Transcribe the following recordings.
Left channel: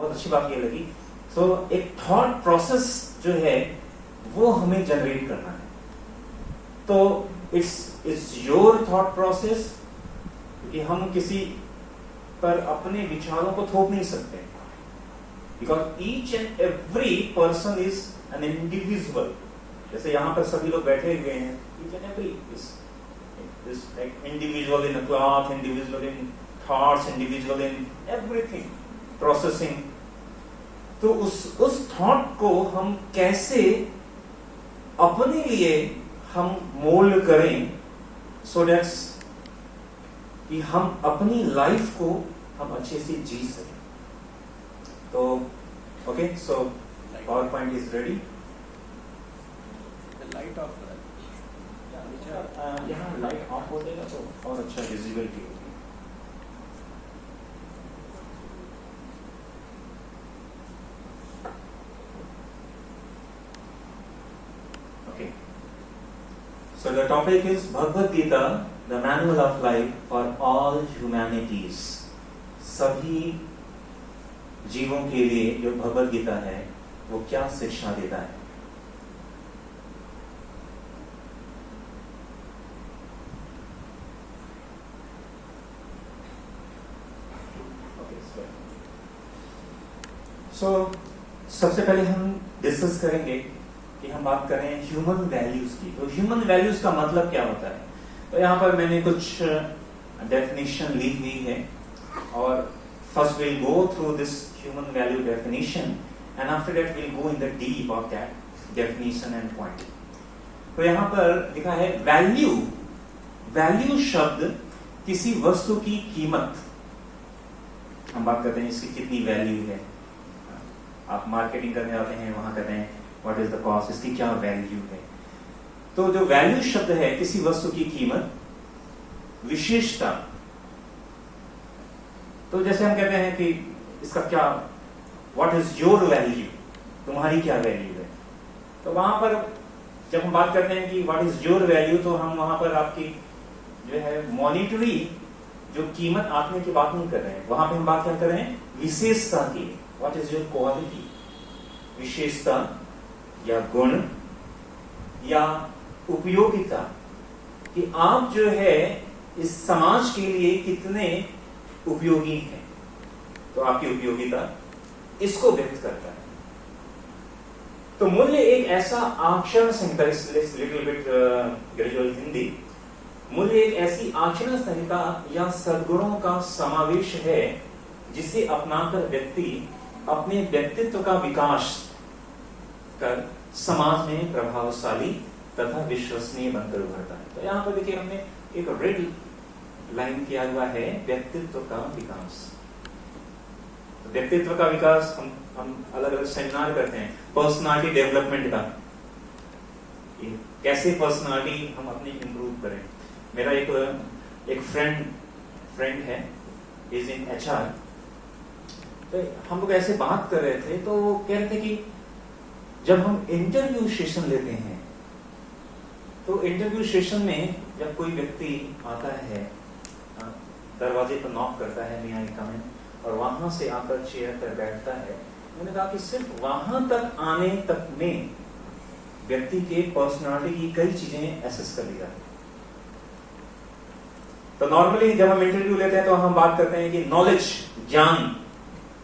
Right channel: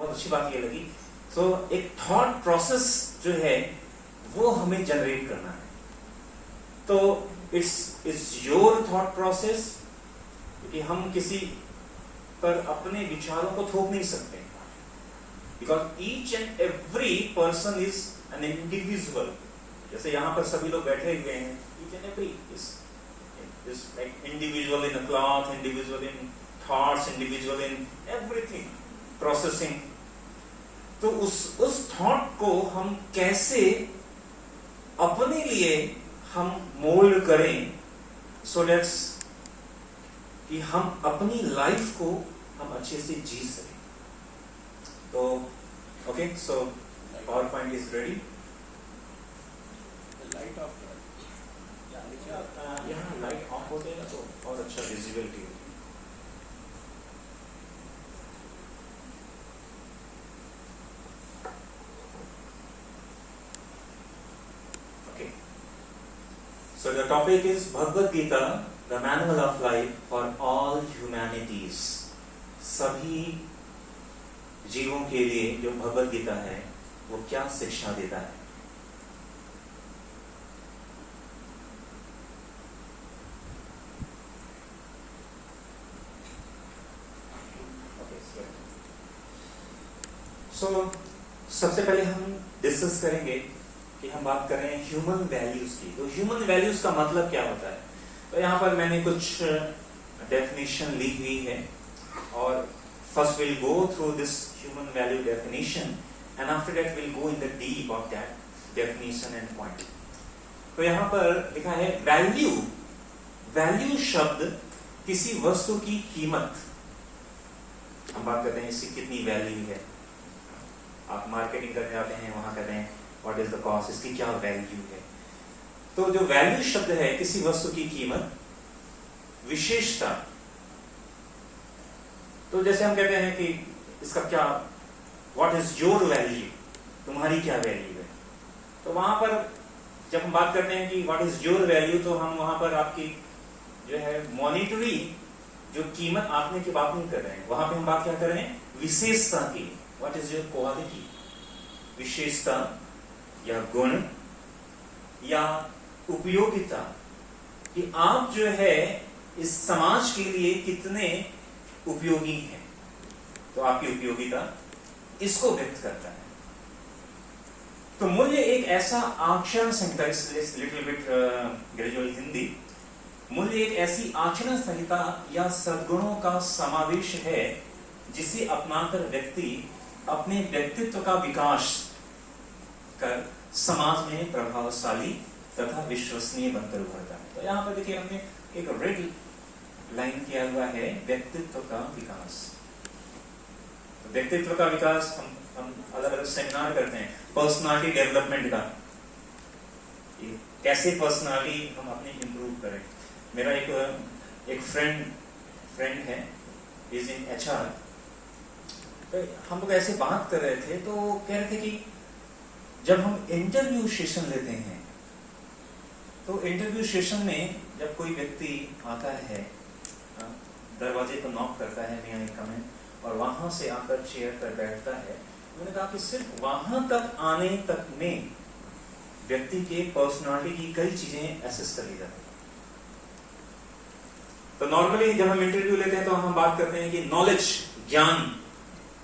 बहुत अच्छी बात ये लगी। सो एक थॉट प्रोसेस जो है वो हमें जनरेट करना है। तो इट्स योर थॉट प्रोसेस, क्योंकि हम किसी पर अपने विचारों को थोप नहीं सकते, because each and every person is an individual. जैसे यहां पर सभी लोग बैठे हुए हैं, each and every is like individual in a cloth, individual in thoughts, individual in everything, processing। तो उस थॉट को हम कैसे अपने लिए हम मोल्ड करें, सो दैट्स कि हम अपनी लाइफ को हम अच्छे से जी सकें। तो okay, so power point is ready. Light off यहाँ लाइट ऑफ हो जाएगा तो और अच्छा विजिबिलिटी होगी। Okay, so the topic is Bhagavad Gita, the manual of life for all humanities. सभी जीवों के लिए जो भगवद गीता है वो क्या शिक्षा देता है। सो सबसे पहले हम डिस्कस करेंगे कि हम बात करें ह्यूमन वैल्यूज की। तो ह्यूमन वैल्यूज का मतलब क्या होता है। तो यहाँ पर मैंने कुछ डेफिनेशन ली हुई है, और first will go through this human value definition and after that will go in the deep of that definition and point. तो यहाँ पर लिखा है वैल्यू। वैल्यू शब्द किसी वस्तु की कीमत, हम बात करते हैं इसकी कितनी वैल्यू है। आप मार्केटिंग करने आते हैं, वहां कहते हैं व्हाट इज द कॉस्ट, इसकी क्या वैल्यू है। तो जो वैल्यू शब्द है किसी वस्तु की कीमत, विशेषता। तो जैसे हम कहते हैं कि इसका क्या, व्हाट इज योर वैल्यू, तुम्हारी क्या वैल्यू है। तो वहां पर जब हम बात करते हैं कि व्हाट इज योर वैल्यू, तो हम वहां पर आपकी जो है मॉनिटरी जो कीमत आंकने की बात नहीं कर रहे हैं। वहां पे हम बात क्या कर रहे हैं, विशेषता की। व्हाट इज योर क्वालिटी, विशेषता या गुण या उपयोगिता, कि आप जो है इस समाज के लिए कितने उपयोगी हैं। तो आपकी उपयोगिता इसको व्यक्त करता है। तो मूल्य एक ऐसा आचरण संहिता, लिटिल बिट ग्रेजुअल हिंदी, मूल्य एक ऐसी आचरण संहिता या सद्गुणों का समावेश है जिसे अपनाकर व्यक्ति अपने व्यक्तित्व का विकास कर समाज में प्रभावशाली तथा विश्वसनीय बनकर उभरता है। तो यहां पर देखिए हमने एक रेड लाइन किया हुआ है, व्यक्तित्व का विकास। व्यक्तित्व का विकास हम अलग अलग सेमिनार करते हैं, पर्सनालिटी डेवलपमेंट का, कैसे पर्सनालिटी हम अपनी इंप्रूव करें। मेरा एक फ्रेंड है, इज इन HR। तो हम लोग ऐसे बात कर रहे थे, तो कह रहे थे कि जब हम इंटरव्यू सेशन लेते हैं, तो इंटरव्यू सेशन में जब कोई व्यक्ति आता है, दरवाजे पर नॉक करता है, मे आई कम इन, और वहां से आकर चेयर पर बैठता है, मैंने कहा कि सिर्फ वहां तक आने तक में व्यक्ति के पर्सनालिटी की कई चीजें एसेस कर ली जाती है। तो नॉर्मली जब हम इंटरव्यू लेते हैं तो हम बात करते हैं कि नॉलेज, ज्ञान,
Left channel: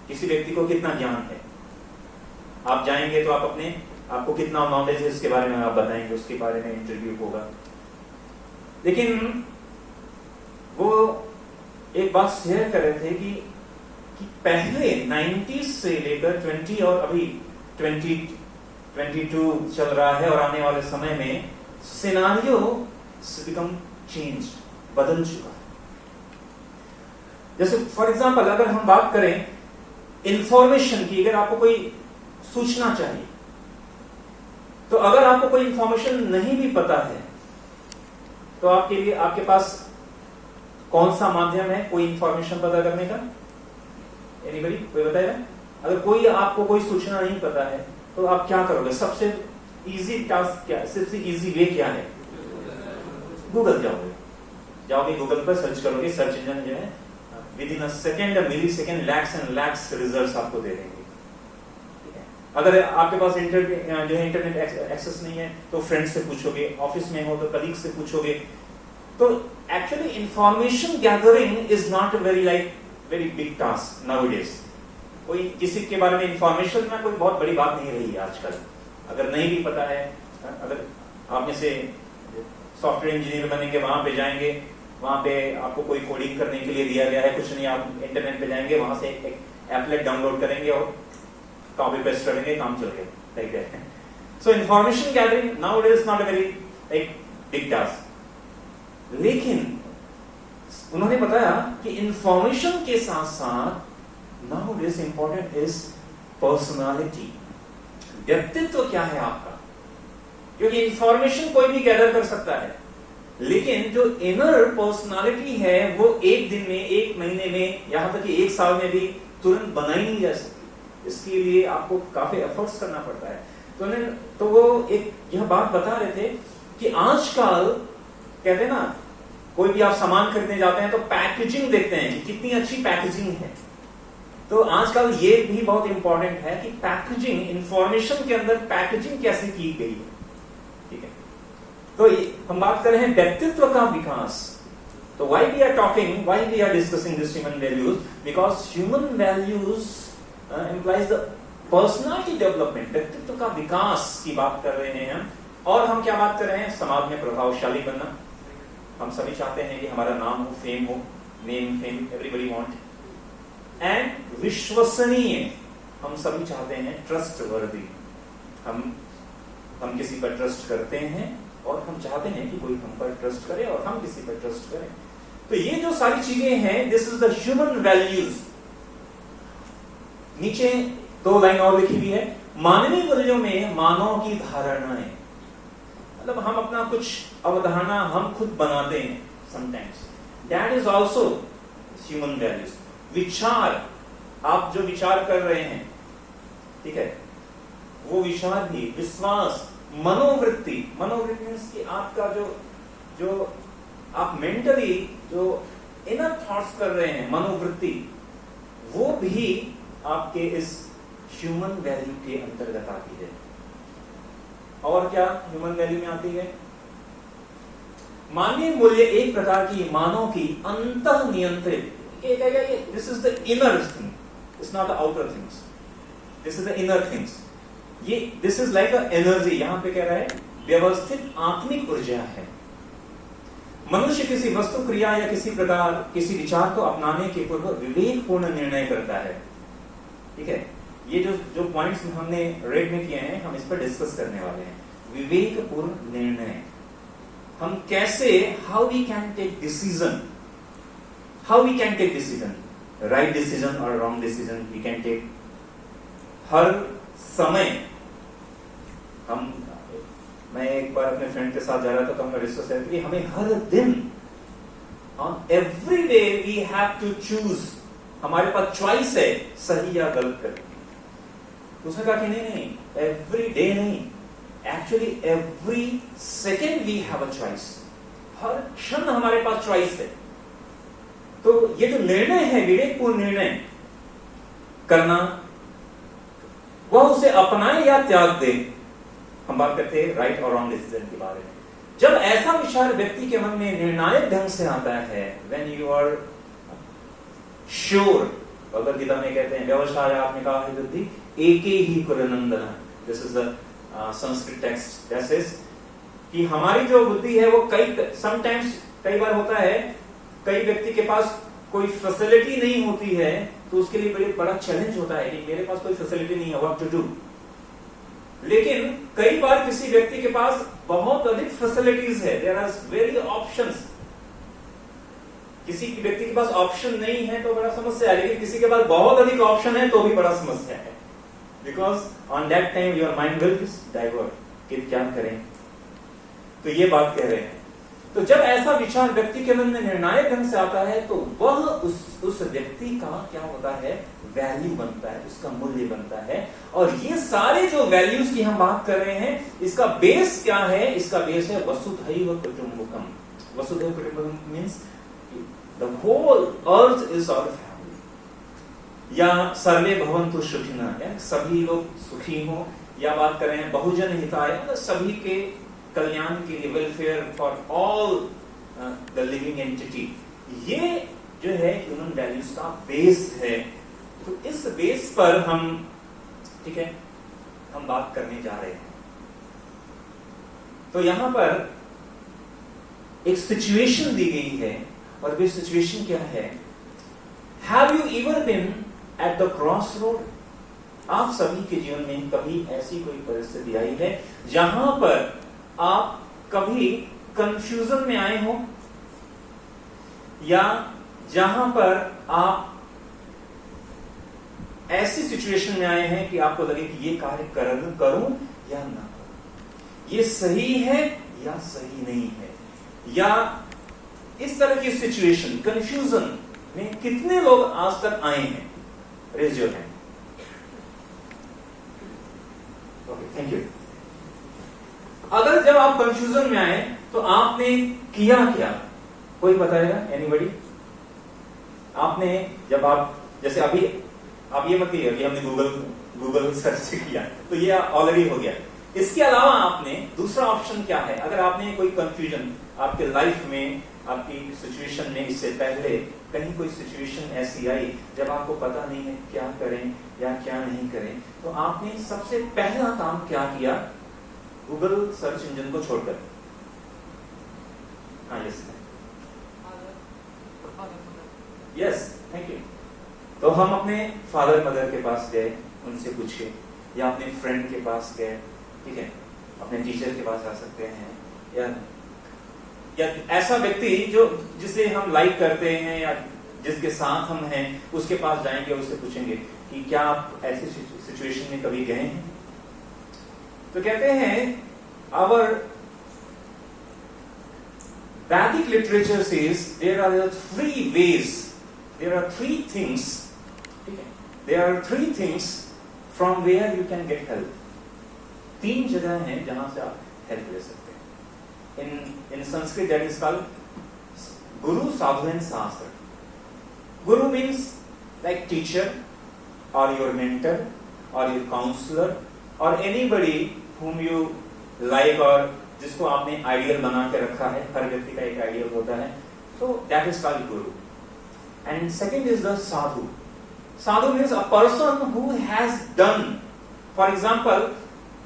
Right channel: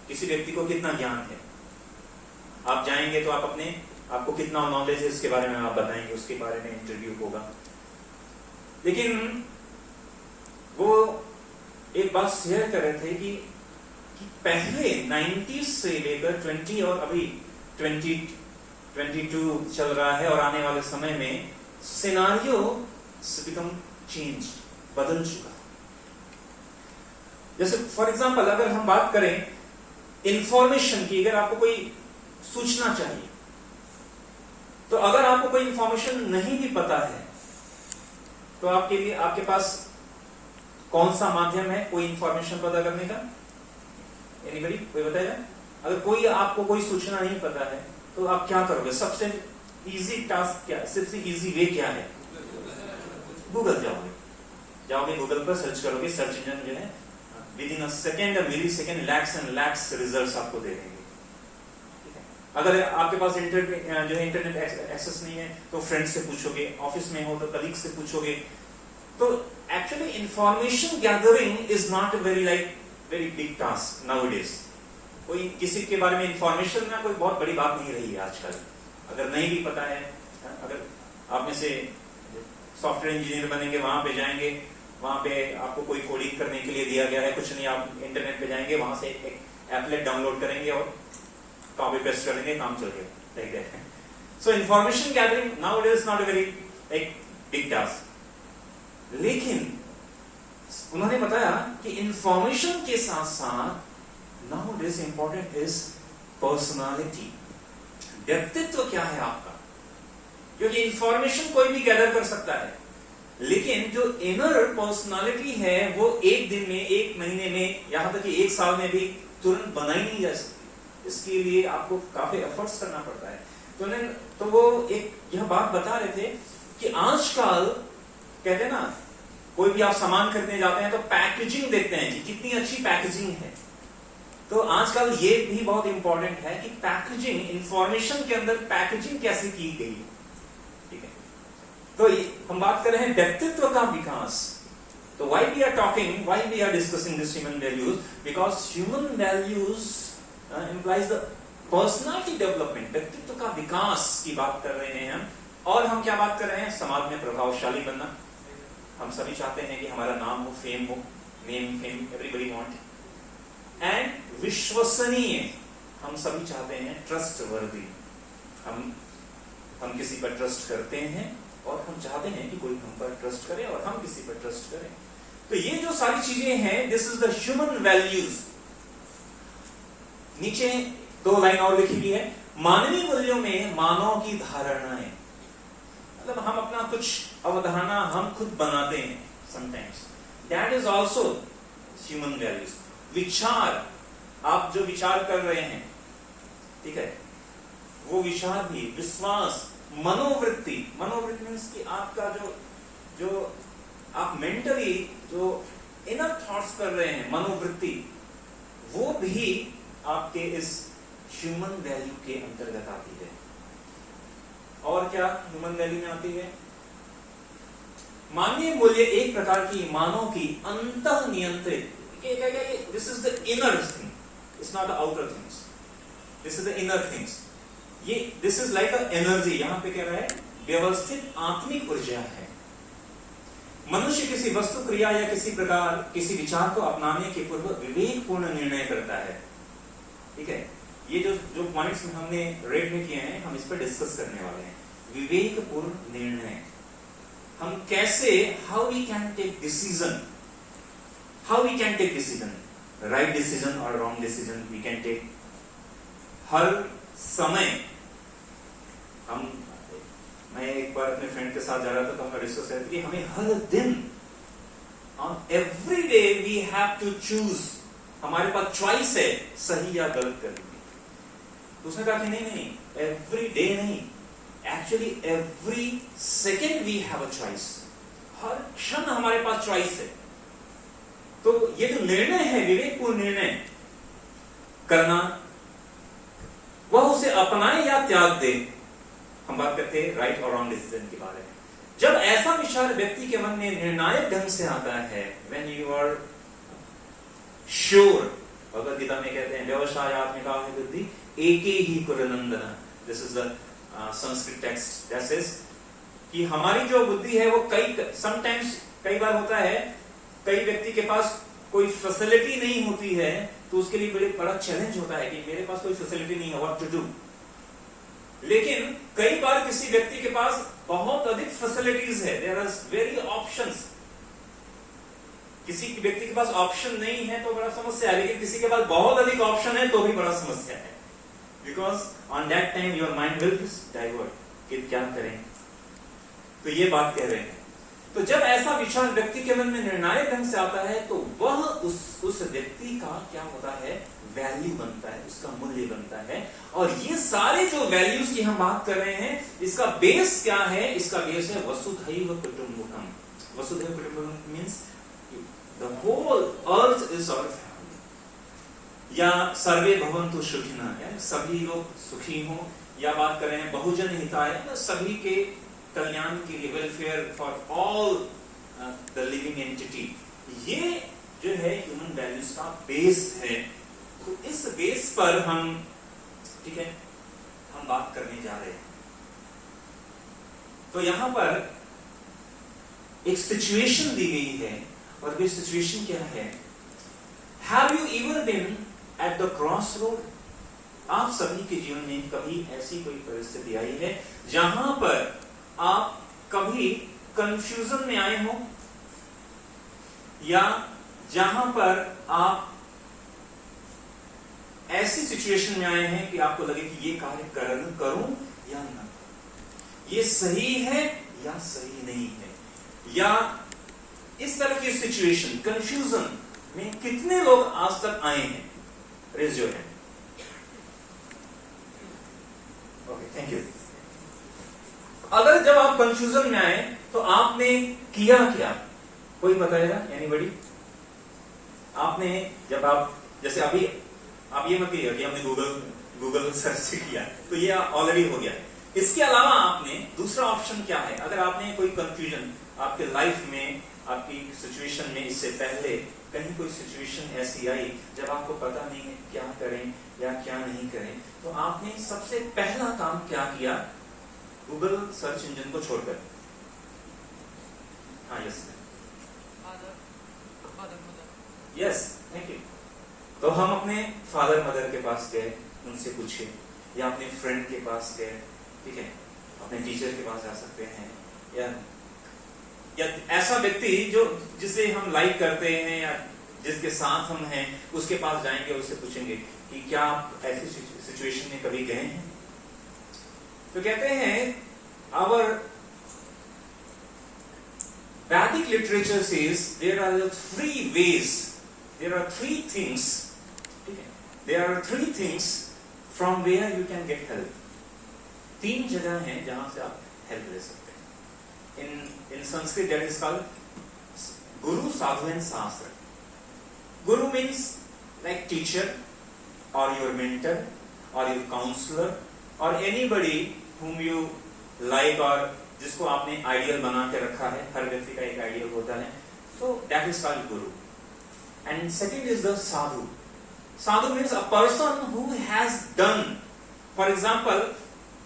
किसी व्यक्ति को कितना ज्ञान है। आप जाएंगे तो आपको कितना नॉलेज है इसके बारे में आप बताएंगे, उसके बारे में इंटरव्यू होगा। लेकिन वो एक बात शेयर कर रहे थे कि पहले 90s से लेकर 20 और अभी 2022 चल रहा है, और आने वाले समय में सिनारियो बिकम चेंज, बदल चुका है। जैसे फॉर एग्जांपल अगर हम बात करें इंफॉर्मेशन की, अगर आपको कोई सूचना चाहिए, तो अगर आपको कोई इंफॉर्मेशन नहीं भी पता है, तो आपके लिए आपके पास कौन सा माध्यम है कोई इंफॉर्मेशन पता करने का? एनीबडी, कोई बताएगा? अगर कोई आपको कोई सूचना नहीं पता है तो आप क्या करोगे? सबसे इजी टास्क क्या है, सबसे इजी वे क्या है? गूगल जाओगे गूगल पर सर्च करोगे, सर्च इंजन जो है within a second, millisecond, lakhs and lakhs results आपको दे देंगे। अगर आपके पास इंटरनेट एक्सेस नहीं है तो फ्रेंड से पूछोगे, ऑफिस में हो तो कलीग से पूछोगे। तो actually information gathering is not very big task nowadays. कोई किसी के बारे में इंफॉर्मेशन ना कोई बहुत बड़ी बात नहीं रही है आजकल। अगर नहीं भी पता है, अगर आप में से सॉफ्टवेयर इंजीनियर बनेंगे, वहां पे जाएंगे, वहां पे आपको कोई कोडिंग करने के लिए दिया गया है, कुछ नहीं, आप इंटरनेट पे जाएंगे, वहां से एक एप्लेट डाउनलोड करेंगे और कॉपी पेस्ट करेंगे, काम चल गया, like that. So information gathering nowadays is not a very एक बिग टास्क। लेकिन उन्होंने बताया कि इंफॉर्मेशन के साथ साथ नाउअडेज इंपॉर्टेंट इज पर्सनालिटी। व्यक्तित्व क्या है आपका? क्योंकि इंफॉर्मेशन कोई भी गैदर कर सकता है, लेकिन जो इनर पर्सनालिटी है वो एक दिन में, एक महीने में, यहां तक कि एक साल में भी तुरंत बनाई नहीं जा सकती। इसके लिए आपको काफी एफर्ट्स करना पड़ता है। तो वो एक यह बात बता रहे थे कि आजकल कहते हैं ना, कोई भी आप सामान खरीदने जाते हैं तो पैकेजिंग देखते हैं कि कितनी अच्छी पैकेजिंग है। तो आजकल ये भी बहुत इंपॉर्टेंट है कि पैकेजिंग, इंफॉर्मेशन के अंदर पैकेजिंग कैसे की गई है। ठीक है, तो हम बात कर रहे हैं व्यक्तित्व का विकास। तो why we are discussing this human values? Because human values implies the personality development, व्यक्तित्व का विकास की बात कर रहे हैं हम। और हम क्या बात कर रहे हैं? समाज में प्रभावशाली बनना। हम सभी चाहते हैं कि हमारा नाम हो, फेम हो, name, fame, everybody want. And विश्वसनीय, हम सभी चाहते हैं ट्रस्टवर्दी। हम किसी पर ट्रस्ट करते हैं और हम चाहते हैं कि कोई हम पर ट्रस्ट करे और हम किसी पर ट्रस्ट करें। तो ये जो सारी चीजें हैं, this is the human values. नीचे 2 लाइन और लिखी हुई है, मानवीय मूल्यों में मानव की धारणाएं। मतलब हम अपना कुछ अवधारणा हम खुद बनाते हैं sometimes, that is also human values. विचार, आप जो विचार कर रहे हैं, ठीक है, वो विचार भी, विश्वास, मनोवृत्ति मीन्स कि आपका जो आप मेंटली जो इनर थॉट्स कर रहे हैं, मनोवृत्ति, वो भी आपके इस ह्यूमन वैल्यू के अंतर्गत आती है। और क्या ह्यूमन वैल्यू में आती है? मानवीय मूल्य एक प्रकार की मानव की अंतः नियंत्रित, this is the inner thing, it's not the outer things, this is the inner things. ये this is like a energy, यहां पे कह रहा है व्यवस्थित आत्मिक ऊर्जा है। मनुष्य किसी वस्तु, क्रिया या किसी प्रकार किसी विचार को अपनाने के पूर्व विवेकपूर्ण निर्णय करता है। ठीक है, ये जो पॉइंट्स हमने रेड में किए हैं, हम इस पर डिस्कस करने वाले हैं। विवेकपूर्ण निर्णय, हम कैसे, how we can take decision, right decision और wrong decision we can take. हर समय मैं एक बार अपने फ्रेंड के साथ जा रहा था तो हमने डिस्कस किया कि हमें हर दिन, every day we have to choose, हमारे पास चॉइस है सही या गलत करने की। उसने कहा कि नहीं, एवरी डे नहीं, actually every second we have a choice. हर क्षण हमारे पास चॉइस है। तो ये जो निर्णय है, विवेकपूर्ण निर्णय करना, वह उसे अपनाए या त्याग दे। हम बात करते हैं राइट और रॉन्ग डिसीजन के बारे में। जब ऐसा विचार व्यक्ति के मन में निर्णायक ढंग से आता है, when you are sure, Bhagavad Gita में कहते हैं व्यवसाय आत्मिका बुद्धि एके ही कुरनंदन, this is the Sanskrit text that says कि हमारी जो बुद्धि है वो कई बार होता है, कई व्यक्ति के पास कोई फैसिलिटी नहीं होती है तो उसके लिए बड़ा चैलेंज होता है कि मेरे पास कोई फैसिलिटी नहीं है, व्हाट टू डू। लेकिन कई बार किसी व्यक्ति के पास बहुत अधिक फैसिलिटीज है, देयर आर वेरी ऑप्शंस। किसी व्यक्ति के पास ऑप्शन नहीं है तो बड़ा समस्या है, लेकिन किसी के पास बहुत अधिक ऑप्शन है तो भी बड़ा समस्या है, because on that time your mind will divert कि क्या करें। तो ये बात कह रहे हैं। तो जब ऐसा विचार व्यक्ति के मन में निर्णायक ढंग से आता है तो वह उस व्यक्ति का क्या होता है, वैल्यू बनता है, उसका मूल्य बनता है। और ये सारे जो वैल्यूज की हम बात कर रहे हैं, इसका बेस क्या है? इसका बेस है वसुधैव कुटुंबकम। वसुधैव कुटुंबकम means the whole earth is our family. या सर्वे भवन्तु सुखिनः, या सभी लोग सुखी हों, या बात करें बहुजन हिताय, सभी के कल्याण के लिए, welfare for all the living entity. ये जो है ह्यूमन वैल्यूज का बेस है। तो इस बेस पर हम, ठीक है, हम बात करने जा रहे हैं। तो यहां पर एक सिचुएशन दी गई है, और वो सिचुएशन क्या है? Have you ever been at the cross road? आप सभी के जीवन में कभी ऐसी कोई परिस्थिति आई है जहां पर आप कभी कंफ्यूजन में आए हो, या जहां पर आप ऐसी सिचुएशन में आए हैं कि आपको लगे कि ये कार्य करूं या ना करूं, ये सही है या सही नहीं है, या इस तरह की सिचुएशन, कंफ्यूजन में कितने लोग आज तक आए हैं? Raise your hand. Okay, thank you. अगर जब आप कंफ्यूजन में आए तो आपने किया क्या? कोई बताएगा? एनीबॉडी? आपने जब आप, जैसे अभी आप ये मत कहिएगा कि हमने गूगल सर्च किया, तो ये ऑलरेडी हो गया। इसके अलावा आपने दूसरा ऑप्शन क्या है? अगर आपने कोई कंफ्यूजन आपके लाइफ में, आपकी सिचुएशन में, इससे पहले कहीं कोई सिचुएशन ऐसी आई जब आपको पता नहीं है क्या करें या क्या नहीं करें, तो आपने सबसे पहला काम क्या किया गूगल सर्च इंजन को छोड़कर? हाँ, यस, थैंक यू। तो हम अपने फादर मदर के पास गए, उनसे पूछे, या अपने फ्रेंड के पास गए, ठीक है, अपने टीचर के पास जा सकते हैं, या ऐसा व्यक्ति जिसे हम लाइक करते हैं या जिसके साथ हम हैं, उसके पास जाएंगे, उससे पूछेंगे कि क्या आप ऐसी सिचुएशन में कभी गए हैं? तो कहते हैं our Vedic literature says there are three ways, there are three things, ठीक है, there are three things from where you can get help. तीन जगह हैं जहां से आप हेल्प ले सकते हैं। In Sanskrit that is called Guru, Sadhu and Sastra. Guru means like teacher or your mentor or your counselor or anybody whom you like, और जिसको आपने आइडियल बना के रखा है। हर व्यक्ति का एक आइडियल होता है, तो that is called Guru. And second is the Sadhu. Sadhu means a person who has done. For example,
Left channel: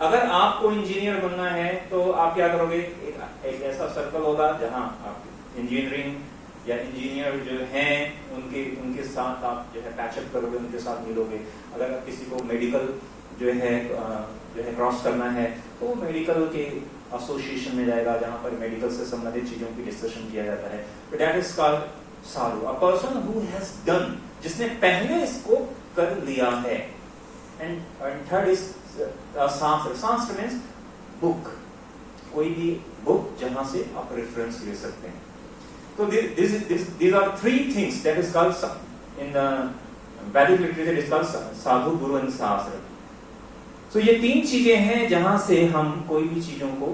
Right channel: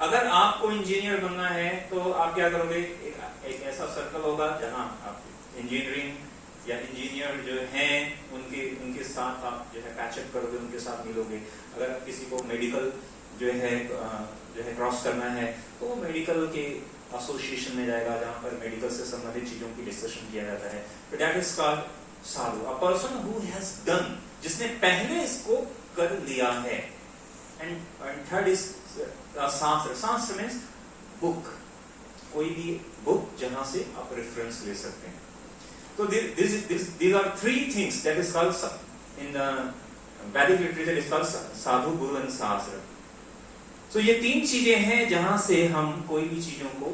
अगर आपको इंजीनियर बनना है तो आप क्या करोगे? एक ऐसा सर्कल होगा जहां आप इंजीनियरिंग या इंजीनियर जो हैं उनके साथ आप जो है पैचअप करोगे, उनके साथ मिलोगे। अगर किसी को मेडिकल जो है क्रॉस करना है तो वो मेडिकल के एसोसिएशन में जाएगा जहां पर मेडिकल से संबंधित चीजों की डिस्कशन किया जाता है। तो that is called Sadhu, a person who has done, जिसने पहले इसको कर लिया है। एंड थर्ड इज शास्त्र। शास्त्र मीन्स बुक, कोई भी बुक जहां से आप रेफरेंस ले सकते हैं। तो these are three things that is called in the Vedic literature is called Sadhu, Guru and शास्त्र। तो ये तीन चीजें हैं जहां से हम कोई भी चीजों को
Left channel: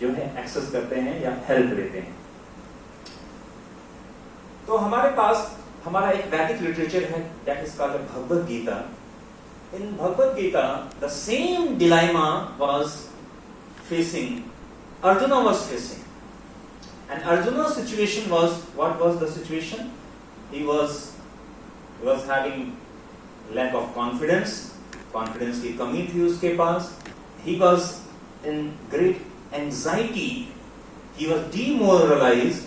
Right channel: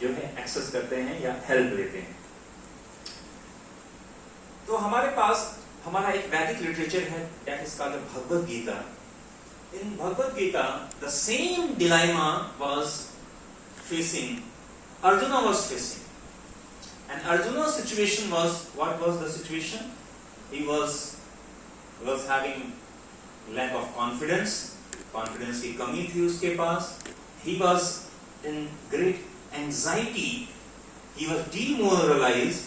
जो है एक्सेस करते हैं या हेल्प लेते हैं। तो हमारे पास हमारा एक वैदिक लिटरेचर है that is called Bhagavad Gita. In Bhagavad Gita, the same dilemma was facing, Arjuna was facing. And Arjuna's situation was, what was the situation? He was having lack of confidence की कमी थी उसके पास. He was in great anxiety. He was demoralized.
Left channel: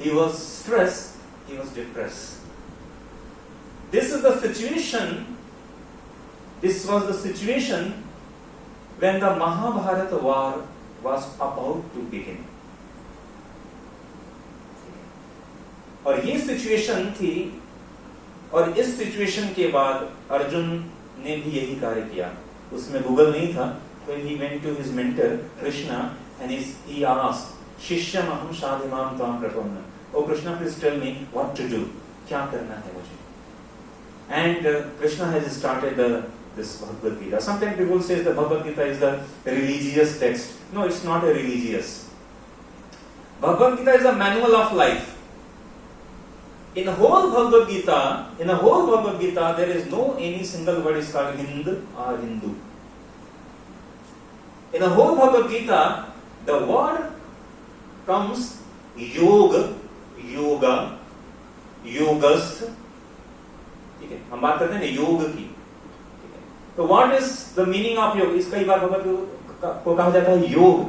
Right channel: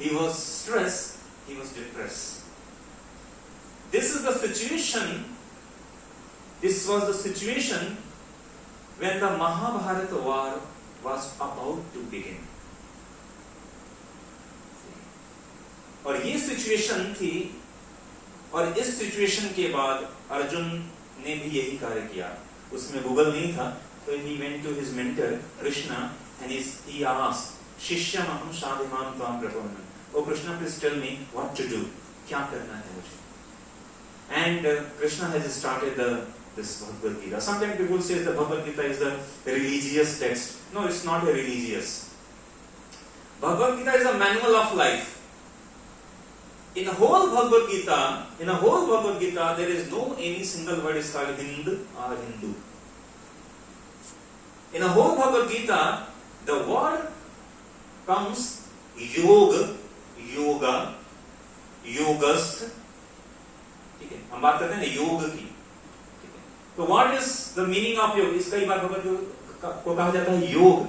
He was stressed. He was depressed. This was the situation when the Mahabharata war was about to begin. और ये situation थी, और इस situation के बाद अर्जुन ने भी यही कार्य किया. उसमें गूगल नहीं था. When he went to his mentor Krishna and he asked, शिष्यम अहं साधुमां त्वां प्रपन्ना. Oh Krishna, please tell me what to do. क्या करना है मुझे? And Krishna has started this Bhagavad Gita. Sometimes people say the Bhagavad Gita is the religious text. No, it's not a religious. Bhagavad Gita is a manual of life. in the whole Bhagavad Gita, there is no any single word is called Hindu or Hindu. In the whole Bhagavad Gita, the word comes yoga, yogas. ठीक है, हम बात करते हैं ना योग की. तो what is the meaning of योग? इस कई बार भगवत को कहा जाता है योग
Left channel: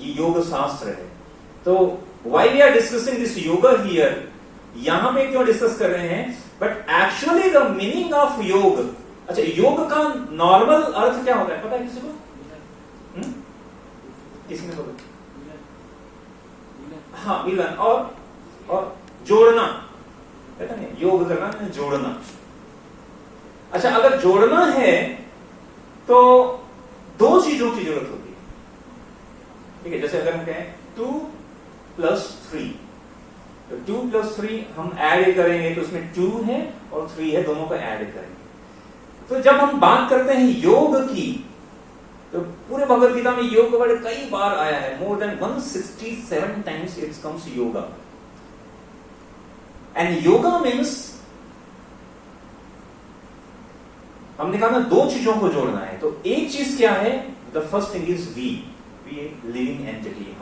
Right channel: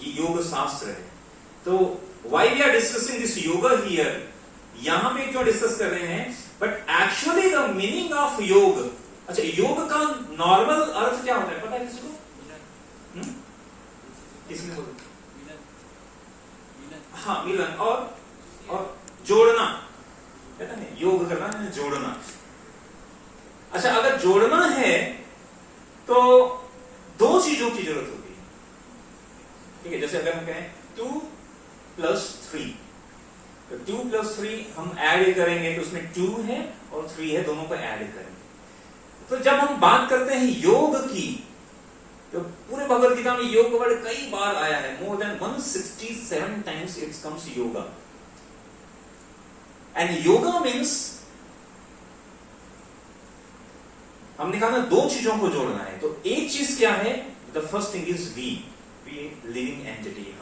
योग शास्त्र है. तो why we are discussing this yoga here? यहां पे क्यों डिस्कस कर रहे हैं? But actually the meaning of योग. अच्छा, योग का नॉर्मल अर्थ क्या होता है पता है किसी को? किसी ने बोला? हाँ, मिलन और जोड़ना. कहते हैं योग करना है जोड़ना. अच्छा, अगर जोड़ना है तो दो चीजों की जरूरत होती है. ठीक है, जैसे अगर हम कहें 2+3, तो 2+3 हम ऐड करेंगे तो उसमें 2 है और 3 है, दोनों को ऐड करेंगे. तो जब हम बात करते हैं योग की, तो पूरे भगवद गीता में योग का वर्ड कई बार आया है. More than 167 times it comes yoga. And yoga means हमने कहा ना दो चीजों को जोड़ना है. तो एक चीज क्या है? The first thing is we living entity.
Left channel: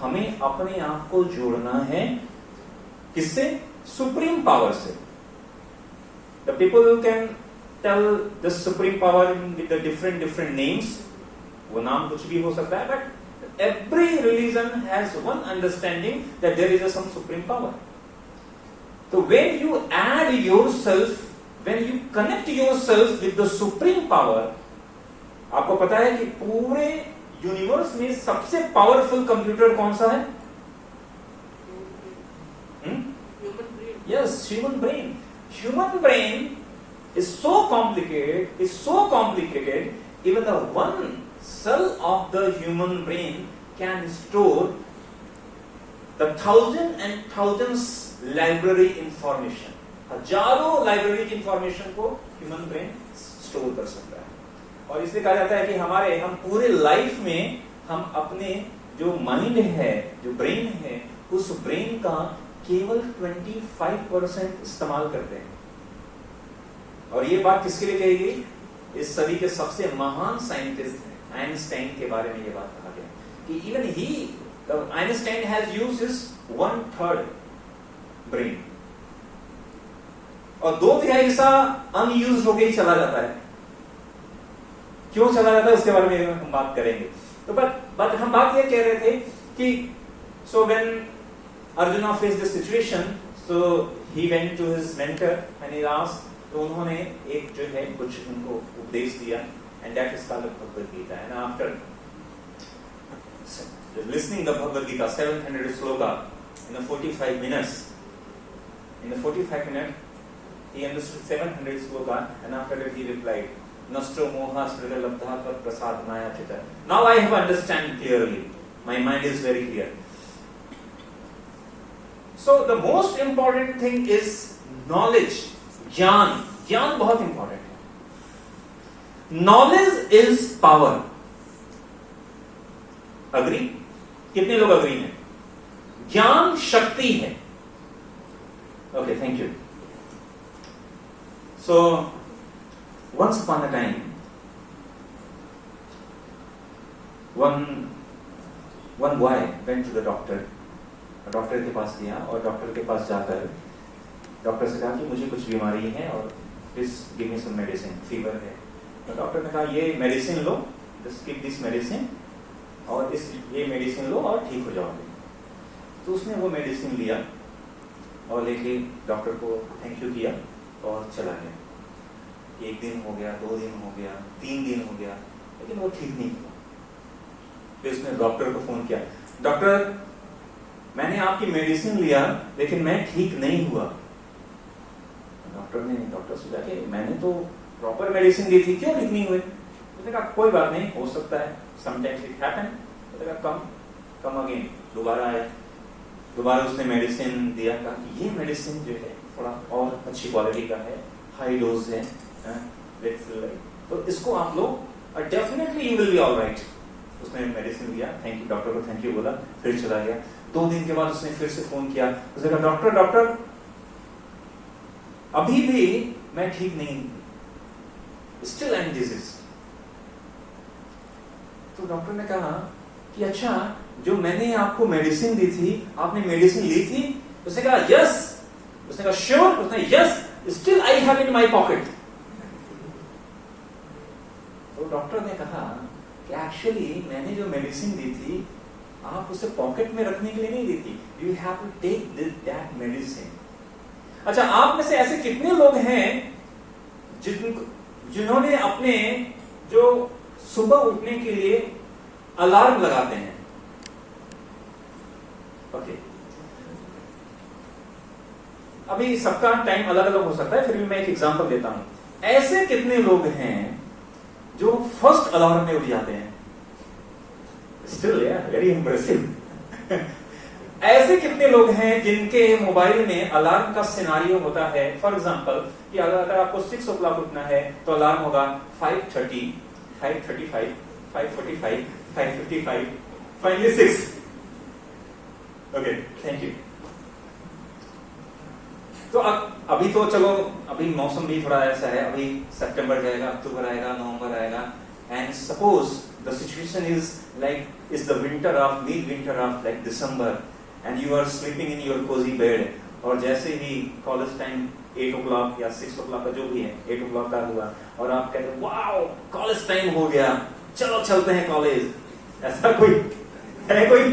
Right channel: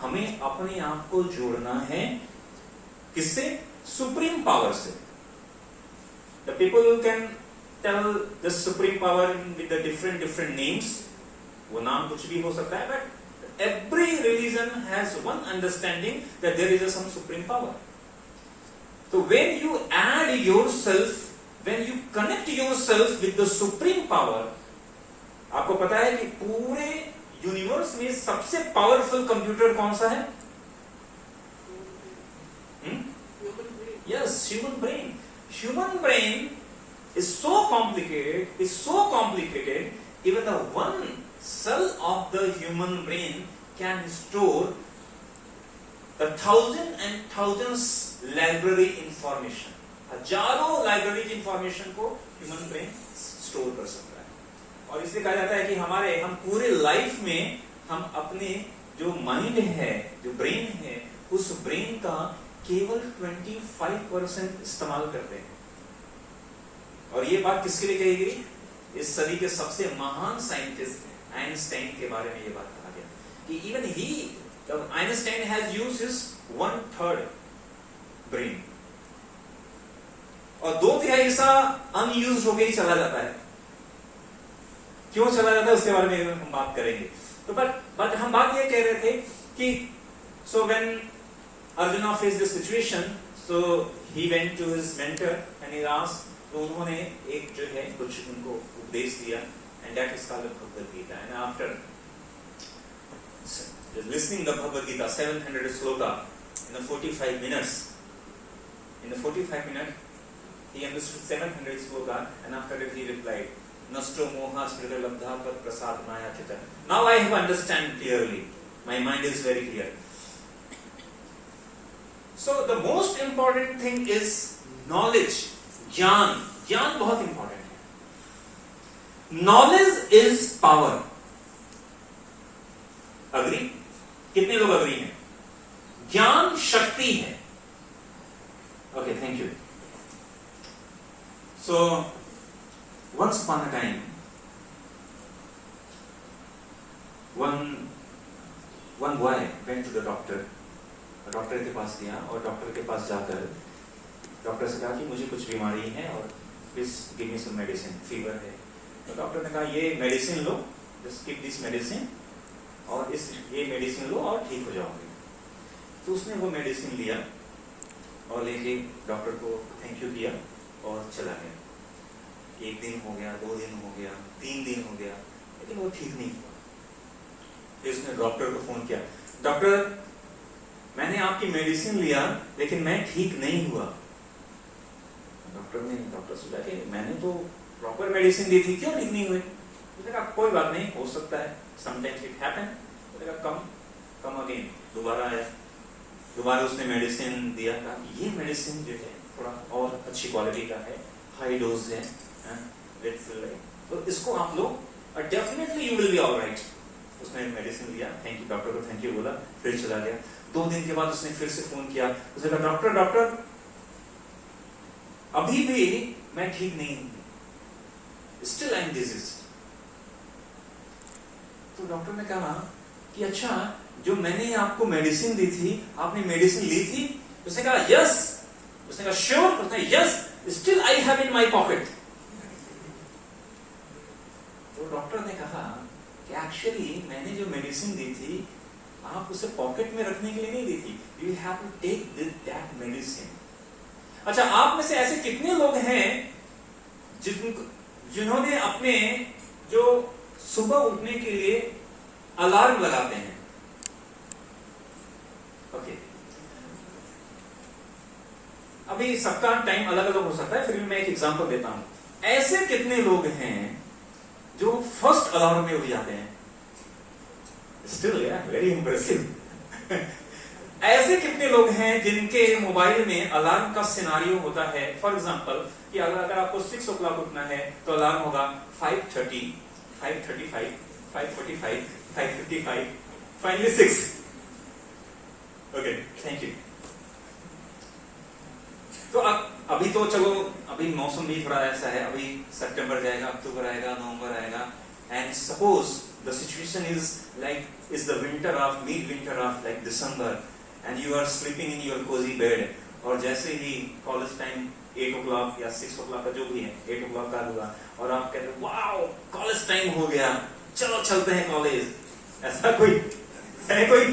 हमें अपने आप को जोड़ना है. किससे? सुप्रीम पावर से. The people can tell the supreme power with the different names. वो नाम कुछ भी हो सकता है, but every religion has one understanding that there is some supreme power. तो when you add yourself, when you connect yourself with the supreme power, आपको पता है कि पूरे यूनिवर्स में सबसे पावरफुल कंप्यूटर कौन सा है? Yes, human brain. Human brain is so complicated, even the one cell of the human brain can store the thousands and thousands library information. हजारों लाइब्रेरी की इंफॉर्मेशन को ह्यूमन ब्रेन स्टोर कर सकता है. और इसलिए कहा जाता है कि हम पूरे लाइफ में हम अपने जो माइंड है, जो ब्रेन है, उस ब्रेन का केवल 25% इस्तेमाल करते हैं. और ये बात किसके लिए कही गई? इस सदी के सबसे महान साइंटिस्ट आइंस्टाइन के बारे में ये बात कहा गया कि even Einstein has used his 1/3 brain. और 2/3 हिस्सा अनयूज्ड होके ही चला जाता है. क्यों चला जाता है उसके बारे में हम बात करेंगे. तो बट हम बात ये कह रहे थे कि so when Arjuna face the situation, so he went to his mentor and he asked. तो उन्होंने एक जो है कुछ उनको उपदेश दिया, and that is called Bhagavad Gita. And after listening the Bhagavad Gita 700 sloka in the 45 minutes, he understood 700 sloka, and after that he replied, Nastro moha smrita labdha pat prasad maya chita. Now I have understand clearly. My mind is very clear. So the most important thing is knowledge. ज्ञान बहुत important है. Knowledge is power. Agree? कितने लोग agree हैं? ज्ञान शक्ति है. Okay, thank you. So once upon a time one boy went to the doctor. Doctor के पास गया और डॉक्टर के पास जाकर डॉक्टर से कहा कि मुझे कुछ बीमारी है और please give me some medicine, fever है. तो डॉक्टर ने कहा ये मेडिसिन लो, जस्ट गिव दिस मेडिसिन, और ये मेडिसिन लो और ठीक हो जाओगे. तो उसने वो मेडिसिन लिया और लेके डॉक्टर को थैंक यू किया और चला गया. 1 दिन हो गया, 2 दिन हो गया, 3 दिन हो गया, लेकिन वो ठीक नहीं हुआ. फिर उसने डॉक्टर को फोन किया, डॉक्टर मैंने आपकी मेडिसिन लिया लेकिन मैं ठीक नहीं हुआ. डॉक्टर से जाके मैंने तो प्रॉपर मेडिसिन दी थी, क्या ठीक नहीं हुए? तो कहा कोई बात नहीं, हो सकता है, समटाइम्स इट हैपन. तो कम अगेन. दोबारा आया, दोबारा उसने मेडिसिन दिया. कहा ये मेडिसिन जो है थोड़ा और अच्छी क्वालिटी का है, हाई डोज है, तो इसको आप लो और definitely you will be alright. उसने मेडिसिन दिया, थैंक यू, डॉक्टर को थैंक यू बोला, फिर चला गया. 2 दिन के बाद उसने फिर से फोन किया. उसने कहा डॉक्टर अभी भी मैं ठीक नहीं हूं, स्टिल आई एम डिजीज। तो डॉक्टर ने कहा कि अच्छा, जो मैंने आपको मेडिसिन दी थी, आपने मेडिसिन ली थी? उसने कहा यस। उसने कहा श्योर? उसने yes, still I have in my pocket. तो डॉक्टर ने कहा कि एक्चुअली मैंने जो मेडिसिन दी थी, आप उसे पॉकेट में रखने के लिए नहीं दी थी, you have to take that medicine. अच्छा, आप में से ऐसे कितने लोग हैं जिन्होंने अपने जो सुबह उठने के लिए अलार्म लगाते हैं? ओके, अभी सबका टाइम अलग अलग हो सकता है, फिर भी मैं एक एग्जांपल देता हूं। ऐसे कितने लोग हैं जो फर्स्ट अलार्म में उठ जाते हैं? Still very impressive. ऐसे कितने लोग हैं जिनके मोबाइल में अलार्म का सिनारियो होता है? फॉर एग्जांपल कि अगर आपको 6 o'clock उठना है तो अलार्म होगा 5:30, 5:35, 5:45, 5:55, फाइनली 6। Okay, thank you. तो अभी तो चलो, अभी मौसम भी थोड़ा ऐसा है, अभी सितंबर जाएगा, अक्टूबर आएगा, नवंबर आएगा, and suppose the situation is like is the winter of mid winter of like December, and you are sleeping in your cosy bed, और जैसे ही कॉलेज टाइम 8 o'clock या 6 o'clock का जो भी है, 8 o'clock का हुआ, और आप कहते हैं वाओ कॉलेज टाइम हो गया, चलो चलते हैं कॉलेज। ऐसा कोई है? कोई?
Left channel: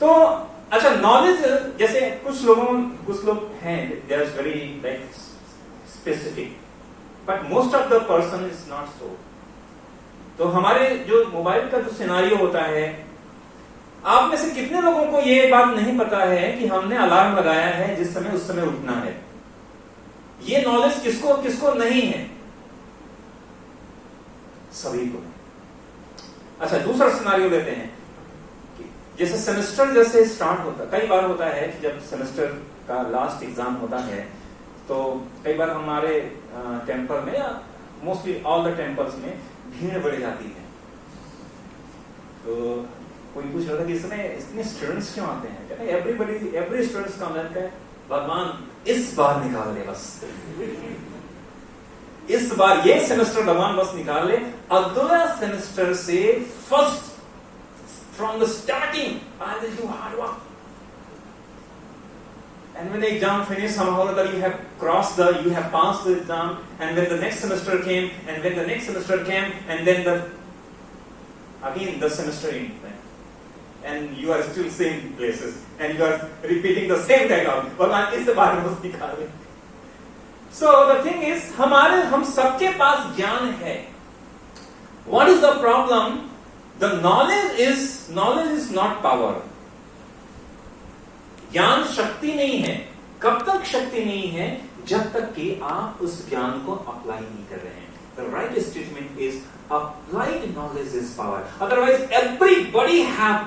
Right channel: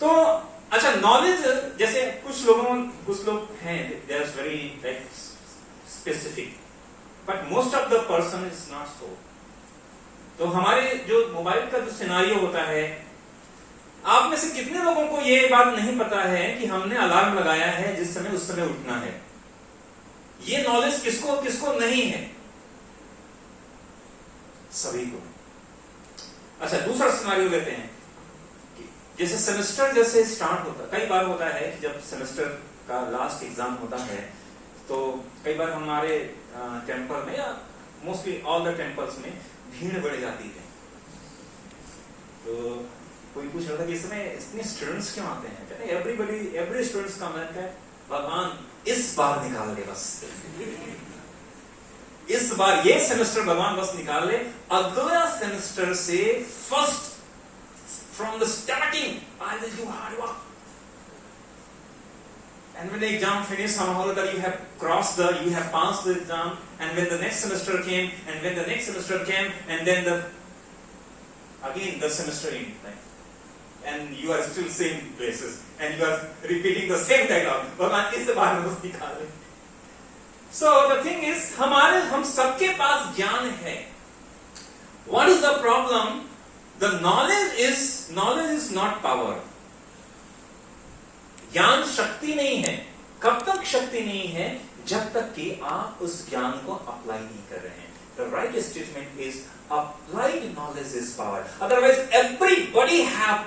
तो अच्छा, नॉलेज, जैसे कुछ लोग हैं they are very like specific, but most of the person is not so. तो हमारे जो मोबाइल का जो सिनारियो होता है, आप में से कितने लोगों को ये बात नहीं पता है कि हमने अलार्म लगाया है जिस समय उस समय उठना है? ये नॉलेज किसको किसको नहीं है? सभी को। अच्छा, दूसरा सिनारियो लेते हैं। जैसे सेमेस्टर जैसे स्टार्ट होता है, कई बार होता है कि जब सेमेस्टर का लास्ट एग्जाम होता है तो कई बार हमारे टेम्पल में या मोस्टली ऑल द टेम्पल्स में भीड़ बढ़ जाती है। तो कोई पूछ रहा था कि इसमें इतने स्टूडेंट्स क्यों आते हैं? कहते हैं एवरी स्टूडेंट्स का मन है भगवान इस बार निकाल ले, बस इस बार ये सेमेस्टर भगवान बस निकाल ले, अगला सेमेस्टर से first from the starting I will do hard work, and when the exam finished somehow or other you have passed the exam, and when the next semester came, and when the next semester came, and then again the semester ended, right? And you are still same places and you are repeating the same dialogue, भगवान इस बार बस निकाल ले। So the thing is, हम सबके पास ज्ञान है। What is the problem? The knowledge is not power. ज्ञान शक्ति नहीं है। कब तक शक्ति नहीं है? जब तक कि आप उस ज्ञान को अप्लाई नहीं कर रहे हैं। The right statement is applied knowledge is power. Otherwise everybody have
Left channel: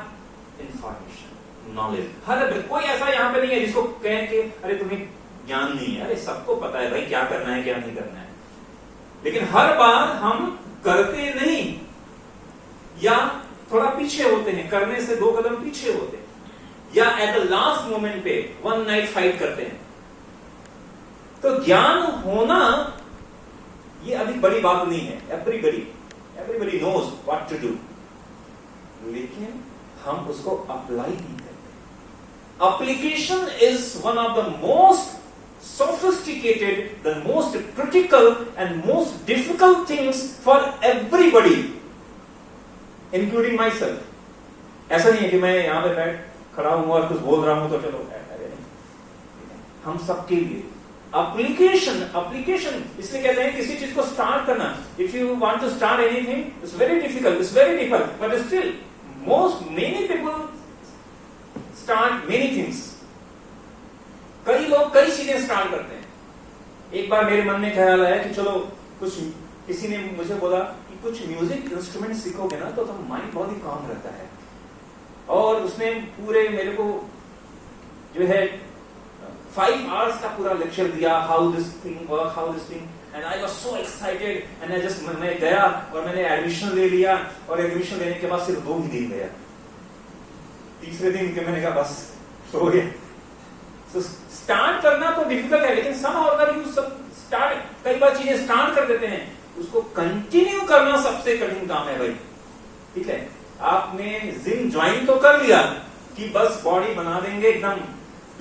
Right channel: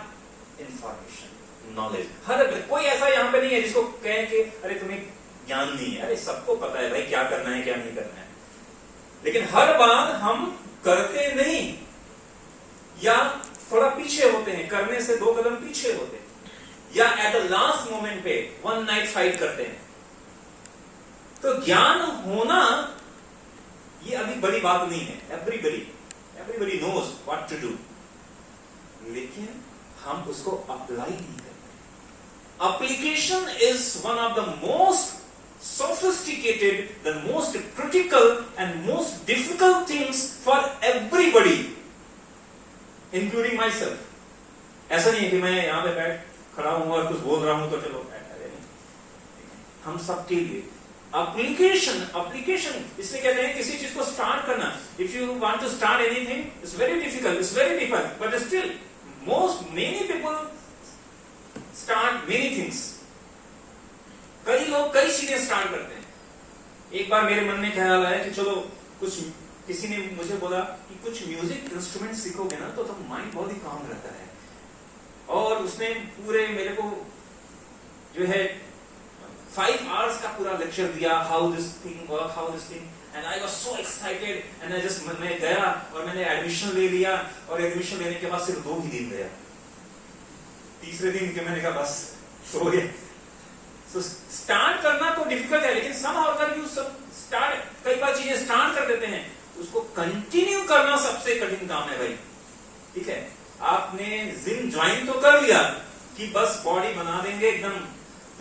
information, knowledge. हर कोई ऐसा यहाँ पे नहीं है जिसको कहे कि अरे तुम्हें ज्ञान नहीं है। अरे सबको पता है भाई क्या करना है क्या नहीं करना है, लेकिन हर बार हम करते नहीं, या थोड़ा पीछे होते हैं, करने से 2 कदम पीछे होते हैं, या एट द लास्ट मोमेंट पे वन नाइट फाइट करते हैं। तो ज्ञान होना ये अभी बड़ी बात नहीं है। Everybody knows what to do, लेकिन हम उसको अप्लाई नहीं करते। Application is one of the most sophisticated, the most critical and most difficult things for everybody, including myself. ऐसा नहीं है कि मैं यहां पे बैठ खड़ा हूं और कुछ बोल रहा हूं तो चलो बैठा, हम सबके लिए एप्लीकेशन इसलिए कहते हैं किसी चीज को स्टार्ट करना। If you want to start anything, it's very difficult, but still many people start many things. कई लोग कई चीजें स्टार्ट करते हैं। एक बार मेरे मन में ख्याल आया कि चलो किसी ने मुझे बोला कि कुछ म्यूजिक इंस्ट्रूमेंट सीखोगे ना तो माइंड बहुत ही काम रहता है, और उसने पूरे मेरे को जो है 5 hours का पूरा लेक्चर दिया, how this thing work, and I was so excited, and मैं गया और मैंने एडमिशन ले लिया, और एडमिशन लेने के बाद सिर्फ 2 ही दिन गया। तीसरे दिन के मैंने कहा बस सो गया, तो स्टार्ट करना तो डिफिकल्ट है, लेकिन सम अगर यू स्टार्ट, कई बार चीजें स्टार्ट कर देते हैं, उसको कंटिन्यू करना सबसे कठिन काम है भाई। ठीक है, आपने जिम ज्वाइन तो कर लिया कि बस बॉडी बना देंगे एकदम,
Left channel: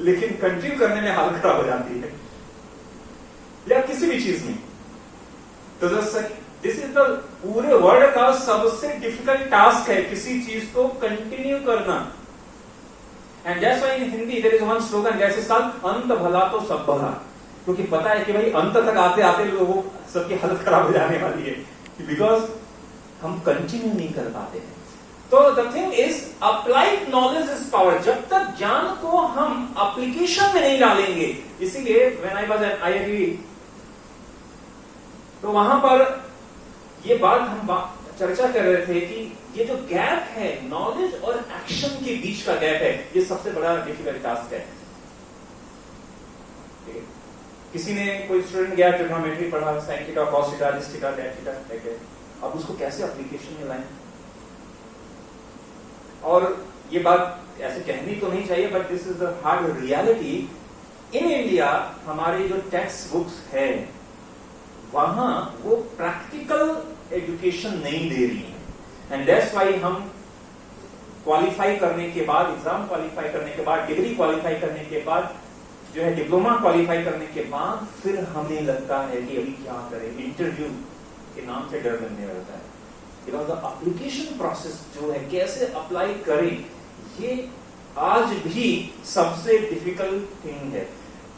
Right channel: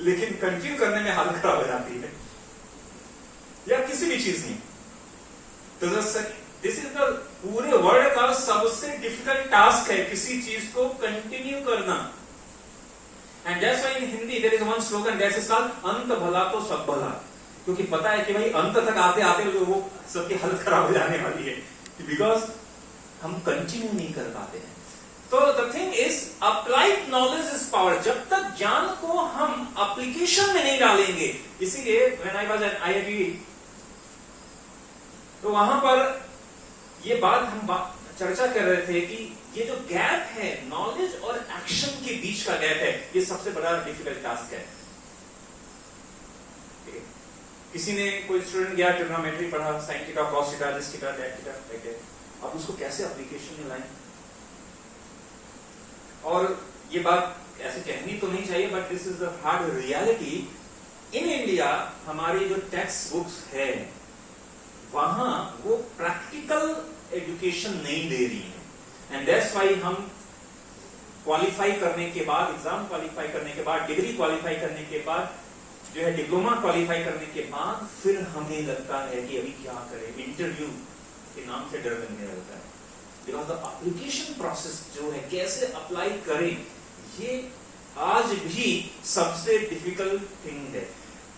लेकिन कंटिन्यू करने में हालत खराब हो जाती है, या किसी भी चीज में। तो दिस इज द पूरे वर्ल्ड का सबसे डिफिकल्ट टास्क है किसी चीज को कंटिन्यू करना। And that's why in Hindi there is one slogan that is called अंत भला तो सब भला, क्योंकि पता है कि भाई अंत तक आते आते लोगों सबकी हालत खराब हो जाने वाली है, बिकॉज हम कंटिन्यू नहीं कर पाते हैं। तो the thing is applied knowledge is power. जब तक ज्ञान को हम एप्लीकेशन में नहीं डालेंगे, इसीलिए when I was at IIT, तो वहां पर ये बात हम चर्चा कर रहे थे कि ये जो गैप है नॉलेज और एक्शन के बीच का गैप है, ये सबसे बड़ा डिफिकल्ट टास्क है। किसी ने, कोई स्टूडेंट गया ट्रिग्नोमेट्री पढ़ा, sine theta, cos theta, this theta, that theta, अब उसको कैसे एप्लीकेशन में लाएं? और ये बात ऐसे कहनी तो नहीं चाहिए, but this is the hard reality. In India हमारी जो टेक्स्ट बुक्स है वहां वो प्रैक्टिकल एजुकेशन नहीं दे रही है, एंड दैट्स व्हाई हम क्वालिफाई करने के बाद, एग्जाम क्वालिफाई करने के बाद, डिग्री क्वालिफाई करने के बाद, जो है डिप्लोमा क्वालिफाई करने के बाद, फिर हमें लगता है कि अभी क्या करें, इंटरव्यू के नाम से डर लगने लगता है। बिकॉज द एप्लीकेशन प्रोसेस जो है, कैसे अप्लाई करें, ये आज भी सबसे डिफिकल्ट थिंग है।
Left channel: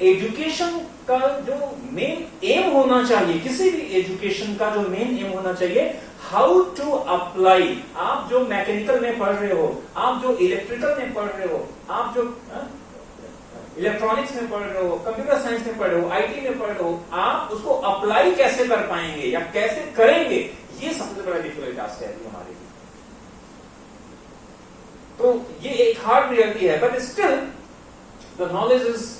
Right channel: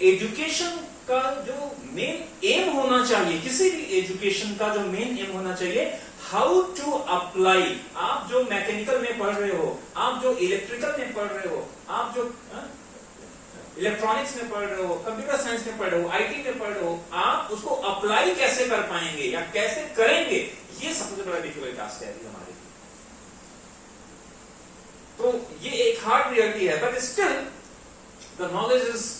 एजुकेशन का जो मेन एम होना चाहिए, किसी भी एजुकेशन का जो मेन एम होना चाहिए, हाउ टू अप्लाई। आप जो मैकेनिकल में पढ़ रहे हो, आप जो इलेक्ट्रिकल में पढ़ रहे हो, आप जो इलेक्ट्रॉनिक्स में पढ़ रहे हो, कंप्यूटर साइंस में पढ़ रहे हो, आईटी में पढ़ रहे हो, आप उसको अप्लाई कैसे कर पाएंगे या कैसे करेंगे, ये सबसे बड़ा डिफिकल्ट टास्क है अभी हमारे लिए। तो ये एक हार्ड रियलिटी है, but still the knowledge is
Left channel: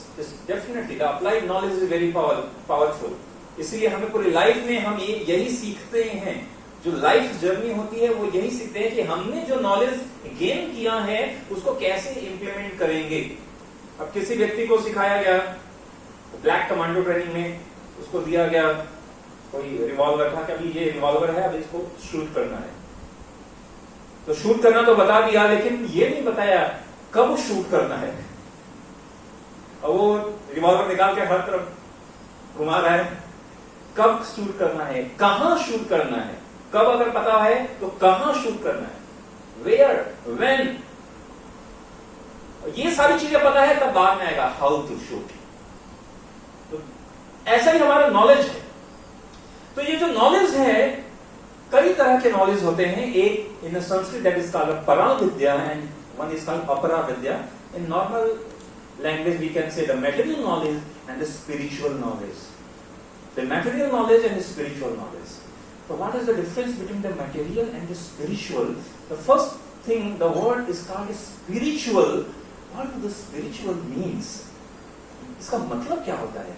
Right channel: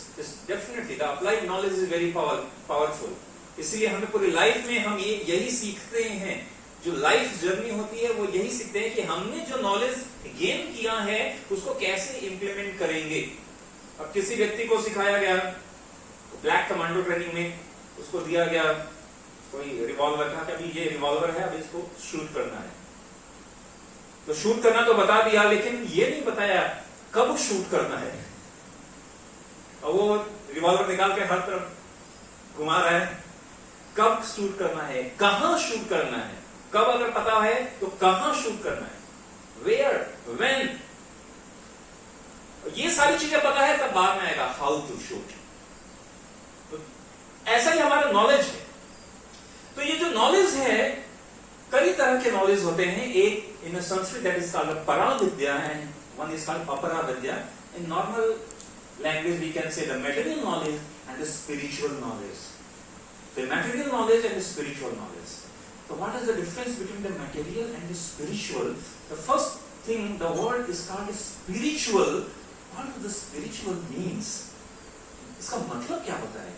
definitely, the applied knowledge is very powerful. इसलिए हमें पूरी लाइफ में हम यही सीखते हैं, जो लाइफ जर्नी होती है वो यही सीखते हैं कि हमने जो नॉलेज गेन किया है उसको कैसे इंप्लीमेंट करेंगे। अब किसी व्यक्ति को सिखाया गया ब्लैक कमांडो ट्रेनिंग में, उसको दिया गया कोई रिवॉल्वर था कि अभी ये रिवॉल्वर है, अब इसको शूट करना है। तो शूट करना तो बता दिया, लेकिन ये नहीं बताया कब शूट करना है। और वो रिवॉल्वर निकाल के हर तरफ घुमा रहा है, कब शूट करना है, कहां शूट करना है, कब अगर पता है तो कहां शूट करना है, वेयर, व्हेन, ये सारी चीजें पता है, तब बाद में आएगा हाउ टू शूट। तो ऐसा ही हमारा नॉलेज है। तो ये जो नॉलेज है, कई तरह के नॉलेज होते हैं। एक in Sanskrit that is called परा विद्या एंड वन इज कॉल्ड अपरा विद्या। In normal language we can say the material knowledge and the spiritual knowledge. The material knowledge and the spiritual knowledge. So what is the difference between the material and the spiritual? The first thing, the word is called spiritual. What does the spiritual means? इसका मतलब क्या होता है?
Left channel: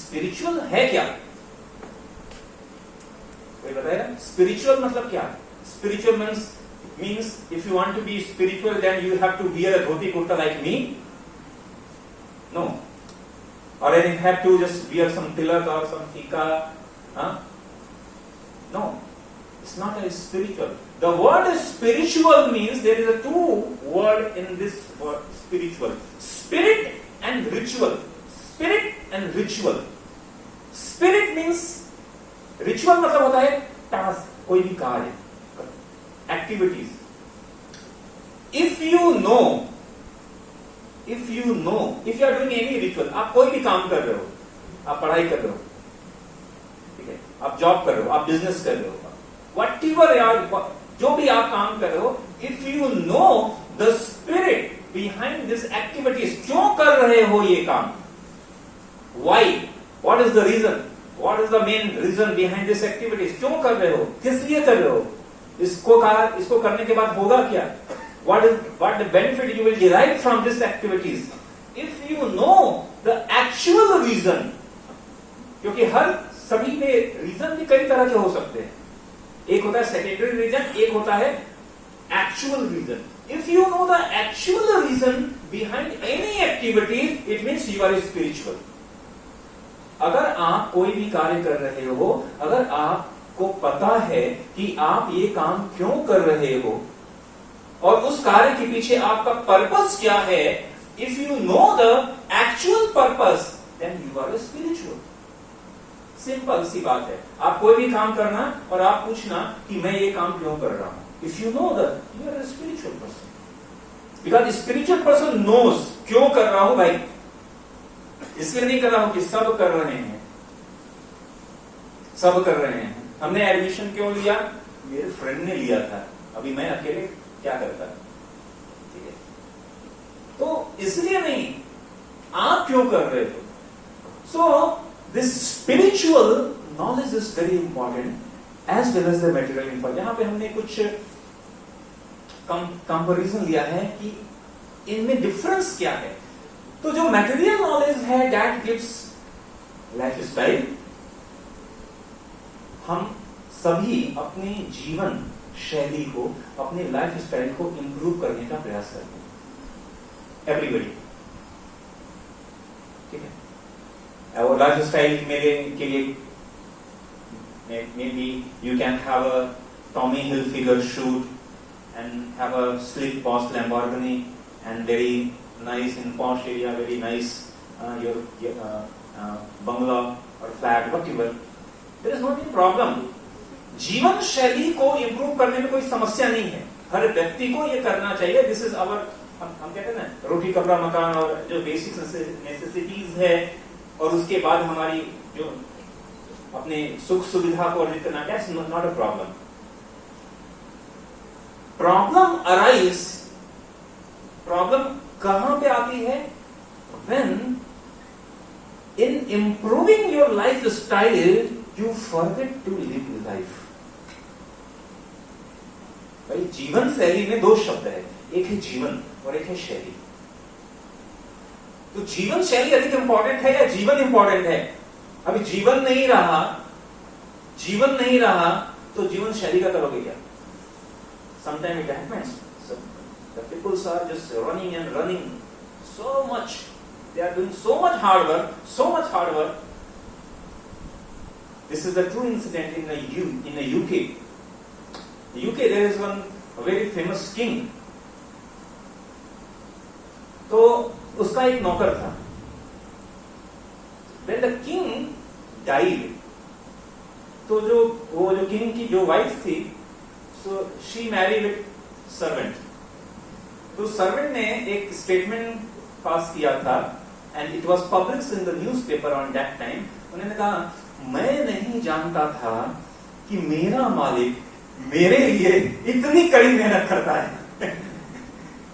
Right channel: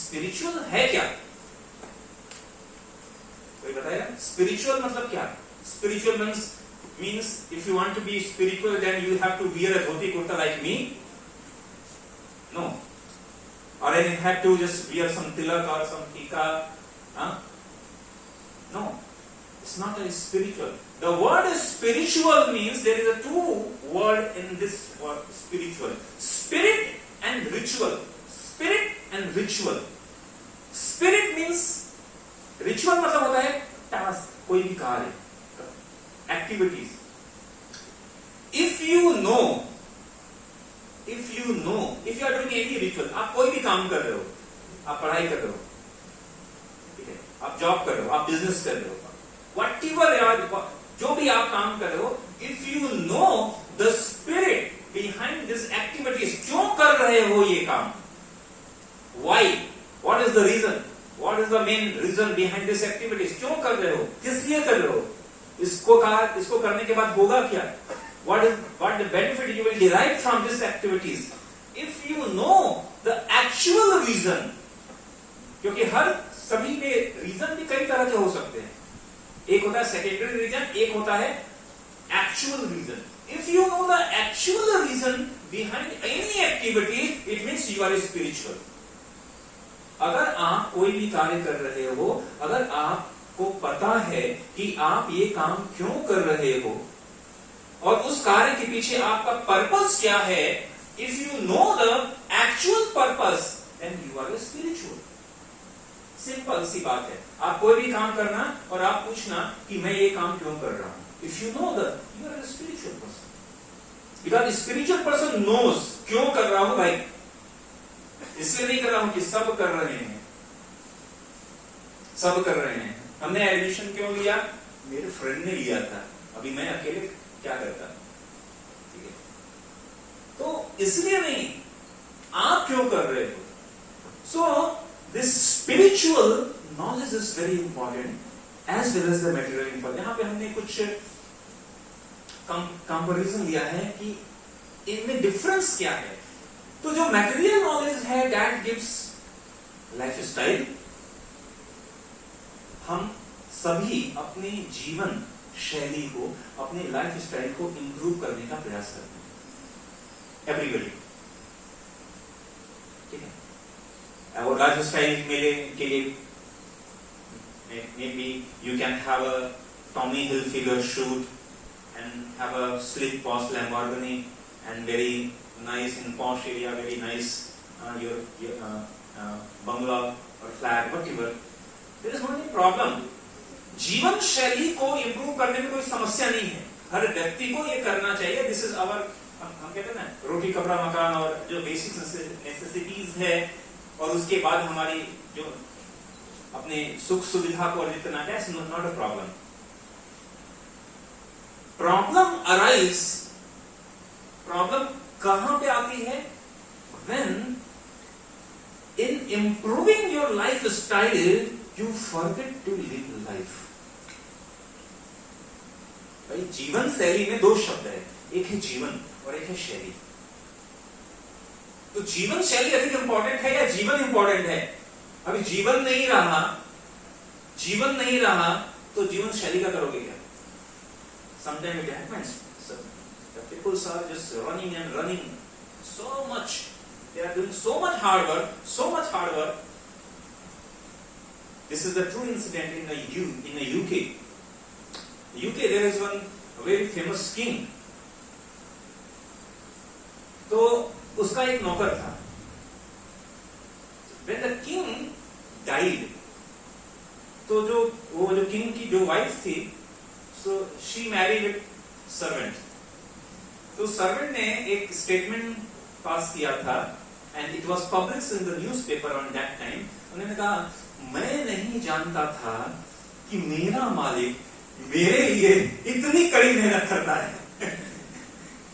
Spiritual है क्या? कोई बताया? Spiritual मतलब क्या? Spiritual means if you want to be spiritual, then you have to wear a dhoti kurta like me. No. Or then you have to just wear some tilak or some tika. Huh? No, it's not a spiritual. The word spiritual means there is a two word in this word spiritual. Spirit and ritual. Spirit and ritual. Spirit means ritual मतलब होता है task, कोई भी कार्य, activities. If you know, if you are doing any ritual, आप कोई भी काम कर रहे हो, आप पढ़ाई कर रहे हो, आप जॉब कर रहे हो, आप बिजनेस कर रहे हो, वट एवर यार, जो भी आप काम कर रहे हो, if you know the spirit behind this activities, क्यों कर रहे हो ये काम, why, what is the reason, what is the main reason behind this activities, क्यों कर रहे हो, किस लिए कर रहे हो, इसको करने के बाद होगा क्या, what the benefit you will derive from this activities. If you know the actual reason, क्योंकि सभी में रीजन भी कई तरह के हो सकते हैं, एक होता है सेकेंडरी रीजन, एक होता है actual reason. If you know the actual reason behind any activity, it means you are spiritual. अगर आप कोई भी कार्य कर रहे हो, अगर आपको पता है कि आप ये काम क्यों कर रहे हो और उस कार्य के पीछे आपका पर्पस क्या है, if you know the actual purpose, then you are spiritual. Simple सी बात है. आप कोई भी काम करना और आप पूछना कि मैं ये काम क्यों कर रहा हूं. If you know that, you are a spiritual person. Because spiritual person knows क्यों कर रहा हूं भाई. इसलिए नहीं कर रहा हूं कि सब कर रहे हैं. सब कर रहे हैं. हमने एडमिशन क्यों लिया? मेरे फ्रेंड ने लिया था. अभी मैं अकेले क्या करता. ठीक है. तो इसलिए नहीं, आप क्यों कर रहे हो. So this spiritual knowledge is very important as well as the material information. यहाँ पे हमने कुछ कंपैरिजन लिया है कि इनमें डिफरेंस क्या है. तो जो मटेरियल नॉलेज है दैट गिव्स लाइफ स्टाइल. हम सभी अपने जीवन शैली को, अपने लाइफ स्टाइल को इंप्रूव करने का प्रयास करते हैं. एवरीबडी. ठीक है. और लाइफ स्टाइल के लिए maybe you can have a Tommy Hilfiger shoot and have a sleek posh Lamborghini and very nice in posh area, very nice your bungalow or flat, whatever. There is no any problem. जीवन शैली को improve करने में कोई समस्या नहीं है. हर व्यक्ति को ये करना चाहिए. दिस इज आवर, हम कहते हैं ना, रोटी कपड़ा मकान और जो बेसिक नेसेसिटीज है, और उसके बाद हमारी जो अपने सुख सुविधा को अर्जित करना है, नॉट अ प्रॉब्लम. प्रॉब्लम कहां पे आती है? When in improving your lifestyle you forget to live life. भाई जीवन शैली में दो शब्द है, एक है जीवन और एक है शैली. तो जीवन शैली अधिक इंपॉर्टेंट है या जीवन इंपॉर्टेंट है? अभी जीवन नहीं रहा तो जीवन शैली का करोगे क्या? Sometimes it happens. The people are just running and running so much. They are doing so much hard work. This is the true incident in the UK. The UK, there is one very famous king. तो उसका एक नौकर था. When the king died, तो वो जो king की जो वाइफ थी, so she married servant. तो सर्वेंट ने एक स्टेटमेंट पास किया था and it was published in the newspaper on that time. उन्होंने कहा, मैं नहीं जानता था कि मेरा मालिक मेरे लिए इतनी कड़ी मेहनत करता है.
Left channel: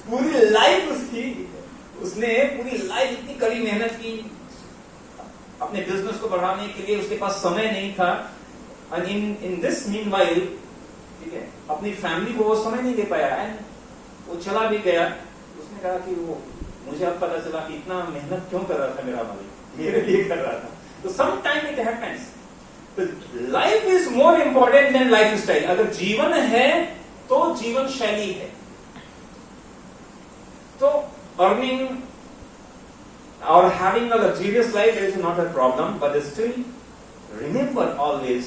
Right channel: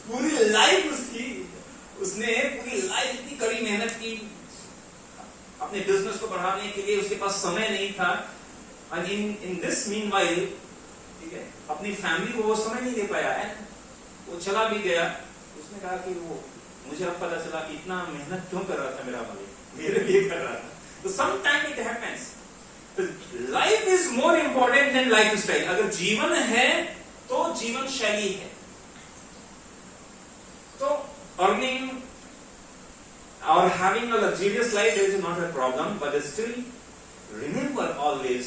पूरी लाइफ उसने पूरी लाइफ इतनी कड़ी मेहनत की अपने बिजनेस को बढ़ाने के लिए. उसके पास समय नहीं था. and in this meanwhile, ठीक है, अपनी फैमिली को वो समय नहीं दे पाया है. वो चला भी गया. उसने कहा कि वो मुझे अब पता चला कि इतना मेहनत क्यों कर रहा था मेरा मालिक, मेरे लिए कर रहा था. तो some time it happens. Life is more important than lifestyle. अगर जीवन है तो जीवन शैली है. तो अर्निंग और having a luxurious life is not a problem, but still remember always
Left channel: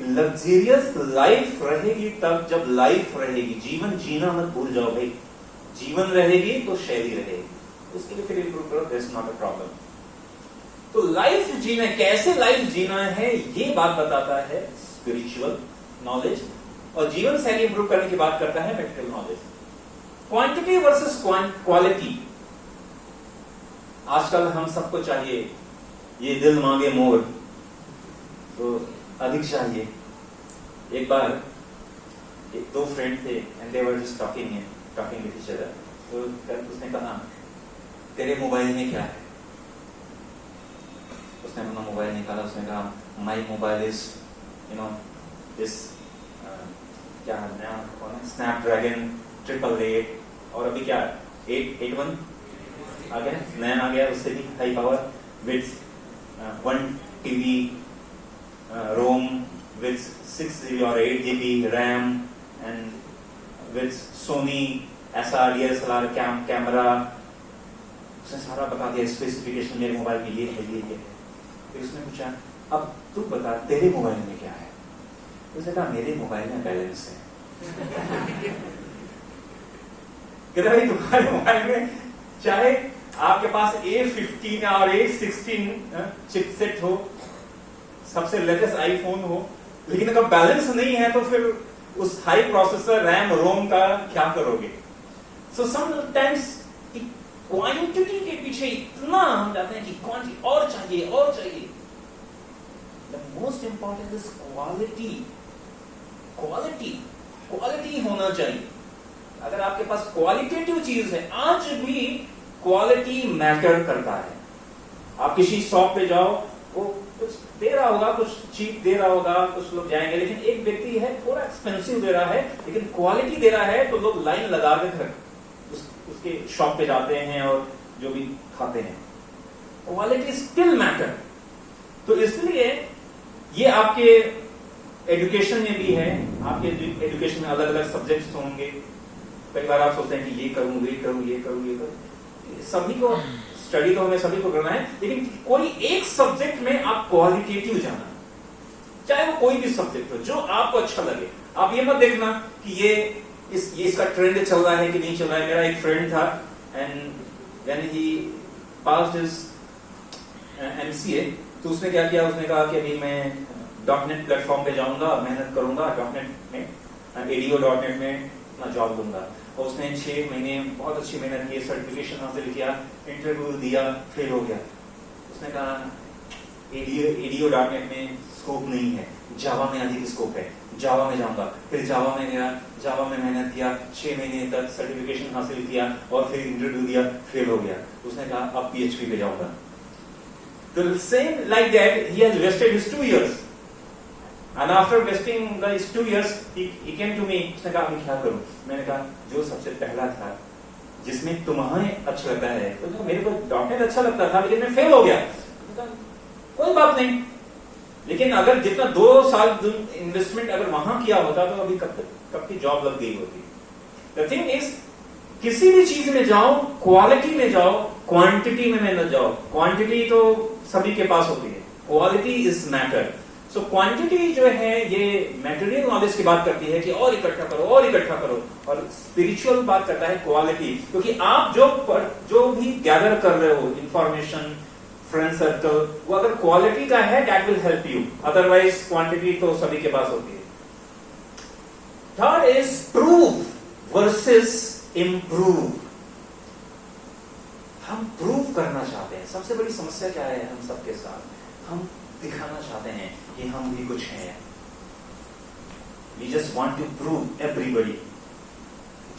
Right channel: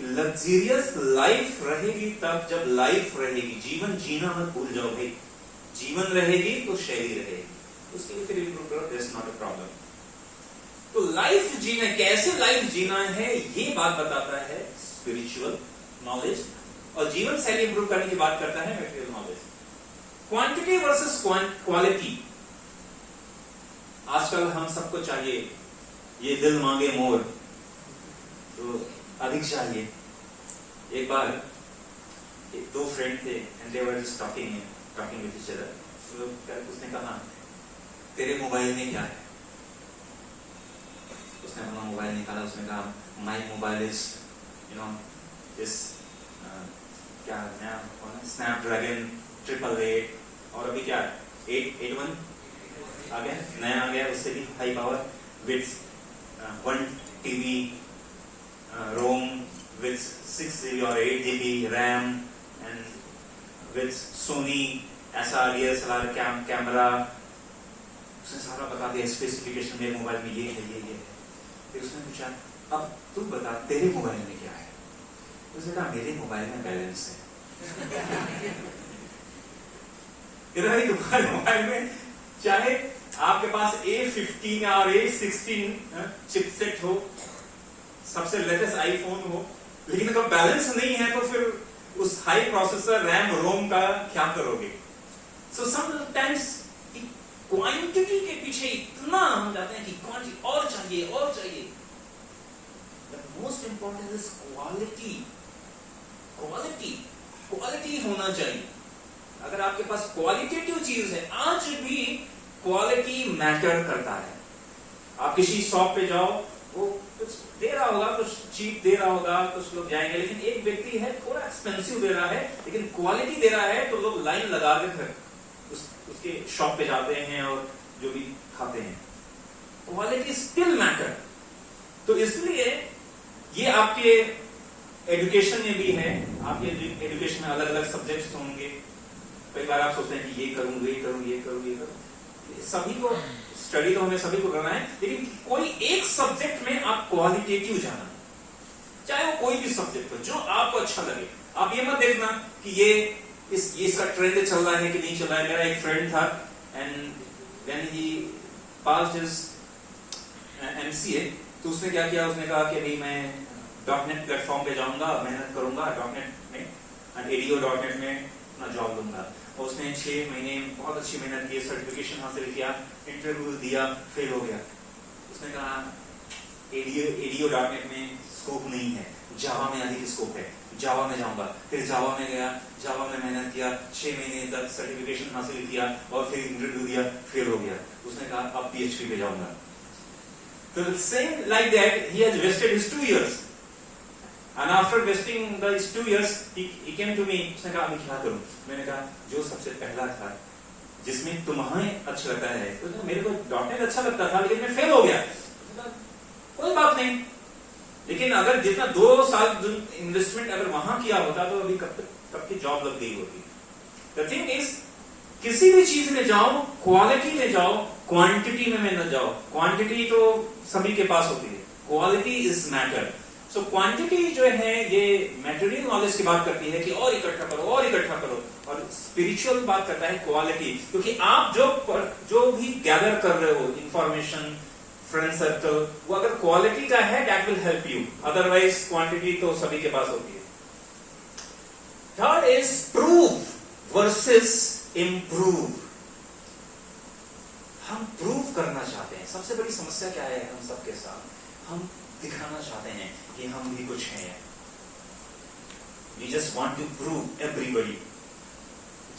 luxurious life रहेगी तब जब लाइफ रहेगी. जीवन जीना मत भूल जाओ भाई. जीवन रहेगी तो शैली रहेगी. उसके लिए फिर इंप्रूव करो. That's not a problem. तो लाइफ जीना, कैसे लाइफ जीना है, ये बात बताता है स्पिरिचुअल नॉलेज. और जीवन शैली इंप्रूव करने की बात करता है material knowledge. Quantity versus quality. आजकल हम सबको चाहिए, ये दिल मांगे मोर, तो अधिक चाहिए. एक बार दो फ्रेंड थे and they were just talking with each other. तो उसने कहा, तेरे मोबाइल में क्या है? उसने अपना मोबाइल निकाला. उसने कहा, माई मोबाइल इज दिस क्या नया स्नैपड्रैगन 888. और अभी क्या 881 आ गया, नया आ गया, उससे भी high power with 1 TB ROM with 6 GB or 8 GB RAM and with Sony ऐसा DSLR कैमरा, उसने सारा बता दिया स्पेसिफिकेशन, मेरे मोबाइल में ये है, ये है। फिर उसने पूछा अब तू बता तेरे मोबाइल में क्या है? उसने कहा मेरे मोबाइल में बैलेंस है। कहता भाई तुम्हारे मोबाइल में चाहे आपके पास A15 और A16 चिपसेट हो, सबसे लेटेस्ट आईफोन हो, लेकिन अगर बैलेंस नहीं है तो फिर उस हाई प्रोसेसर रैम रोम का क्या करोगे? सो समटाइम्स क्वांटिटी के पीछे इतना हम जाते हैं कि क्वांटिटी और चाहिए और चाहिए। The most important is quality. Quality quality होना चाहिए। अगर आपके पास क्वालिटेटिव चीज है, आज भी क्वालिटी मैटर करता है। आप किसी शॉप पे जाओ, वो कुछ दे रहा होगा, कुछ चीप दे रहा होगा, कुछ लोग जाएंगे, लेकिन एक व्यक्ति है थोड़ा एक्सपेंसिव दे रहा है लेकिन क्वालिटी दे रहा है, तो लोग लाइन लगा के फिर उसके शॉप पे जाते हैं और जो भी खाते हैं। Quality still matter. तो इसलिए ये आपके एजुकेशन में भी है। आपके एजुकेशन में अलग अलग सब्जेक्ट्स होंगे। कई बार आप सोचते हैं कि ये करूं, ये करूं, ये करूं, ये करूं। सभी को स्टडी तो हमें सभी को करना है, लेकिन कोई एक सब्जेक्ट में आप क्वालिटेटिव जाना, चाहे वो कोई भी सब्जेक्ट हो जो आपको अच्छा लगे। आप ये मत देखना कि ये इसका ट्रेंड चल रहा है कि नहीं चल रहा है। मेरा एक फ्रेंड था and when he passed his MCA, तो उसने क्या किया, उसने कहा कि अभी मैं .NET प्लेटफॉर्म पे जाऊंगा, मेहनत करूंगा .NET में, ADO.NET में अपना जॉब लूंगा। और उसने 6 महीने बहुत अच्छी मेहनत की, सर्टिफिकेशन हासिल किया, इंटरव्यू दिया, फेल हो गया। उसने कहा ADO.NET में स्कोप नहीं है, जावा में अधिक स्कोप है, जावा में जाऊंगा। फिर जावा में गया, जावा में मेहनत किया, 6 महीने तक सर्टिफिकेशन हासिल किया और फिर इंटरव्यू दिया, फेल हो गया। उसने कहा अब PHP पे जाऊंगा। तो same like that, he has wasted his 2 years. And after wasting these 2 years, he came to me. उसने कहा मैं क्या करूं? मैंने कहा जो सबसे पहला था, जिसमें तुम्हें अच्छा लगता है। तो मेरे को .NET अच्छा लगता था, लेकिन मैं फेल हो गया। कोई बात नहीं, लेकिन अगर जितना 2 साल इन्वेस्टमेंट अगर वहां किया होता तो अभी कब की जॉब लग गई होती। द थिंग इज, किसी भी चीज में जाओ, क्वालिटी में जाओ, क्वांटिटी में न जाओ। क्वांटिटी तो सभी के पास होती है, quality is matter. So quantity जो है ये मटेरियल नॉलेज की बात करती है कि और इकट्ठा करो और इकट्ठा करो, और स्पिरिचुअल बात करता है क्वालिटी। क्योंकि आप जो भी गैदर कर रहे हो इंफॉर्मेशन, फ्रेंड सर्कल, वो अगर क्वालिटी का है that will help you, otherwise quantity तो सभी के पास होती है। Third is prove versus improve. हम प्रूव करना चाहते हैं। सबसे बड़ी समस्या क्या है हम सबके साथ? हम दिखाना चाहते हैं कि हम भी कुछ हैं। We just want to prove everybody.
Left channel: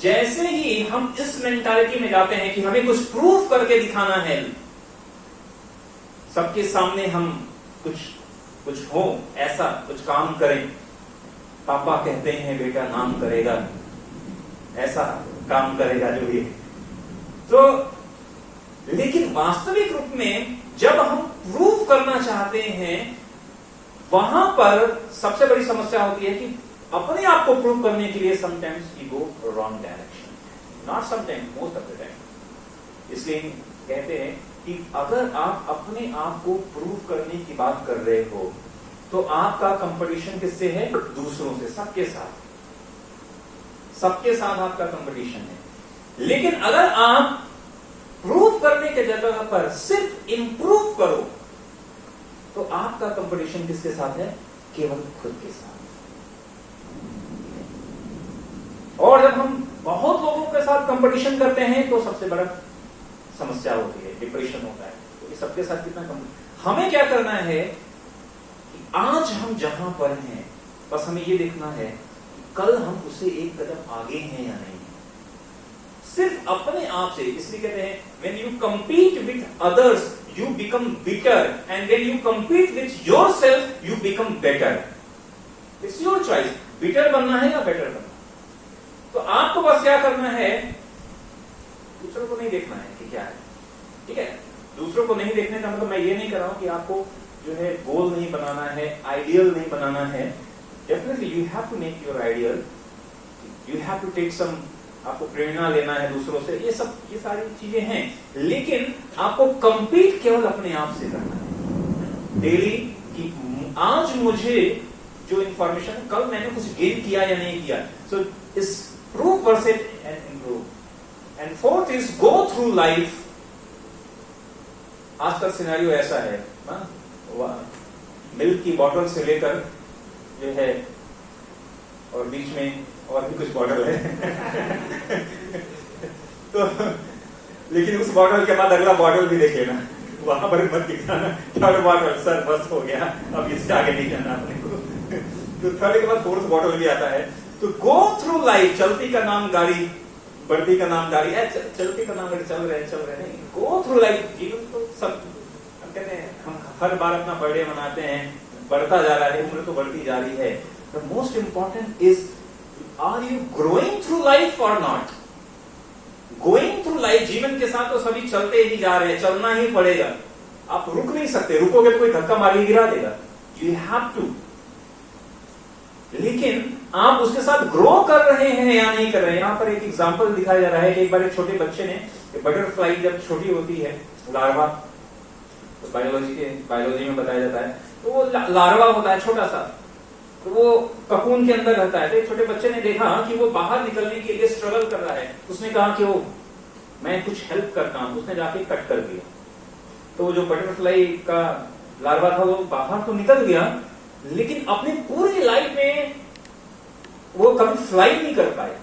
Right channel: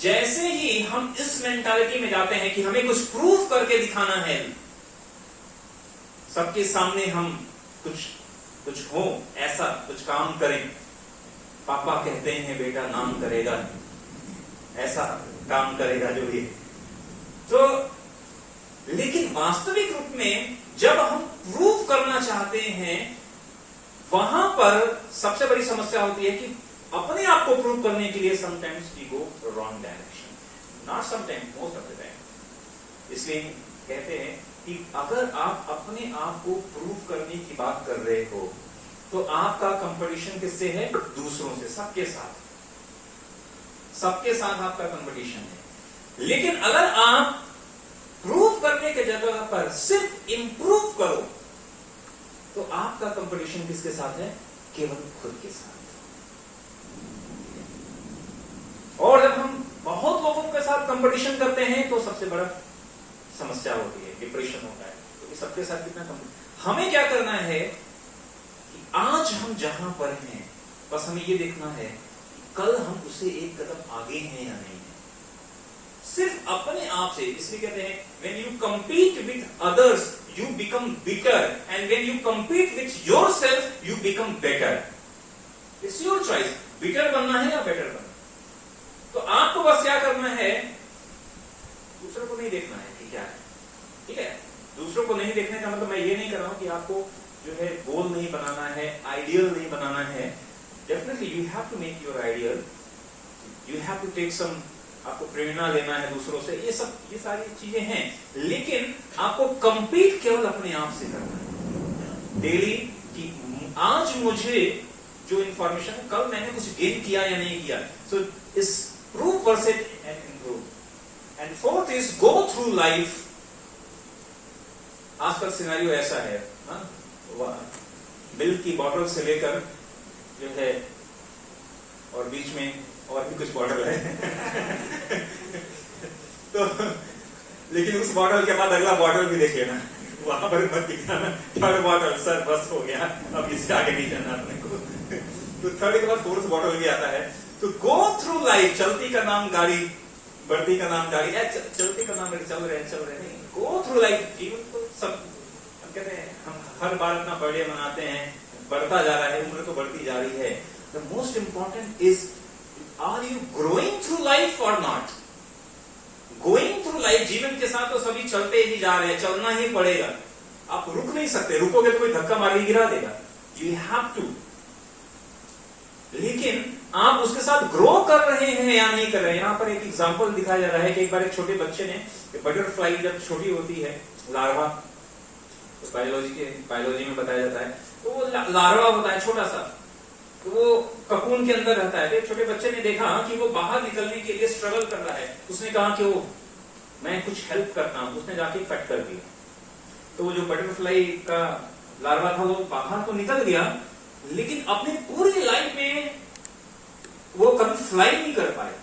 जैसे ही हम इस मेंटालिटी में जाते हैं कि हमें कुछ प्रूव करके दिखाना है, सबके सामने हम कुछ हो, ऐसा कुछ काम करें। पापा कहते हैं बेटा नाम करेगा, ऐसा काम करेगा जो भी। तो लेकिन वास्तविक रूप में जब हम प्रूव करना चाहते हैं, वहां पर सबसे बड़ी समस्या होती है कि अपने आप को प्रूव करने के लिए sometimes we go wrong direction, not sometimes, most of the time. इसलिए कहते हैं कि अगर आप अपने आप को प्रूव करने की बात कर रहे हो तो आपका कंपटीशन किससे है? दूसरों से, सबके साथ आपका कंपटीशन है। लेकिन अगर आप प्रूव करने के जगह पर सिर्फ इंप्रूव करो तो आपका कंपटीशन किसके साथ है? केवल खुद के साथ। और जब हम बहुत लोगों के साथ कंपटीशन करते हैं तो सबसे बड़ा समस्या होती है, डिप्रेशन होता है। तो सबके साथ कितना कंपटीशन। हमें क्या करना है कि आज हम जहां पर हैं, बस हमें ये देखना है कि कल हम उससे एक कदम आगे हैं या नहीं, सिर्फ अपने आप से। इसलिए कहते हैं when you compete with others you become bitter and when you compete with yourself you become better. It's your choice, bitter बनना है या better बनना। तो आपको बस क्या करना है, दूसरों को नहीं देखना है कि क्या है, ठीक है? दूसरों को नहीं देखने का मतलब मैं ये नहीं कर रहा हूं कि आपको जो है गोल नहीं बनाना है, आइडियल नहीं बनाना है। Definitely you have to make your ideal, you have to take some आपको प्रेरणा लेना है दूसरों से, ये सारी चीजें हैं, लेकिन आपको कंपीट केवल अपने आप से करना है डेली कि आज मुझे जो इंफॉर्मेशन, कल मैंने कुछ गेन किया या नहीं किया। सो इस prove versus and improve. And fourth is go through life. आज का सिनेरियो ऐसा है, मिल्क की बॉटल से लेकर जो है और बीच में और भी कुछ बॉटल है तो लेकिन उस बॉटल के बाद अगला बॉटल भी देखे ना, वहां पर मत दिखाना थर्ड बॉटल, सर बस हो गया, अब इससे आगे नहीं जाना अपने को तो थर्ड के बाद फोर्थ बॉटल भी आता है। तो गो थ्रू लाइफ, चलती का नाम गाड़ी, बढ़ती का नाम गाड़ी, चलती का नाम गाड़ी, चल रहे नहीं, गो थ्रू लाइफ। जीवन तो सब हम कहते हैं, हम हर बार अपना बर्थडे मनाते हैं, बढ़ता जा रहा है, उम्र तो बढ़ती जा रही है। The most important is, are you growing through life और नॉट? गोइंग थ्रू लाइफ, जीवन के साथ तो सभी चलते ही जा रहे हैं, चलना ही पड़ेगा, आप रुक नहीं सकते, रुकोगे तो कोई धक्का मार के गिरा देगा, यू हैव टू। लेकिन आप उसके साथ ग्रो कर रहे हैं या नहीं कर रहे हैं। यहां पर एक एग्जांपल दिखाया जा रहा है कि एक बार एक छोटे बच्चे ने, बटरफ्लाई जब छोटी होती है, लार्वा, तो बायोलॉजी में बताया जाता है, तो वो लार्वा होता है छोटा सा, तो वो ककून के अंदर रहता है। तो छोटे बच्चे ने देखा कि वो बाहर निकलने के लिए स्ट्रगल कर रहा है, उसने कहा कि वो मैं कुछ हेल्प करता हूं, उसने जाके कट कर दिया। तो वो जो बटरफ्लाई का लार्वा था वो बाहर तो निकल गया, लेकिन अपनी पूरी लाइफ में वो कभी फ्लाई नहीं कर पाया।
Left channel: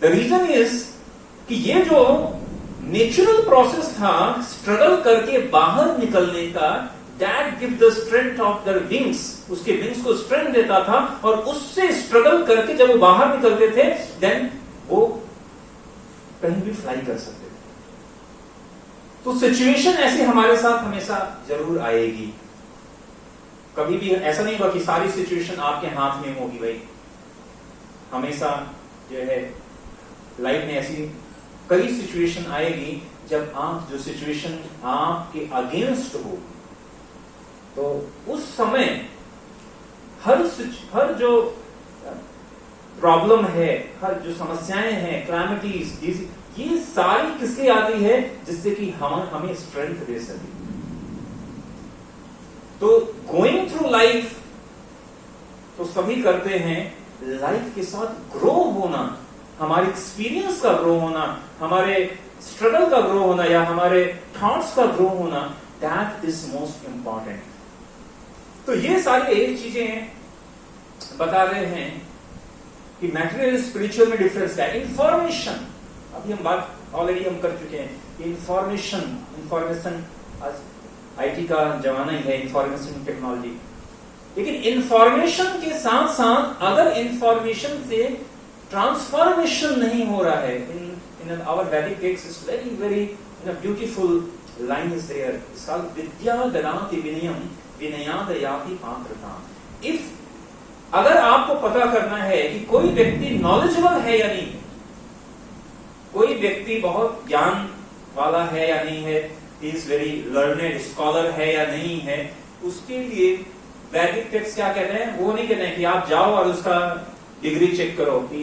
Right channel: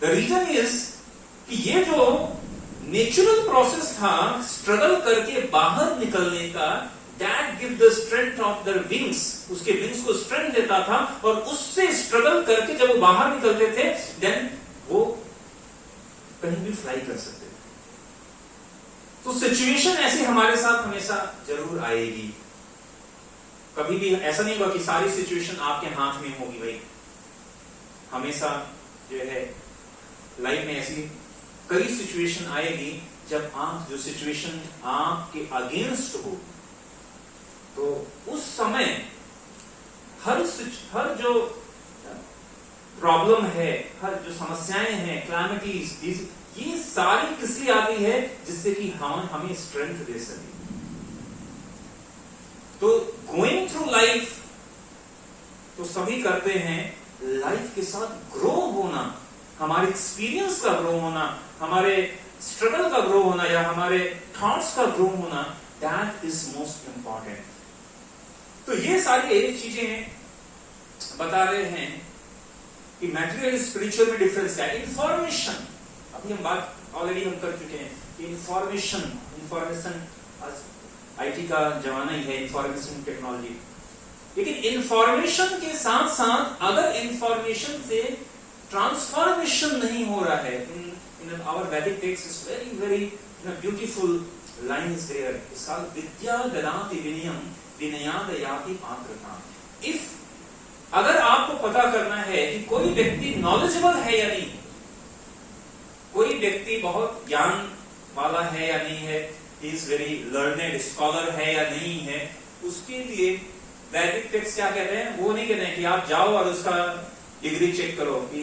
द रीजन इज कि ये जो नेचुरल प्रोसेस था स्ट्रगल करके बाहर निकलने का, that give the strength of the wings, उसके विंग्स को स्ट्रेंथ देता था, और उससे स्ट्रगल करके जब वो बाहर निकलते थे देन वो कहीं भी फ्लाई कर सकते थे। तो सिचुएशन ऐसी हमारे साथ हमेशा जरूर आएगी, कभी भी ऐसा नहीं होगा कि सारी सिचुएशन आपके हाथ में होगी। भाई हमेशा जो है लाइफ में ऐसी कई सिचुएशन आएगी जब आप, जो सिचुएशन आपके अगेंस्ट हो, तो उस समय हर जो प्रॉब्लम है, हर जो समस्याएं हैं, क्लैमिटीज, ये सारी किससे आती है, जिससे कि हमें स्ट्रेंथ दे सके। तो गोइंग थ्रू लाइफ तो सभी करते हैं, लाइफ के साथ ग्रो होना, हमारे एक्सपीरियंस का ग्रो होना, हमारे स्ट्रगल का ग्रो होना, या हमारे थॉट्स का ग्रो होना, दैट इज मोस्ट इंपॉर्टेंट। तो ये सारी चीजें बता रहे हैं कि मैटेरियल स्पिरिचुअल में डिफरेंस है। इंफॉर्मेशन, अभी हम बात ऑलरेडी हम कर चुके हैं कि इंफॉर्मेशन आज आईटी का जमाना ही है, इंफॉर्मेशन टेक्नोलॉजी, लेकिन इंफॉर्मेशन के साथ साथ अगर इंफॉर्मेशन से ट्रांसफॉर्मेशन नहीं हो रहा है, इन आवर वैदिक text is very very beautiful line is there, it's called विद्या ददाति विनयम विनयाद याति पात्रता। इफ अगर आपको पता करना है कि कोई व्यक्ति नॉलेजेबल है या नहीं, कोई व्यक्ति बहुत ज्ञान वाला है या नहीं है, इज वेरी लर्नेड स्कॉलर है या नहीं है, उसके लिए वैदिक टेक्स्ट क्या कहते हैं, वो नहीं कहते हैं कि आप जाओ और उसका डिग्री चेक करो कि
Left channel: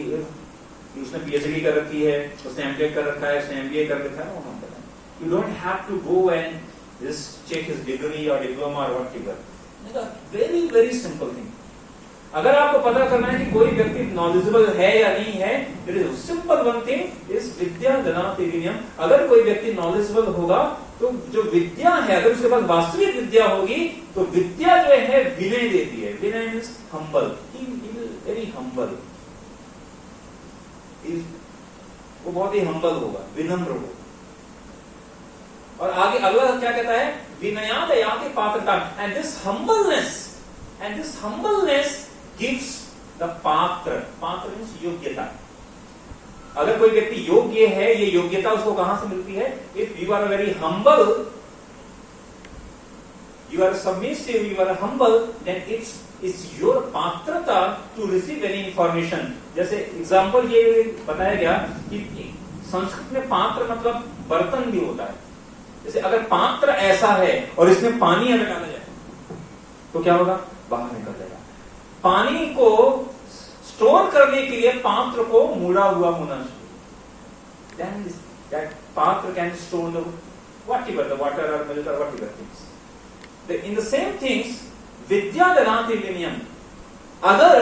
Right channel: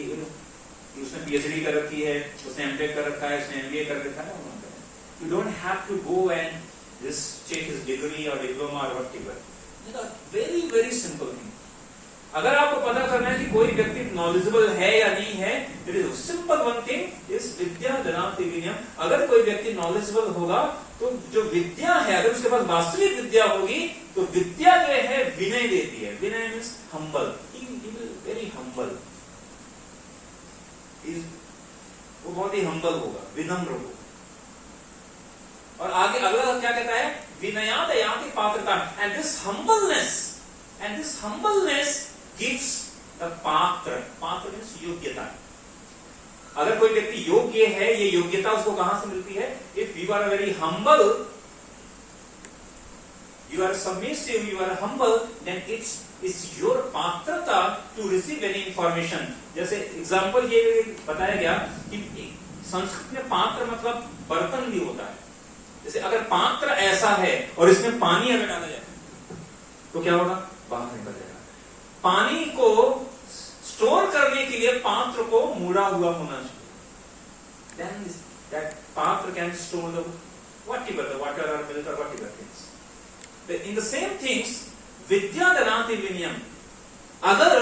उसने पीएचडी कर रखी है, उसने एमटेक कर रखा है, उसने एमबीए कर रखा है। You don't have to go and just check his degree और डिप्लोमा और whatever. Very very simple thing. अगर आपको पता करना है कि कोई व्यक्ति नॉलेजेबल है या नहीं है, it is simple one thing is विद्या ददाति विनयम। अगर कोई व्यक्ति नॉलेजेबल होगा तो जो विद्या है, अगर उसके पास वास्तविक विद्या होगी तो विद्या जो है विनय देती है। विनय मीन्स हम्बल, वेरी हम्बल, वो बहुत ही हम्बल होगा, विनम्र होगा। और आगे अगला क्या कहता है, विनयाद याति पात्रता, and this humbleness gives the पात्र मीन्स योग्यता। अगर कोई व्यक्ति योग्य है, ये योग्यता उसको कहां से मिलती है, if you are very humble, you are submissive, you are humble, then it's your पात्रता टू रिसीव एनी इंफॉर्मेशन। जैसे एग्जाम्पल ये बताया गया कि संस्कृत में पात्र मतलब बर्तन भी होता है। जैसे अगर पात्र ऐसा है और इसमें पानी अगर डाला जाए तो क्या होगा, बाहर निकल जाएगा। पानी को स्टोर करने के लिए पात्र को मुड़ा हुआ होना चाहिए। then that patra can store the whatever, the water or milk or whatever things. In the same things, vidya danati vinayam. अगर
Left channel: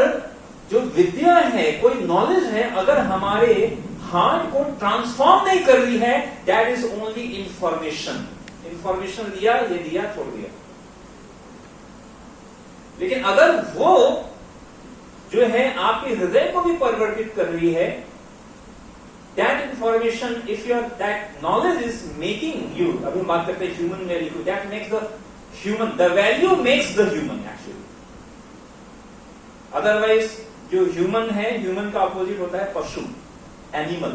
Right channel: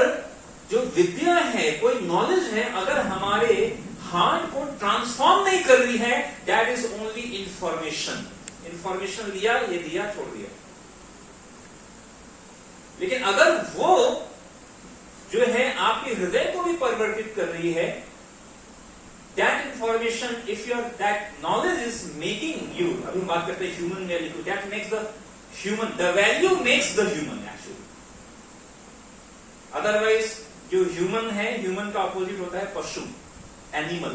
जो विद्या है, कोई नॉलेज है, अगर हमारे हार्ट को ट्रांसफॉर्म नहीं कर रही है, that is only information. Information लिया, ये दिया, छोड़ दिया. लेकिन अगर वो जो है आपके हृदय को भी परिवर्तित कर रही है, that information, if your that knowledge is making you, अभी हम बात करते हैं human value, that makes the human, the value makes the human actually. Otherwise जो ह्यूमन है, ह्यूमन का अपोजिट होता है पशु, एनिमल.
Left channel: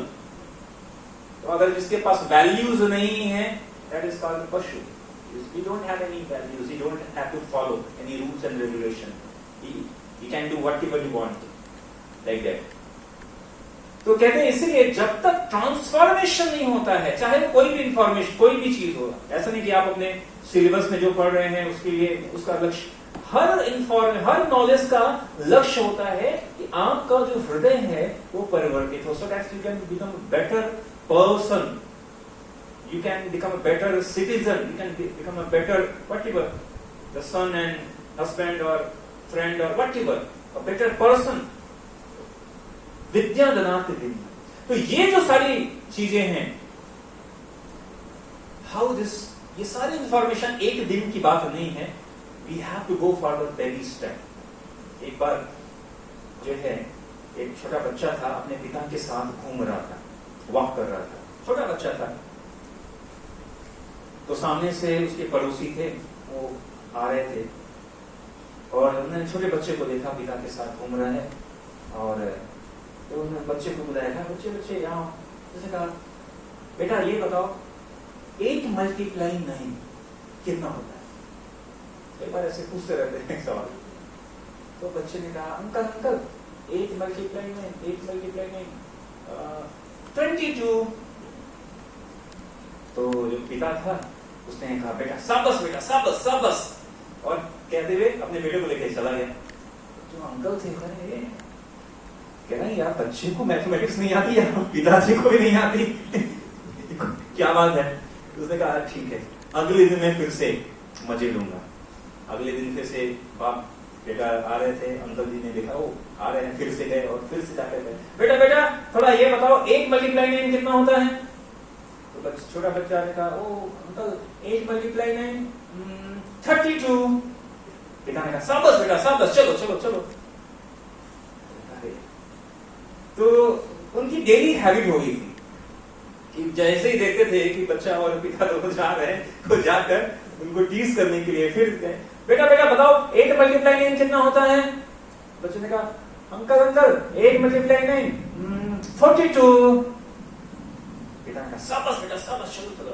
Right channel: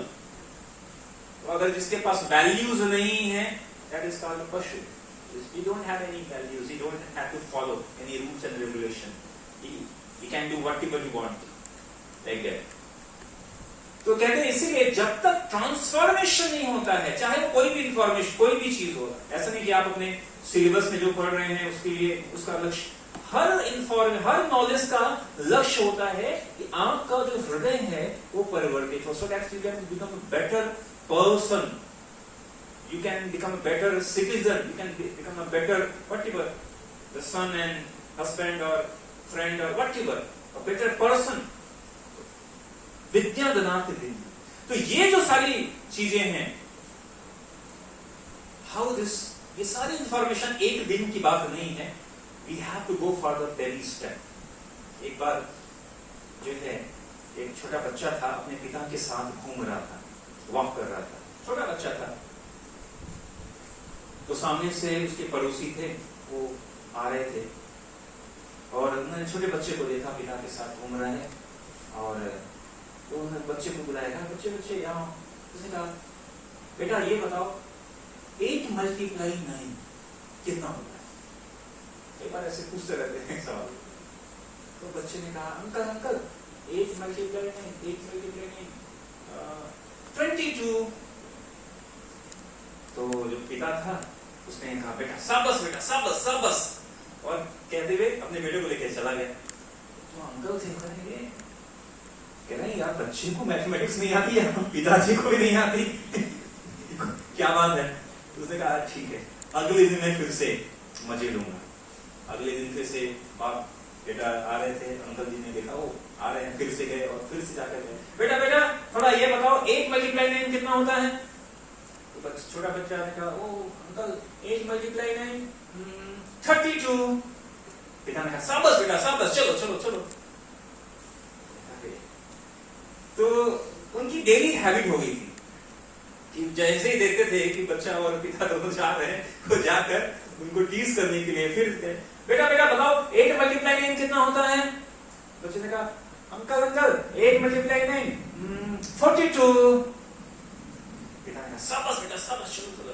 तो अगर जिसके पास वैल्यूज नहीं है, दैट इज कॉल्ड पशु. You don't have any values. You don't have to follow any rules and regulation. You can do whatever you want, like that. तो कहते हैं इसलिए जब तक ट्रांसफॉर्मेशन नहीं होता है, चाहे कोई भी इंफॉर्मेशन, कोई भी चीज हो, ऐसा नहीं कि आप अपने सिलेबस में जो पढ़ रहे हैं उसके लिए उसका लक्ष्य, हर नॉलेज का लक्ष्य होता है कि आपका जो हृदय है वो परिवर्तित हो, so that you can become better person. You can become a better citizen. You can become a better whatever, the son and husband or friend or whatever, a better person. विद्या ददाति विद्या. तो ये जो सारी चीजें हैं, how this, ये सारी information एक दिन की बात नहीं है. We have to go for the baby step. एक बार जो है एक छोटा बच्चा था, अपने पिता के साथ घूम रहा था, वॉक कर रहा था, छोटा बच्चा था. तो सामने से उसके पड़ोसी थे, वो आ रहे थे और उन्होंने छोटे बच्चे को देखा, पिता के साथ घूम रहे हैं, और तो उन्होंने बच्चे को बुलाया, बच्चे यहाँ. उसने कहा, बेटा ये बताओ 8 × 9 कितना होता है? कई बार ऐसे पूछते रहते हैं सवाल. तो बच्चे ने कहा, अंकल 8 × 9 22. तो जो पिता था उसने कहा, बेटा शाबाश, और कहते हुए अपने बेटे को लेकर चला गया. तो अंकल थे, कह रहे हैं यार बच्चे को मैथमेटिक्स नहीं आती है, पिताजी को भी नहीं आती. क्या बात है. तो उसने कहा ठीक है, अगले दिन मैं फिर से मजे लूंगा. अगले दिन फिर से बाप बेटा आ रहे थे, अंकल जी ने देखा वो आ रहे हैं, फिर से गए और फिर से जाकर गए, बेटा थोड़ा ये बताओ 8 × 9 कितना होता है? तो छोटा बच्चा ने कहा, ओ अंकल 8 × 9 32. पिता ने कहा, शाबाश बेटा शाबाश, चलो. तो उनकी डेली हैबिट हो गई थी कि जैसे ही देखते थे कि बच्चा और पिता दोनों जा रहे हैं, तो जाकर उनको टीज करने के लिए फिर बेटा बताओ 8 × 9 कितना होता है? बच्चे ने कहा, अंकल 8 × 9 42. शाबाश बेटा शाबाश, चलो.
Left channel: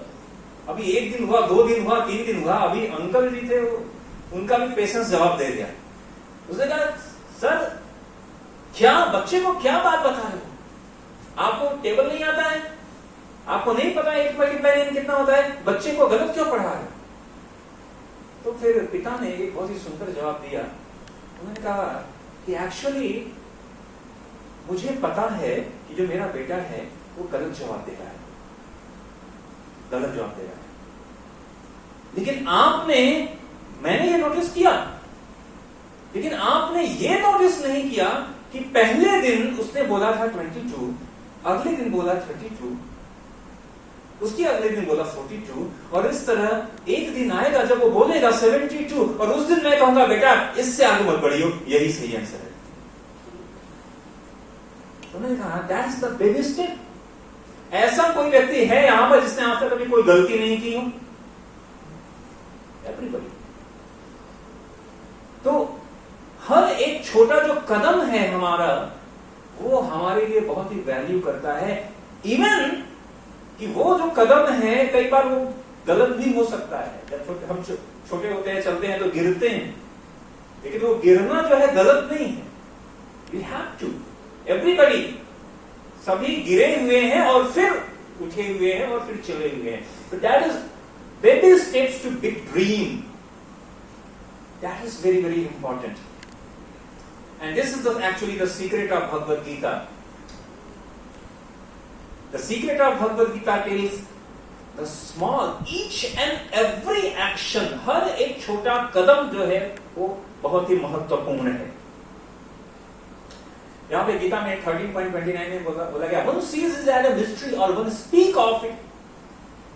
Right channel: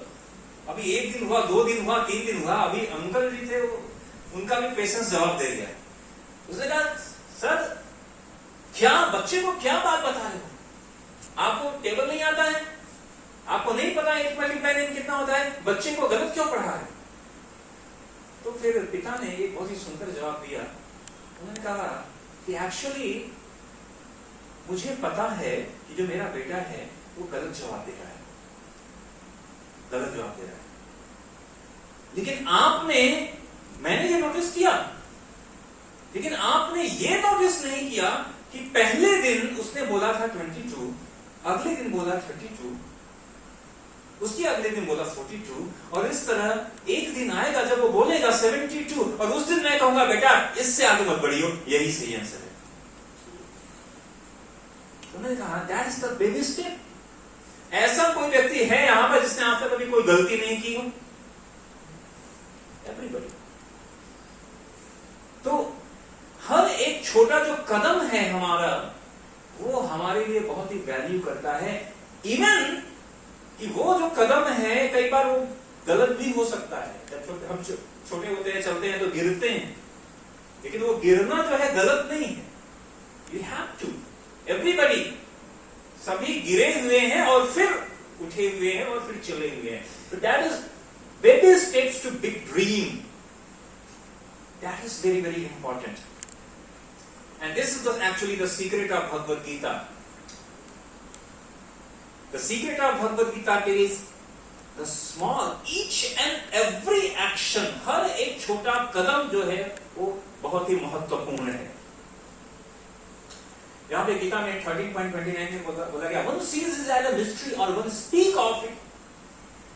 अभी 1 दिन हुआ, 2 दिन हुआ, 3 दिन हुआ, अभी अंकल जी थे, उनका भी पेशेंस जवाब दे गया. उसने कहा, सर क्या बच्चे को क्या बात बता रहे हो? आपको टेबल नहीं आता है? आपको नहीं पता 8 × 9 कितना होता है? बच्चे को गलत क्यों पढ़ा रहे? तो फिर पिता ने एक बहुत ही सुंदर जवाब दिया. उन्होंने कहा कि एक्चुअली मुझे पता है कि जो मेरा बेटा है वो गलत जवाब दे रहा है, लेकिन मैंने ये नोटिस किया, लेकिन आपने ये नोटिस नहीं किया कि पहले दिन उसने बोला था 22, अगले दिन बोला 32, उसके अगले दिन बोला 42, और इस तरह एक दिन आएगा जब वो बोलेगा 72, और उस दिन मैं कहूंगा बेटा इससे आगे मत बढ़ियो, यही सही आंसर है. उन्होंने कहा दैट्स द बेबी स्टेप. ऐसा कोई व्यक्ति है यहां पर जिसने आज तक कभी कोई गलती नहीं की हो? एवरीबॉडी. तो हर एक छोटा जो कदम है हमारा, वो हमारे लिए बहुत ही वैल्यू करता है. इवन कि वो जो कदम है कई बार वो गलत भी हो सकता है. हम छोटे होते हैं, चलते हैं तो गिरते हैं, लेकिन वो गिरना जो है गलत नहीं है. वी हैव टू, एवरीबॉडी, सभी गिरे हुए हैं और फिर उठे हुए हैं और फिर चले हुए हैं. तो that is baby steps to big dream. That is very very important. And this is actually the secret of Bhagavad Gita. The secret of Bhagavad Gita is the small each and every action, हर एक छोटा कदम जो है वो बहुत ही महत्वपूर्ण है। यहां पे गीता में 13.29 में बोला गया, one sees it as a mystery or one speak of it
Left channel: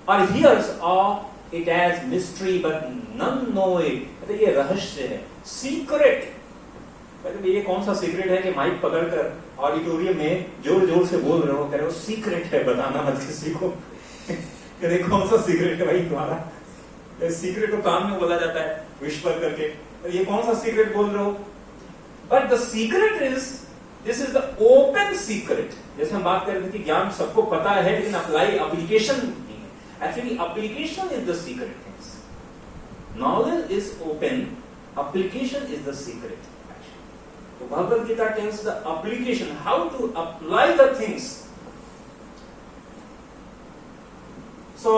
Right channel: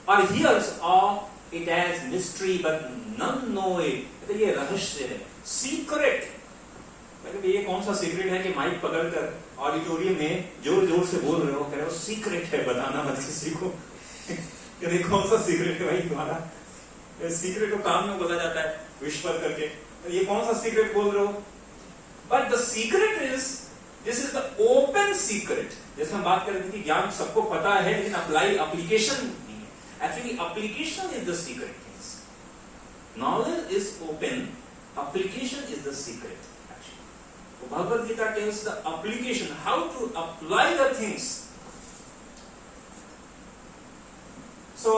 or hears of it as mystery but none know it। तो ये रहस्य है, सीक्रेट। ये कौन सा सीक्रेट है कि माइक पकड़कर ऑडिटोरियम में जोर जोर से बोल रहे हो, कह रहे हो सीक्रेट है, बताना मत किसी को। ये कौन सा सीक्रेट है भाई तुम्हारा? सीक्रेट को काम में बोला जाता है विश्वास करके, तो ये कौन सा सीक्रेट बोल रहे हो? But the secret is, this is the open secret. जैसे हम बात कर रहे थे कि ज्ञान सबको पता है लेकिन एप्लीकेशन नहीं है। Actually application is the secret things. Knowledge is open, application is the secret. तो Bhagavad Gita tells the application, how to apply the things. So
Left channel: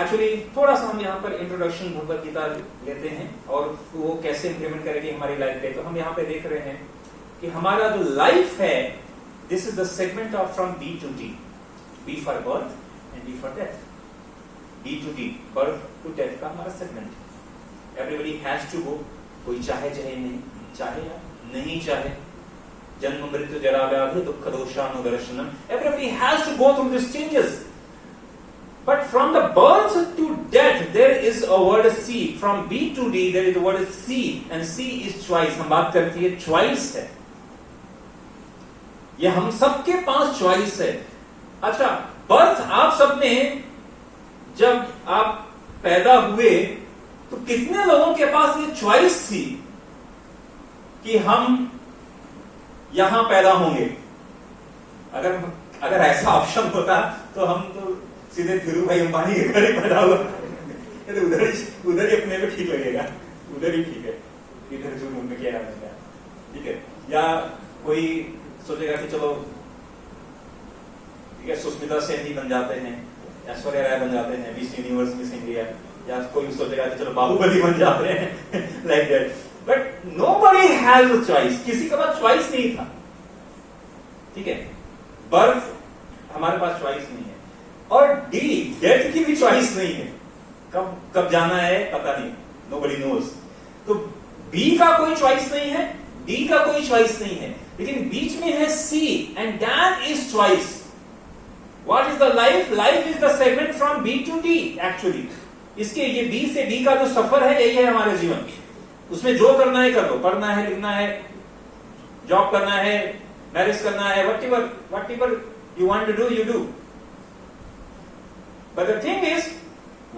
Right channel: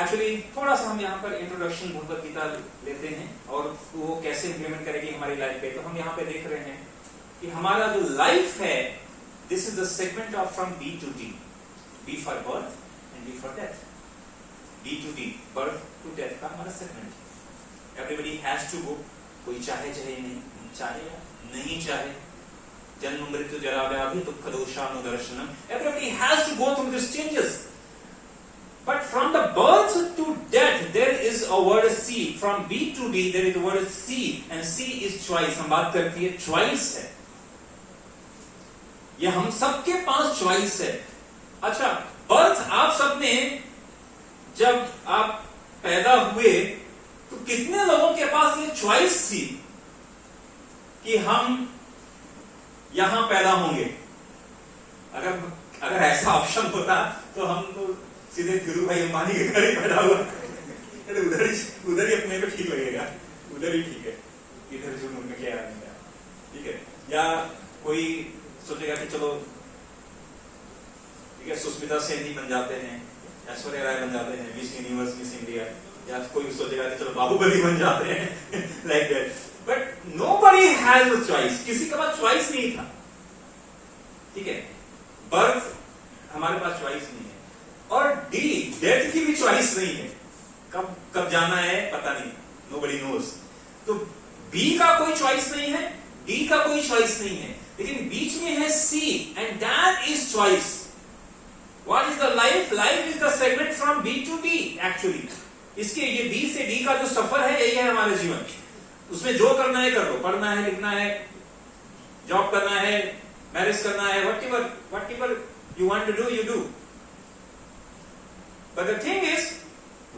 actually थोड़ा सा हम यहाँ पर इंट्रोडक्शन भगवद गीता लेते हैं और वो कैसे इंप्लीमेंट करेगी हमारी लाइफ पे। तो हम यहाँ पे देख रहे हैं कि हमारा जो लाइफ है, this is the segment of from B to D, B for birth and D for death. B to D, birth to death का हमारा सेगमेंट है। एवरीबडी हैज टू गो, कोई चाहे चाहे नहीं, चाहे या नहीं चाहे, जन्म मृत्यु जरा व्याधि दुख दोषानुदर्शनम, everybody has to go through this changes. But from the birth to death, there is a word C. From B to D, there is a word C, and C is choice. हम बात करती है choice है। ये हम सबके पास choice है। अच्छा, birth आप सबने जब आप पैदा हुए तो कितने लोगों के पास ये choice थी कि हम यहां पैदा होंगे? अगर ऐसा ऑप्शन होता तो हम तो सीधे धीरू भाई अंबानी के घर ही पैदा हुआ, उधर ही अपने को ठीक लगेगा, उधर ही ठीक है, इधर जो मुंह में क्या रहता है, ठीक है। या कोई सोचेगा कि चलो ठीक है सुष्मिता सेन ही बन जाते हैं, ऐश्वर्या राय बन जाते हैं, मिस यूनिवर्स, मिस इंडिया, या कोई सोचेगा कि चलो बाहुबली बन जाते हैं like that. But nobody has a choice, किसी के पास चॉइस नहीं था, ठीक है। बर्थ हमारे पास चॉइस नहीं है, और डी डेथ की भी चॉइस नहीं है, कब जाना है पता नहीं, नोबडी नोज। तो बी का कोई चॉइस नहीं है, डी का कोई चॉइस नहीं है, लेकिन बीच में है C, and that is choice. What is the life? Life is the segment from B to D. Actually इसके ये बी से डी का जो सफर है यही है हमारे जीवन, उसमें जो करना है कर लो, पढ़ना है, लिखना है, जॉब करना है, मैरिज करना है, whatever you want to do you do. But the thing is,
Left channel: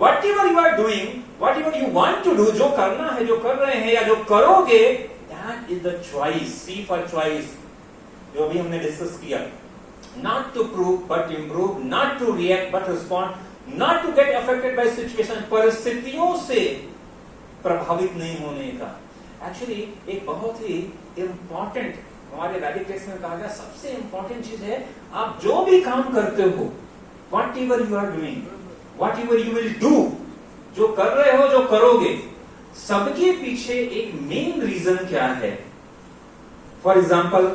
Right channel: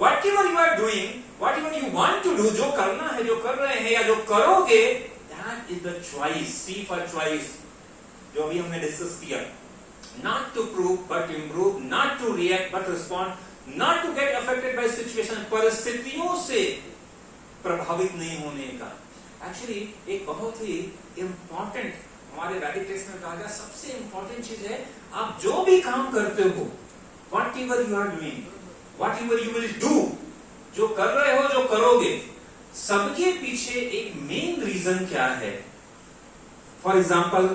whatever you are doing, whatever you want to do, जो करना है, जो कर रहे हैं या जो करोगे, that is the choice. C for choice, जो अभी हमने डिस्कस किया। Not to prove but improve, not to react but respond, not to get affected by situation, परिस्थितियों से प्रभावित नहीं होने का। Actually एक बहुत ही important हमारे वैदिक टेक्स्ट में कहा गया, सबसे इंपॉर्टेंट चीज है, आप जो भी काम करते हो, whatever you are doing, whatever you will do, जो कर रहे हो, जो करोगे, सबके पीछे एक मेन रीजन क्या है। फॉर एग्जाम्पल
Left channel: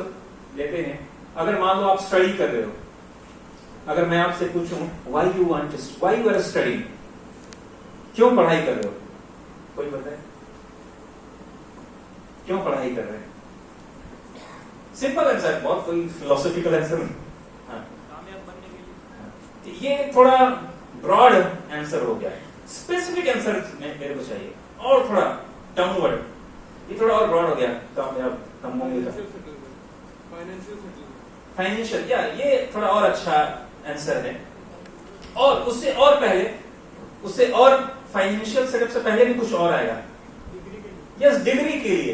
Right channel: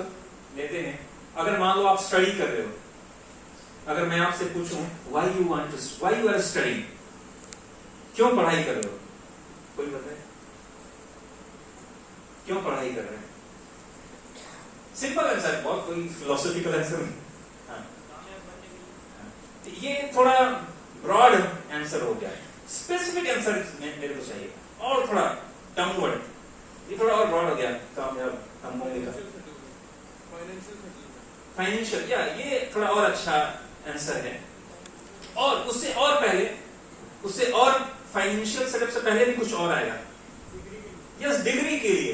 लेते हैं, अगर मान लो आप स्टडी कर रहे हो, अगर मैं आपसे पूछूं why you are studying, क्यों पढ़ाई कर रहे हो, कोई बताए क्यों पढ़ाई कर रहे हैं? सिंपल आंसर, बहुत कोई फिलोसॉफिकल आंसर नहीं। ये थोड़ा ब्रॉड आंसर हो गया है, स्पेसिफिक आंसर मेरे को चाहिए और थोड़ा टर्म वर्ड, ये थोड़ा और ब्रॉड हो गया तो हम होंगे फाइनेंशियल, या ये थोड़ा और अच्छा आंसर है। और उससे और पहले, उससे और फाइनेंशियल सेटअप से पहले भी कुछ और आएगा। यस, डिग्री के लिए,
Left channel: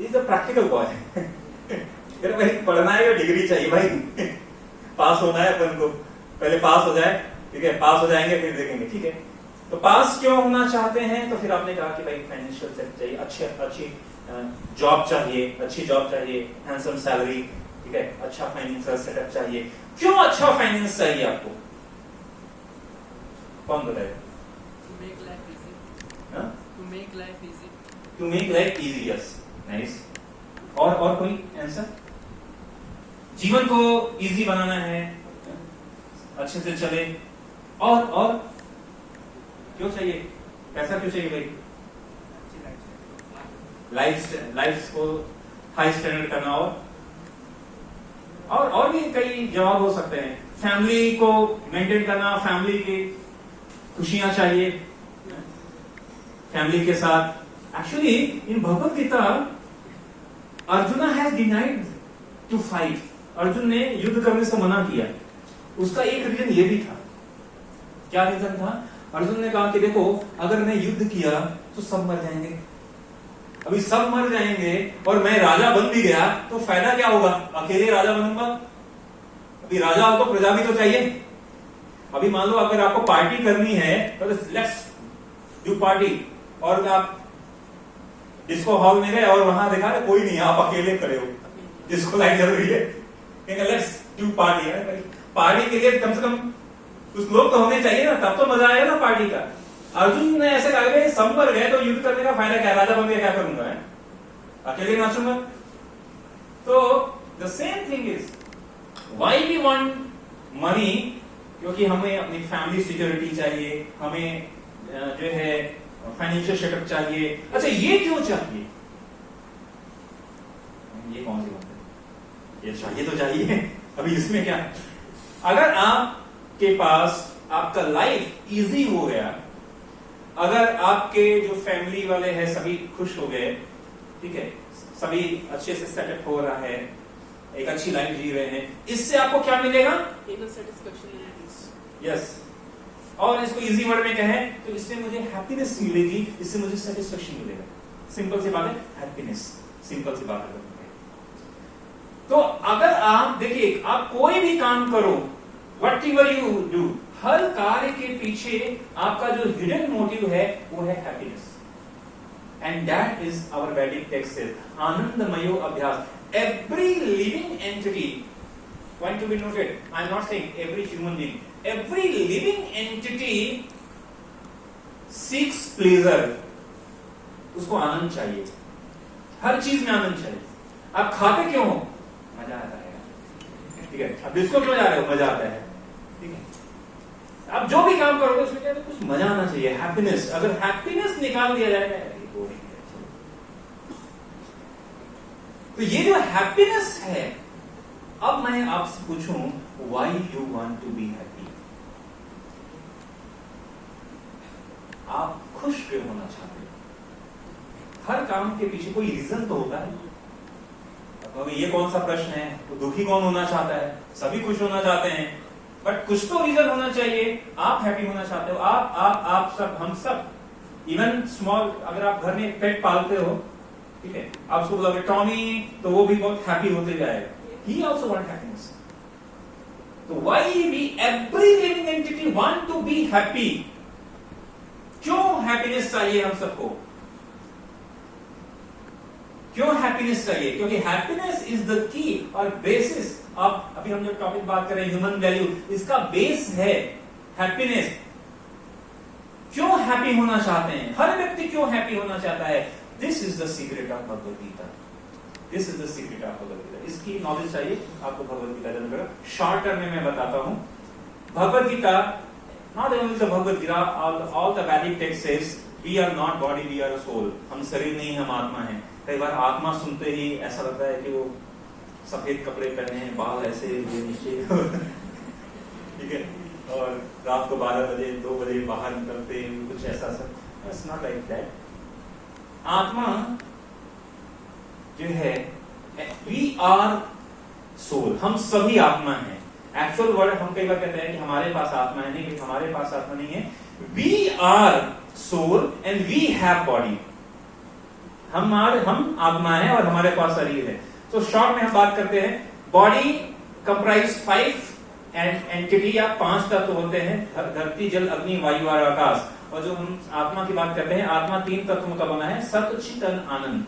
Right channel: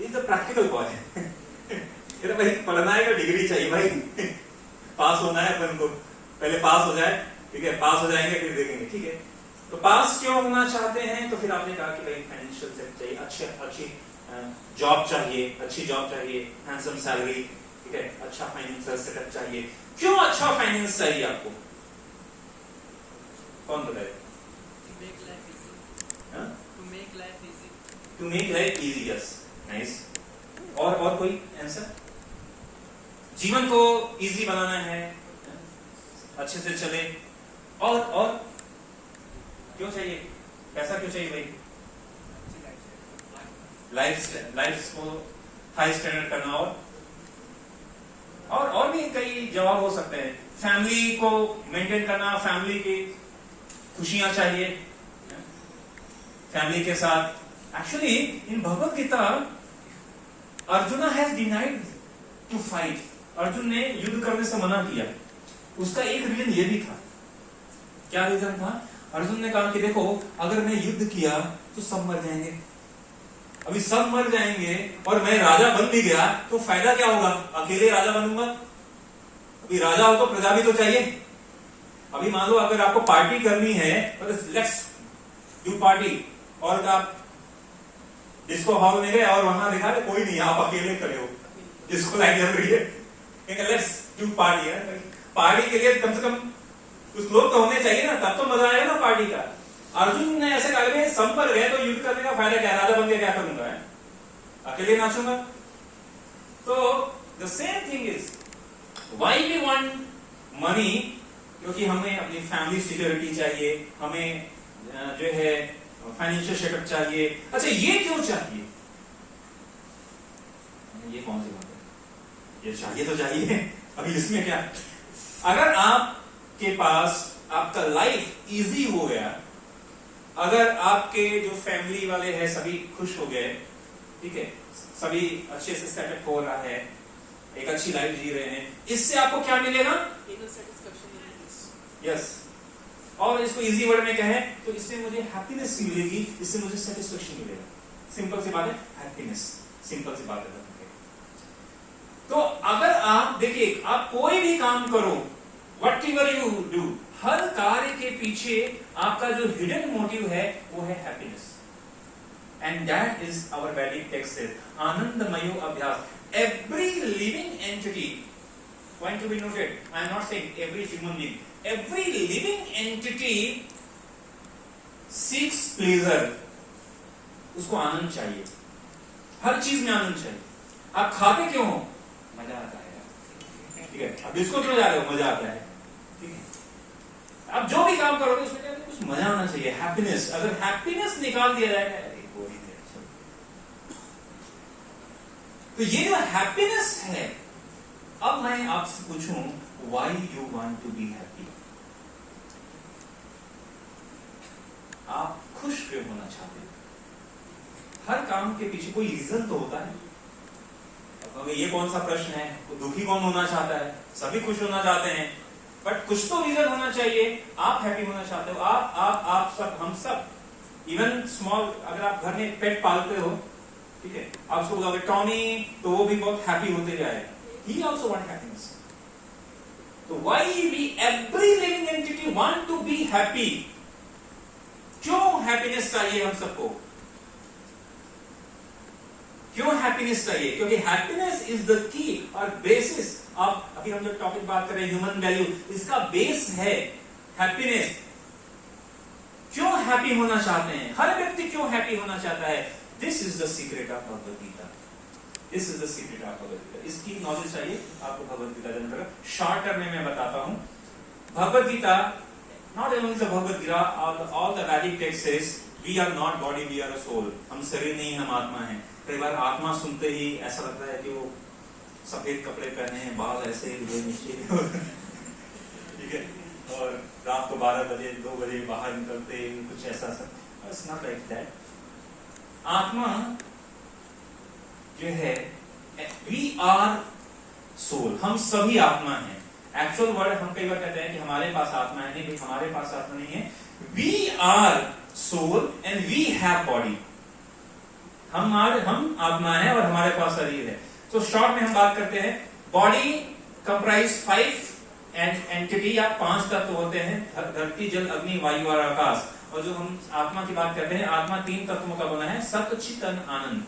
ये तो प्रैक्टिकल बॉय है भाई, पढ़ना है, डिग्री चाहिए भाई, पास होना है अपन को, पहले पास हो जाए, ठीक है, पास हो जाएंगे फिर देखेंगे, ठीक है। तो पास क्यों होना चाहते हैं? तो फिर आपने कहा कि भाई फाइनेंशियल सेटअप चाहिए, अच्छी जॉब चाहिए, अच्छी जॉब चाहिए, हैंडसम सैलरी, ठीक है, अच्छा फाइनेंशियल सेटअप चाहिए। क्यों अच्छा फाइनेंस चाहिए आपको? कौन बताए? To make life easy. To make life easy. To make life easy, yes, nice. और कोई आंसर? जीवन को इजी बनाना है, अच्छे से चले। और क्यों चाहिए, पैसा क्यों चाहिए भाई? लाइफ को हाई स्टैंडर्ड करना। और भी कई जवाब हो सकते हैं। फैमिली को मेंटेन करना, फैमिली की खुशियां चाहिए फैमिली के साथ। Actually in Bhagavad Gita Arjun has denied to fight. Arjun ने युद्ध करने से मना किया। उसका एक रीजन ये भी था। क्या रीजन था? अर्जुन ने कहा कि देखो, अगर मैं युद्ध किया तो सब मर जाएंगे। अभी सब मर जाएंगे और मैं राजा बन भी गया तो फायदा क्या होगा? अकेले राजा बनूंगा। अभी राजा हो तो प्रजा भी तो चाहिए। अभी मान लो अगर आपको पार्टी करनी है तो लेट्स डू पार्टी, और आप डिस्को हॉल में गए और वहां देखा ना कोई नहीं, आप अकेले खड़े हो, डिस्को लाइट जल रही है, लेट्स डू पार्टी। पार्टी के लिए कम से कम कुछ लोग तो होने चाहिए ना, तब तो मजा आएगा ना पार्टी का। अर्जुन ने ऐसे कहा सब मर गए तो युद्ध करने का फायदा क्या? राजा बन गया क्या करूंगा? है अकेले नाचूंगा। तो the same thing is why we want money, क्योंकि हमें अपनी फैमिली सिक्योरिटी चाहिए, हमें जो है फाइनेंशियल सेटअप चाहिए। अच्छा, ये क्यों चाहिए? ये कौन सी बात है? ये चाहिए तो चाहिए। अभी इसमें क्या, अगर आपके पास आपका लाइफ इजी हो गया, अगर आपके जो फैमिली वाले हैं सभी खुश हो गए, ठीक है, सभी अच्छे से सेटअप हो रहा है, एक अच्छी लाइफ जी रहे हैं, इससे आपको क्या मिलेगा? यस। और इसको इजी वर्ड में कहें तो इससे मुझे हैप्पीनेस मिलेगी, इससे मुझे सेटिस्फेक्शन मिलेगा। सिंपल सी बात है, हैप्पीनेस। सिंपल सी बात है। तो अगर आप देखिए, आप कोई भी काम करो, वट एवर यू डू, हर कार्य के पीछे आपका जो हिडन मोटिव है वो है happiness. And that is our वैदिक टेक्स्ट, आनंदमयो अभ्यास। Every living entity, point to be noted, I am not saying every human being, every living entity seeks pleasure. उसको आनंद चाहिए, हर चीज में आनंद चाहिए। आप खाते क्यों हो? मजा आता है, ठीक है। अब इसको क्यों जा रहे हो? मजा आता है, ठीक है। आप जो भी काम करोगे उसमें कुछ मजा आना चाहिए, हैप्पीनेस। अगर हैप्पीनेस निकाल दिया जाएगा तो ये जो हैप्पीनेस है, अब मैं आपसे पूछूं, why you want to be happy? आप खुश क्यों होना चाहते हो? हर काम के पीछे कोई रीजन तो होता है। अब ये कौन सा प्रश्न है? तो दुखी कौन होना चाहता है? सभी खुश होना चाहते हैं, बट कुछ तो रीजन होना चाहिए। आप हैप्पी होना चाहते हो, आप सब, हम सब, इवन स्मॉल, अगर आप घर में पेट पालते हो, ठीक है, आप उसको बोलोगे टॉमी, तो वो भी बहुत हैप्पी होते जाएगा। He also want happiness. तो why we every living entity want to be happy? क्यों हैप्पीनेस चाहिए हम सबको? क्यों हैप्पीनेस चाहिए? क्योंकि हैप्पीनेस इज द की और बेसिस ऑफ, अभी हम जो टॉपिक बात कर रहे हैं ह्यूमन वैल्यू, इसका बेस है हैप्पीनेस। क्यों हैप्पी होना चाहते हैं? हर व्यक्ति क्यों हैप्पी होना चाहता है? This is the secret of Bhagavad Gita. This is the secret of Bhagavad Gita. इसकी नॉलेज चाहिए आपको भगवद गीता के अंदर। शॉर्ट में मैं बताता हूं। Bhagavad Gita, not only the Bhagavad Gita, all the Vedic text says we are not body, we are a soul. हम शरीर नहीं, हम आत्मा हैं। कई बार आत्मा सुनते ही ऐसा लगता है कि वो सफेद कपड़े पहने हैं, बाल ऐसे नीचे, ठीक है, और रात को 12 बजे 2 बजे बाहर निकलते हैं, कुछ ऐसा सब। It's not like that. आत्मा जो है, वी आर सोल, हम सभी आत्मा हैं। एक्चुअल वर्ड हम कई बार कहते हैं कि हमारे पास आत्मा है, नहीं, हमारे पास आत्मा नहीं है। We are soul and we have body. हम आत्मा है और हमारे पास शरीर है। तो शॉर्ट में हम बात करते हैं, बॉडी कंप्राइज 5 एंटिटी या 5 तत्व होते हैं, धरती, जल, अग्नि, वायु और आकाश। और जो हम आत्मा की बात करते हैं, आत्मा 3 तत्वों का बना है, सत्य, चित, आनंद।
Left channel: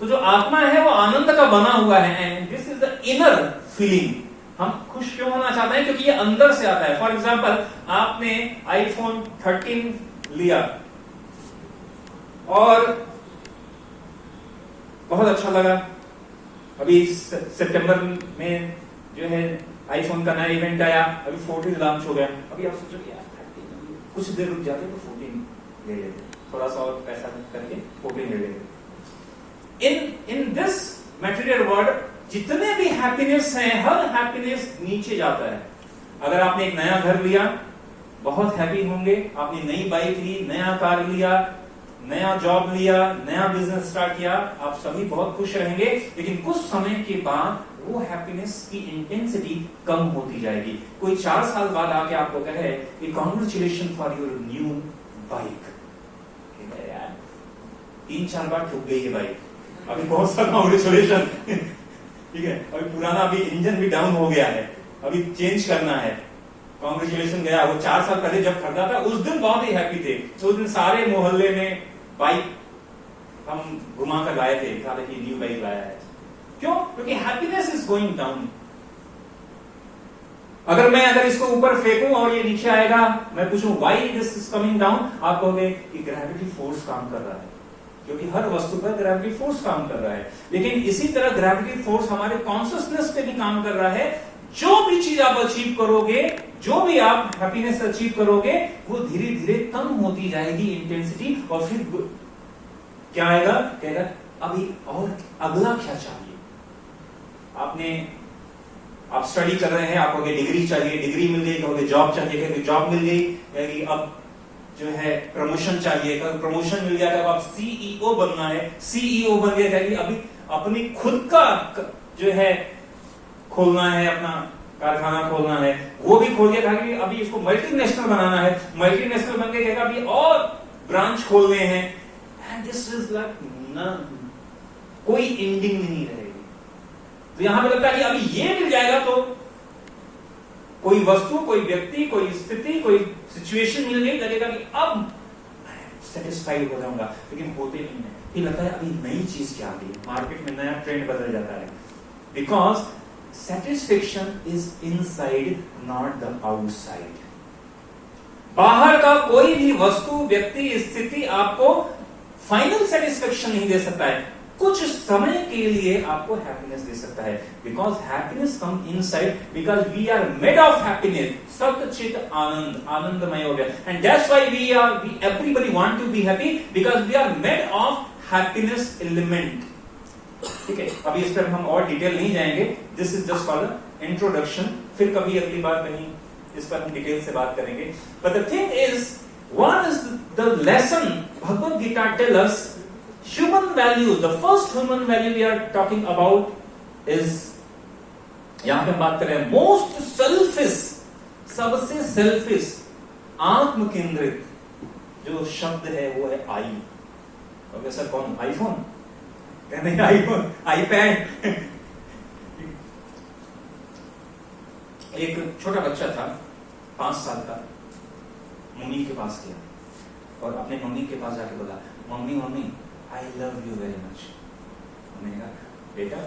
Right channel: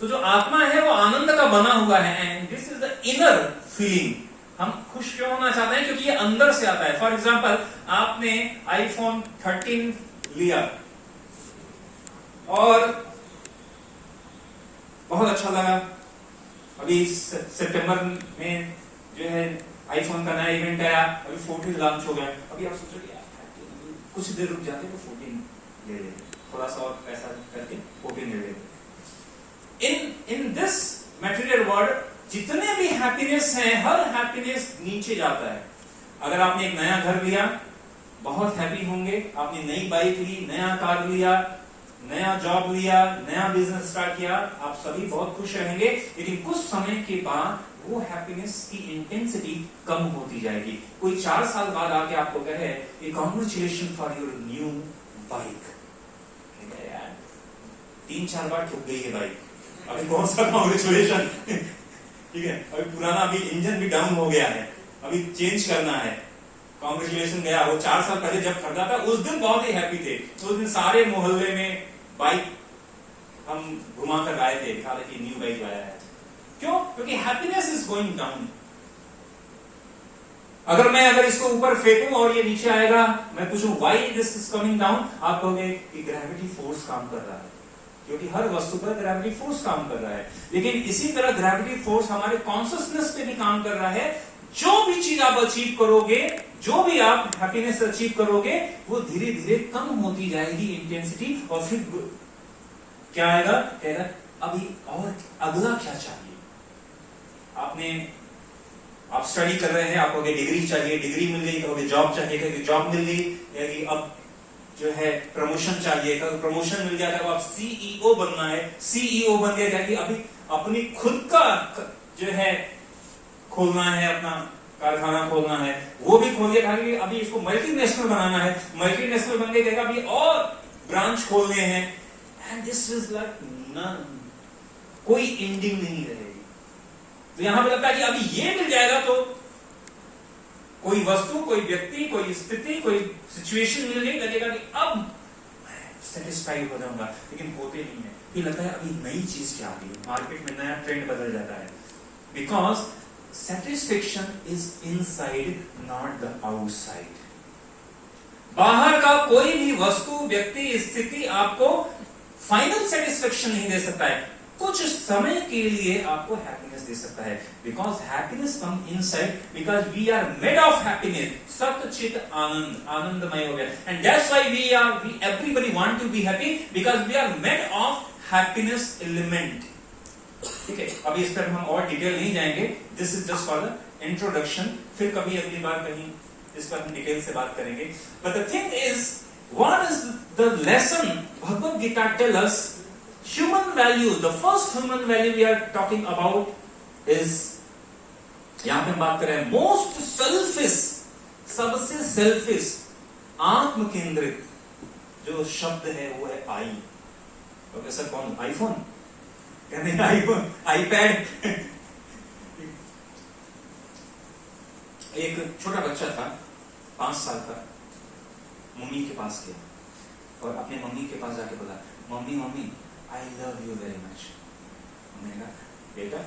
तो जो आत्मा है वो आनंद का बना हुआ है, and this is the inner feeling. हम खुश क्यों होना चाहते हैं? क्योंकि ये अंदर से आता है। फॉर एग्जाम्पल, आपने आईफोन 13 लिया और बहुत अच्छा लगा। अभी सितंबर में जो है आईफोन का नया इवेंट आया, अभी 14 लॉन्च हो गया, अभी आप सोचो यार कुछ देर रुक जाते तो 14 ले लेते, थोड़ा सा और पैसा करके 14 ले लेते। इन दिस मटेरियल वर्ल्ड जितने भी हैप्पीनेस हैं, हर हैप्पीनेस नीचे जाता है। अगर आपने एक नया घर लिया, बहुत हैप्पी होंगे। आपने नई बाइक ली, नया कार लिया, नया जॉब लिया, नया बिजनेस स्टार्ट किया, आप सभी बहुत खुश रहेंगे। लेकिन कुछ समय के बाद वो हैप्पीनेस की इंटेंसिटी कम होती जाएगी। कोई 4 साल बाद आके आपको कहे कि congratulation for your new bike, यार 3-4 बार ठुक गई है बाइक, अभी कौन सा कांग्रेचुलेशन, ठीक है, अभी पुराना, अभी इंजन भी डाउन हो गया है, अभी चेंज करना है, कांग्रेचुलेशन गया। वो 4 साल पहले जब खरीदा था उस दिन बहुत ही हैप्पी थे, उस दिन सारे मोहल्ले में बाइक हम घुमा कर लाए थे, कि न्यू बाइक लाया है। क्यों? क्योंकि हैप्पीनेस इज गोइंग डाउन। अगर इसको ऊपर फेंकूं और ये नीचे आएगा, मैं पूछूं why this is coming down, आप कहोगे कि ग्रेविटी फोर्स काम कर रहा है, क्योंकि हर वस्तु पर ग्रेविटी फोर्स काम कर रहा है। लेकिन इसी तरह ग्रेविटी फोर्स हमारे कॉन्शियसनेस पे भी काम कर रहा है। जो भी चीज आप अचीव करोगे, जो भी आप हैप्पीनेस अचीव करोगे, वो धीरे धीरे कम होती जाएगी इंटेंसिटी, और फिर क्या आएगा, कहेगा अभी और अगला क्या चाहिए। आप स्टडी कर रहे हैं, आप कहोगे डिग्री चाहिए, डिग्री मिल गई, कहोगे जॉब चाहिए, कहोगे जॉब मिल गई, कहोगे अब जो है प्रमोशन चाहिए, तो प्रमोशन मिल गया, अब आप सीईओ बनना है, सीईओ बन गया, कहेंगे अभी अपनी खुद का जो है खोलना है, अपना कारखाना खोलना है, वो भी खोल दिया, कहेंगे अभी इसको मल्टीनेशनल बनाना है, मल्टीनेशनल बन के कहेगा अभी और ब्रांच खोलने हैं, and this is like none, कोई एंडिंग नहीं रहेगी। तो यहां पे लगता है कि अभी ये मिल जाएगा तो कोई वस्तु, कोई व्यक्ति, कोई स्थिति, कोई सिचुएशन मिल गई, लगेगा कि अब सेटिस्फाइड हो जाऊंगा, लेकिन होते नहीं है। फिर लगता है अभी नई चीज क्या आ गई, मार्केट में नया ट्रेंड बदल जाता है। Because satisfaction is inside, not the outside. बाहर का कोई भी वस्तु, व्यक्ति, स्थिति आपको फाइनल सेटिस्फेक्शन नहीं दे सकता है, कुछ समय के लिए आपको हैप्पीनेस दे सकता है। Because happiness come inside, because we are made of happiness, सत चित आनंद, आनंदमय हो गया। And that's why we everybody want to be happy, because we are made of happiness element. ठीक है, अभी इस पर हम और डिटेल नहीं जाएंगे, this is just for the introduction. फिर कभी अगली बार कहीं इस पर हम डिटेल से बात करेंगे। But the thing is, what is the lesson Bhagavad Gita tell us? Human value, the first human value we are talking about is, यहां पे हम बात कर रहे हैं most selfish, सबसे सेल्फिश, आत्म केंद्रित जो शब्द है वो है आई। ओके सर, कौन? आईफोन? नहीं, आईफोन, आईपैड। एक छोटा बच्चा था, 5 साल का, मम्मी के पास गया और अपने मम्मी के पास जाके बोला, mummy I love you very much। मैंने कहा बेटा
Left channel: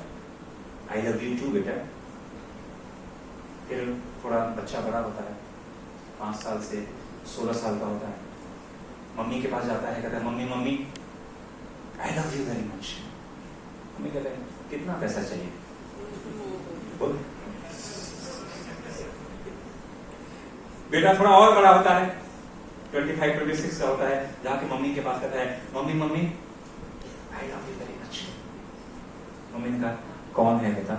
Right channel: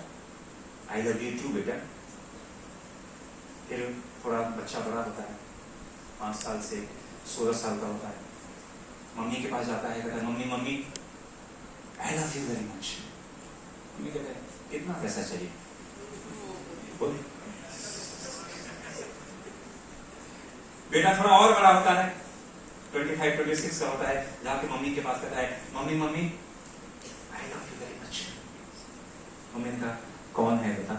I love you too बेटा। फिर थोड़ा बच्चा बड़ा होता है, 5 साल से 16 साल का होता है, मम्मी के पास जाता है, कहता है mummy I love you very much। Mummy कहते हैं कितना पैसा चाहिए? बेटा थोड़ा और बड़ा होता है, 25-26 का होता है, जाके मम्मी के पास कहता है mummy I love you very much। Mummy ने कहा कौन है बेटा?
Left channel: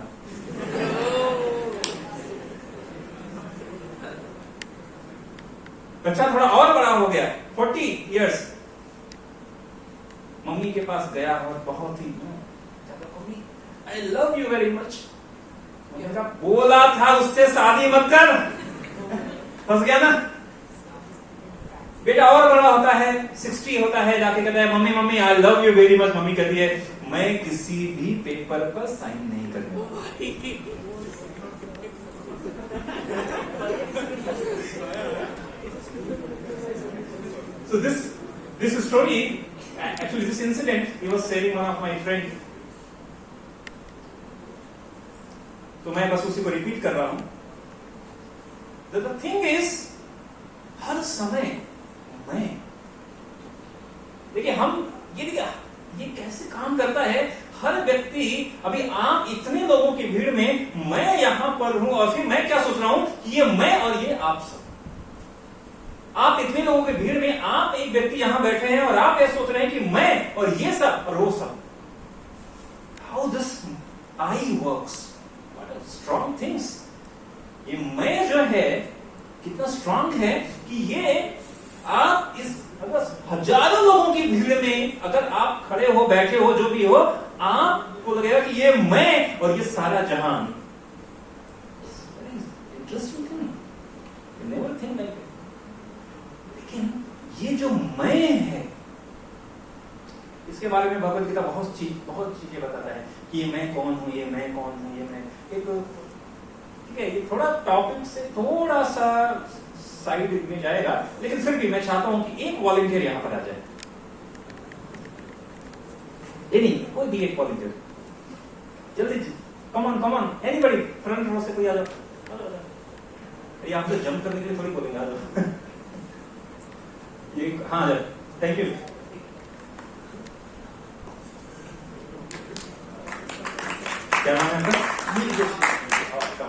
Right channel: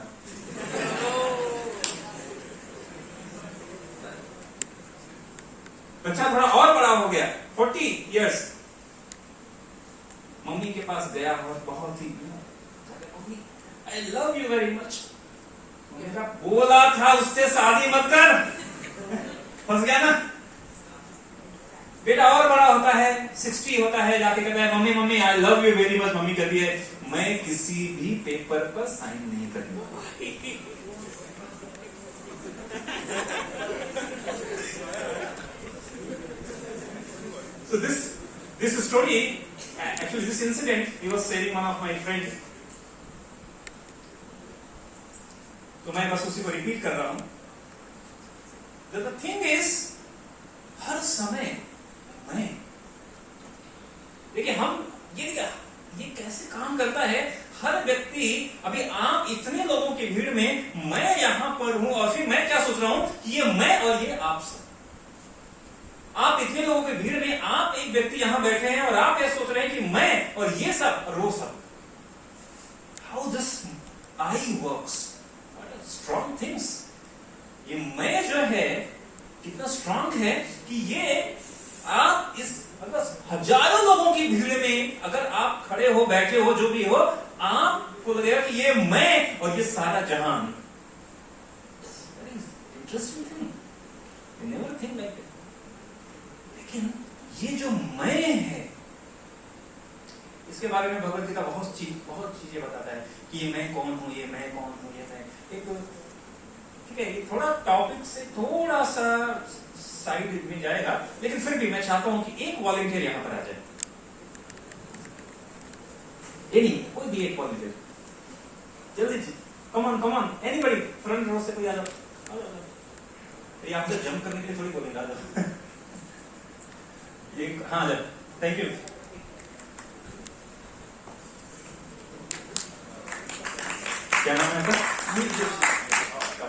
बच्चा थोड़ा और बड़ा हो गया, 40 years, मम्मी के पास गया और बहुत ही mummy I love you very much। बोला था उससे शादी मत कर, फंस गया ना। बेटा और बड़ा होता है, 60 होता है, जाके कहता है mummy I love you very much. Mummy कहती है मैं किसी भी पेपर पर साइन नहीं करूंगा। So this story, actually this incident, he was sharing one of my friend। तो मैं बस उसी को रिपीट कर रहा हूं। The thing is, हर समय मैं देखिए, हम ये कैसे काम करता है, हर व्यक्ति, अभी आप इतने लोगों की भीड़ में मैं यहां पर हूं और फिर मैं क्या सोच रहा हूं कि ये मैं और ये आप सब। आप इतने लोगों की भीड़ में आप एक व्यक्ति यहां बैठे हैं और आप ये सोच रहे हैं कि मैं और ये सब और वो सब। How this I works, strong things. ये मैं जो है कितना स्ट्रॉन्ग है कि ये आप इस हजारों लोगों की भीड़ में अगर आप खड़े हो, बैठे हो, जो भी हो, आपको लगेगा कि ये मैं और ये सारा जहान। Interesting thing, you never think like it. लेकिन ये जो मैं है, इसके बारे में भगवद गीता बहुत चीजें बताता है कि ये मैं कौन हूं, ये मैं कौन हूं, ये मैं एक, ठीक है, ये थोड़ा टॉपिक से थोड़ा सा साइड में जाएगा, लेकिन फिर भी मैं चाहता हूं कि एक वॉलंटियर यहां पर आ जाए। नहीं, कोई भी एक वॉलंटियर, जल्दी, come on, anybody, front row से कोई आ जाओ। ये आपसे जंप करने के लिए थोड़ी बोलेगा, आ जाओ। हाँ, आ जाओ, थैंक यू। क्या नाम है आपका?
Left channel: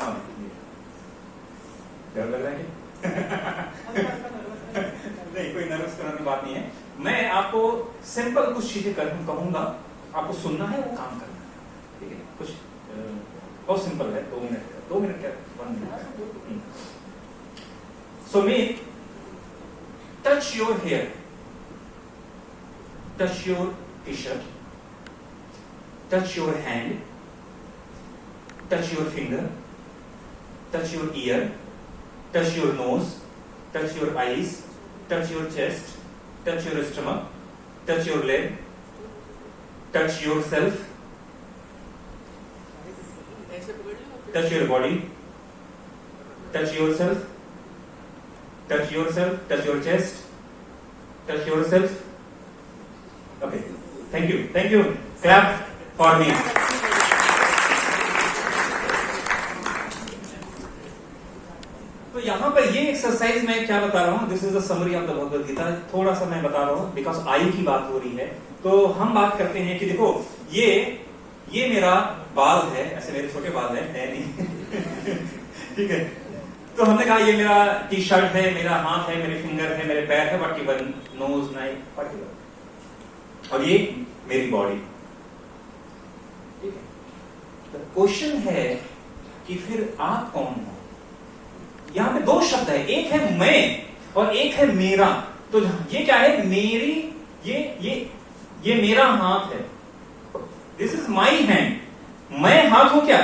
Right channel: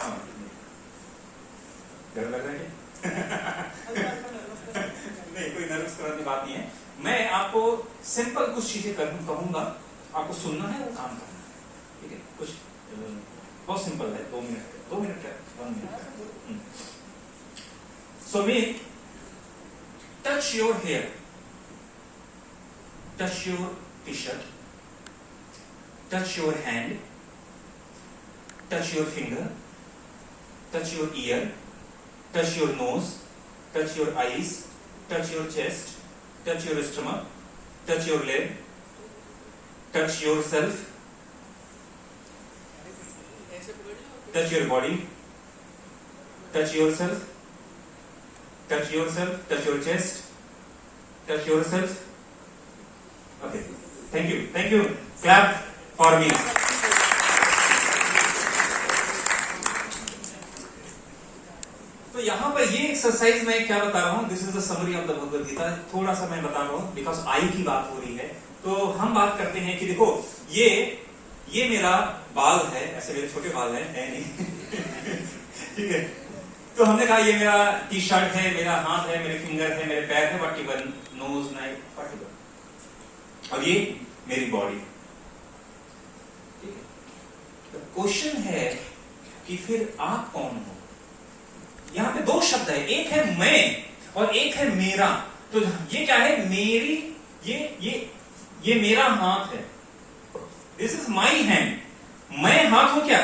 डर लग रहा है? नहीं, कोई नर्वस कराने की बात नहीं है। मैं आपको सिंपल कुछ चीजें कहूंगा, आपको सुनना है, वो काम करना है, ठीक है? कुछ बहुत सिंपल है, 2 मिनट क्या, 1 minute. So may touch your hair, touch your T shirt, touch your hand, touch your finger, touch your ear, touch your nose, touch your eyes, touch your chest, touch your stomach, touch your leg, touch yourself, touch your body, touch yourself, touch yourself, touch your chest, touch yourself. Okay, thank you, clap for me. तो यहां पर ये exercise मैं क्या बता रहा हूं, this is the summary of the Bhagavad Gita. थोड़ा सा मैं बता रहा हूं बिकॉज आई की बात हो रही है, तो हम बात करते हैं कि देखो ये मेरा बाल है, ऐसे मेरे छोटे बाल है नहीं ठीक है। तो हमने कहा ये मेरा टी शर्ट है, मेरा हाथ है, मेरे फिंगर है, मेरे पैर है, पर्टिकुलर नोज, नाइफ, पर्टिकुलर, और ये मेरी बॉडी। ठीक है, क्वेश्चन है कि फिर आप कौन हो? यहां पे 2 शब्द है, एक है मैं और एक है मेरा। तो ये क्या है? मेरी, ये मेरा हाथ है, दिस इज माई हैंड। मैं हाथ हूं क्या?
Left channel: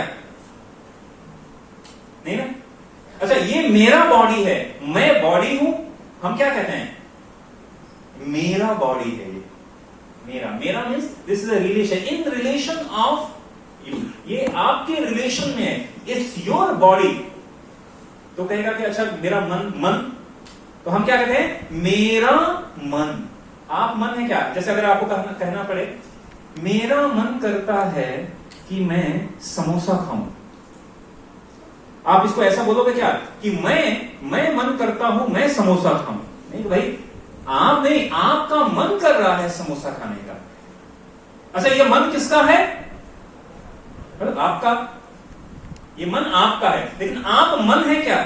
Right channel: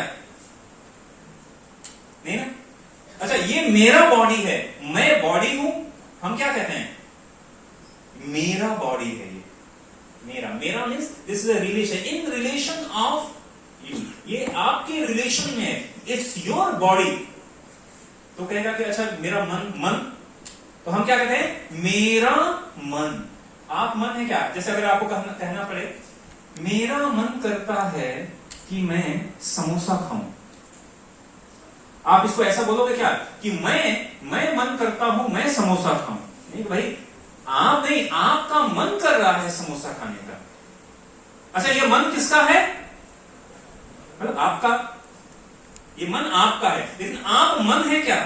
नहीं ना। अच्छा, ये मेरा बॉडी है, मैं बॉडी हूं, हम क्या कहते हैं? मेरा बॉडी है ये, मेरा means this is a relation, in relation of you, ये आपके रिलेशन में है, इट्स योर बॉडी। तो कहेगा कि अच्छा मेरा मन, तो हम क्या कहते हैं? मेरा मन। आप मन है क्या? जैसे अगर आपको कहना पड़े मेरा मन करता है कि मैं समोसा खाऊं, आप इसको ऐसा बोलोगे क्या कि मैं मन करता हूं मैं समोसा खाऊं? नहीं भाई, आप नहीं, आपका मन कर रहा है समोसा खाने का। अच्छा, ये मन किसका है? आपका। ये मन आपका है, लेकिन आप मन है क्या?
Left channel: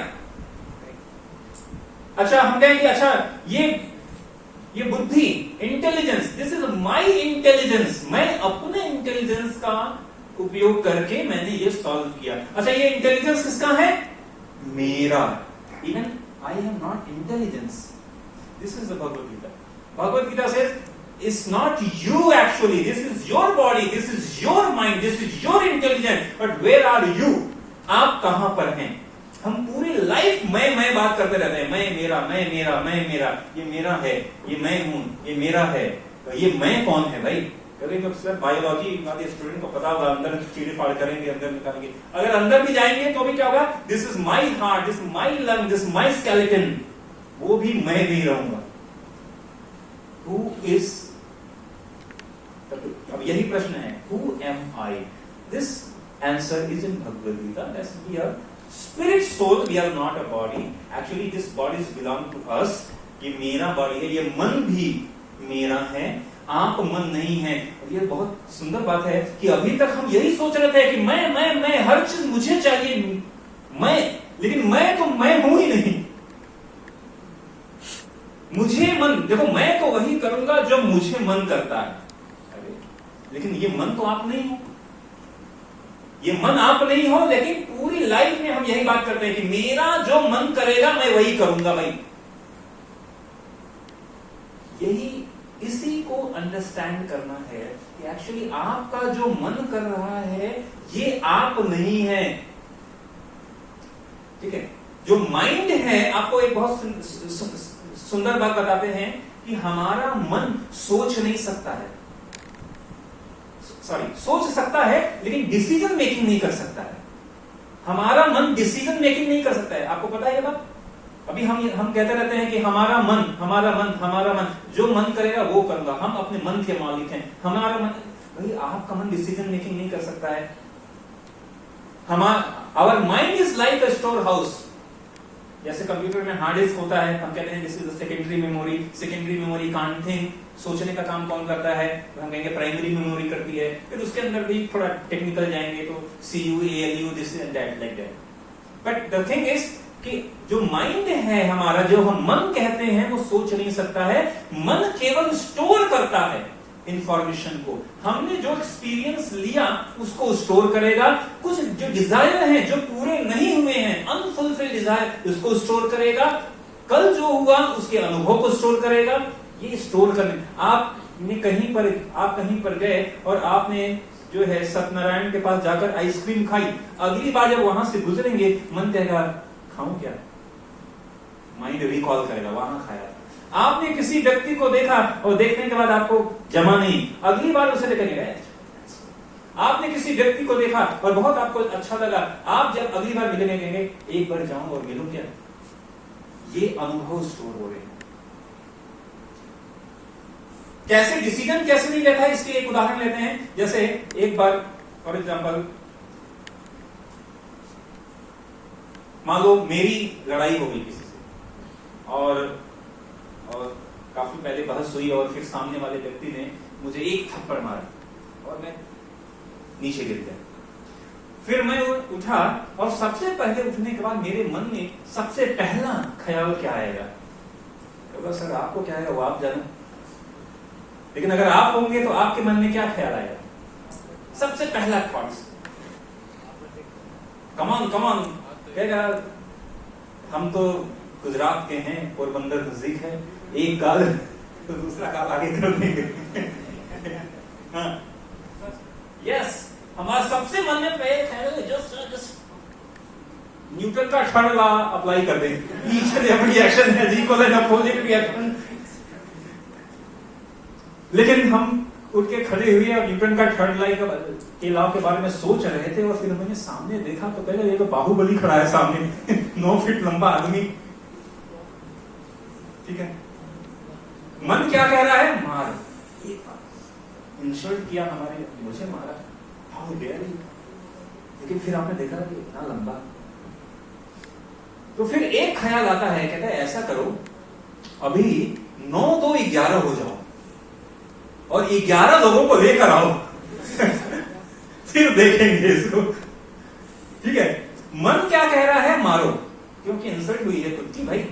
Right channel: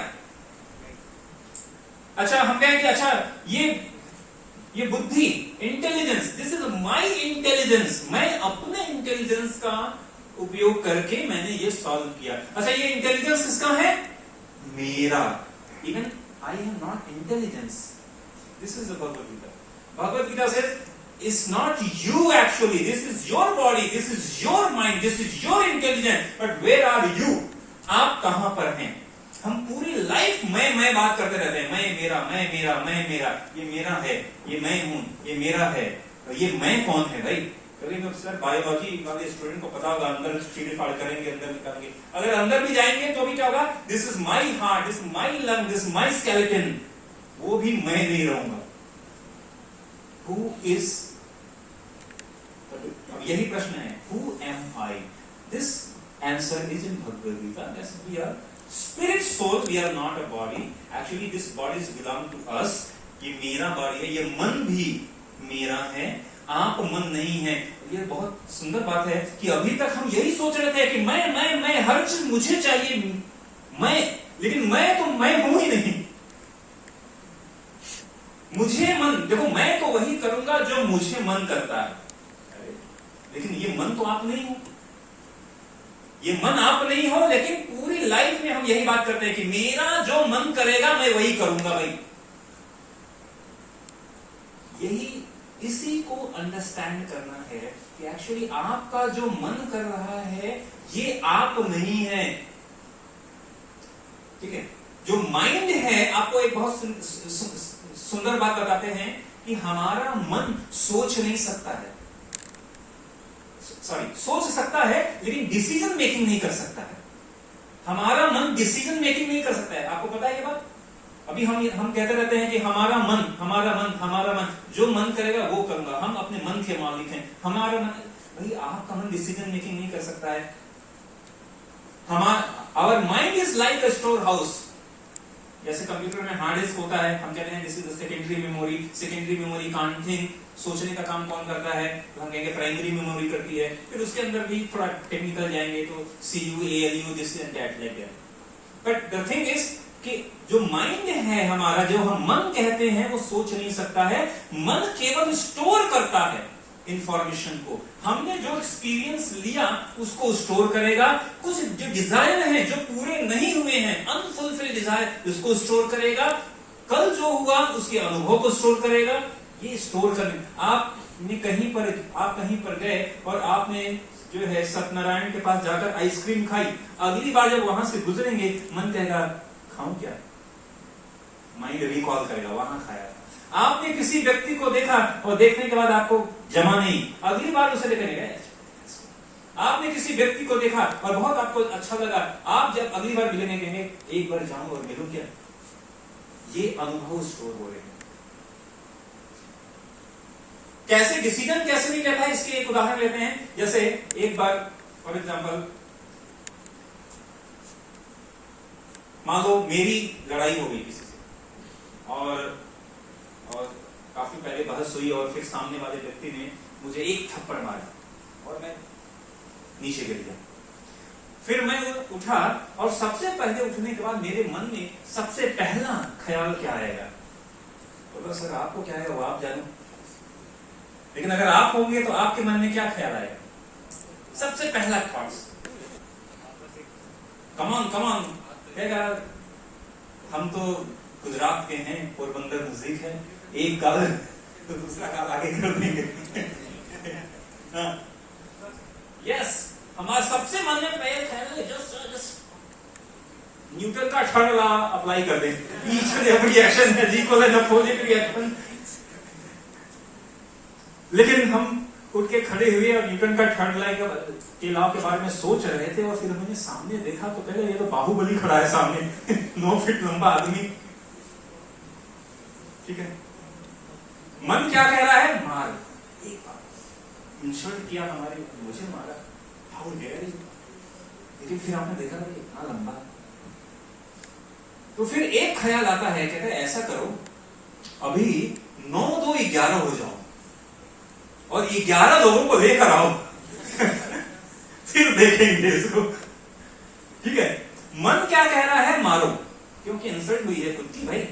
अच्छा, हम कहेंगे अच्छा ये बुद्धि, intelligence, this is my intelligence, मैं अपने इंटेलिजेंस का उपयोग करके मैंने ये सॉल्व किया। अच्छा, ये इंटेलिजेंस किसका है? मेरा। Even I am not intelligence, this is the Bhagavad Gita. Bhagavad Gita says it's not you actually, this is your body, this is your mind, this is your intelligence, but where are you? आप कहां पर हैं? हम पूरी लाइफ मैं बात करते रहते हैं, मैं मेरा, ये मेरा है, ये मैं हूं, ये मेरा है। तो ये मैं कौन है भाई? तो सर बायोलॉजी वाले स्टूडेंट को पता होगा, अंदर चीड़े फाड़ करेंगे, अंदर निकालेंगे। अगर अंदर भी जाएंगे तो भी क्या होगा? This is my heart, this my lung, this my skeleton, वो भी मैं नहीं रहूंगा। Who is? अब यही प्रश्न है, who am I? This answer is in Bhagavad Gita. That we are spirit soul, we are not a body. Actually, this body belong to us. ये मेरा बॉडी है, ये मन भी मेरा है, आप मन नहीं है। ये बहुत सुंदर बात है कि अभी तक हम यही सोच रहे थे कि मैं हर चीज मुझे चाहिए, लेकिन मैं तो मैं हूं ही नहीं। मुझे मन, देखो मैं तो वही करूंगा जो मुझे मन करता है। लेकिन ये मन तो आप नहीं हो, ये मन आप नहीं हो, लेकिन पूरी लाइफ में हम यही बात करते हैं कि मेरा जो मन करेगा मैं वही करूंगा भाई। यही, इसी को अंडरस्टैंड करना है कि एक्चुअली आपका जो मन कर रहा है ये आप नहीं है। ठीक है, जो माइंड है, आपको एक बहुत सुंदर बात बताते हैं कि हमारा मन सोच नहीं सकता है, सोच सकता है लेकिन डिसीजन मेकिंग नहीं कर सकता है। हमारा मन डिसीजन मेकिंग नहीं कर सकता है। आपको पता है ये बात? अभी हम कहते रहते हैं कि हमारा मन जो मन करेगा वो करूंगा, हम अपने मन के मालिक हैं। हमारा मन, भाई आपका मन डिसीजन मेकिंग नहीं कर सकता है। Our mind is like a storehouse. जैसे कंप्यूटर में हार्ड डिस्क होता है, हम कहते हैं this is the secondary memory. Secondary memory can't think, सोचने का काम कौन करता है? तो हम कहेंगे प्राइमरी मेमोरी करती है। फिर उसके अंदर भी थोड़ा टेक्निकल जाएंगे तो CU, ALU, this and that, like that. But the thing is कि जो माइंड है हमारा, जो हम मन कहते हैं, वो सोच नहीं सकता है। मन केवल स्टोर करता है इंफॉर्मेशन को। हमने जो एक्सपीरियंस लिया उसको स्टोर करेगा। कुछ जो डिजायर है, जो पूरे नहीं हुए हैं, अनफुलफिल्ड डिजायर, उसको स्टोर करेगा। कल जो हुआ उसके अनुभव को स्टोर करेगा। ये स्टोर करने, आप कहीं पर गए और आपने जो है सत्यनारायण के पास जाकर आइसक्रीम खाई। अगली बार जब वहां से गुजरेंगे, मन कहेगा खाऊं क्या? माइंड रिकॉल करेगा वहां खाया। आपने किसी व्यक्ति को देखा और देखने के बाद आपको जमा नहीं, अगली बार उसे लेकर गए। आपने किसी व्यक्ति को देखा और बहुत आपको अच्छा लगा, आप जब अगली बार मिलेंगे कहेंगे एक बार जाऊं और मिलूं क्या? ये अनुभव स्टोर हो रहे हैं। कैसे डिसीजन कैसे नहीं लेता है, इसके एक उदाहरण लेते हैं। जैसे एक बार फॉर एग्जाम्पल, मान लो मेरी लड़ाई हो गई किसी से और काफी पहले बहस हुई और फिर सामने वाले व्यक्ति ने मुझे एक थप्पड़ मारा और मैं नीचे गिर गया। फिर मैं उठा और सबसे पहले उठने के बाद मेरे मन में सबसे पहला ख्याल क्या आएगा? तो सर आपको क्या आएगा वो आप जाने, लेकिन अगर आप होंगे तो आपके मन में क्या ख्याल आएगा? सबसे पहला थॉट्स, कमान कहेगा हम तो गुजरात के हैं, पोरबंदर नजदीक है, एक गाल तो दूसरा गाल आगे कर देंगे। हाँ, यस, हमारा सबसे मन में पहले ख्याल जस्ट न्यूटन का थर्ड लॉ अप्लाई कर दें। Each and every reaction has equal and opposite reaction. लेकिन हम उठ के खड़े हुए और न्यूटन का थर्ड लॉ के बारे में सोच रहे थे और फिर मैंने सामने देखा तो पहले ये तो बाहुबली खड़ा है सामने 9 फीट लंबा आदमी। ठीक है, मन क्या कह रहा है? मार, इंसल्ट किया हमारे, मुझे मारा, हाउ डेयर यू। लेकिन फिर आपने देखा कि इतना लंबा, तो फिर एक ख्याल आता है, कहता है ऐसा करो अभी 9, 2, 11 हो जाओ और 11 लोगों को लेकर आओ फिर देखेंगे इसको। ठीक है, मन क्या कह रहा है? मारो, क्योंकि इंसल्ट हुई है खुद की, भाई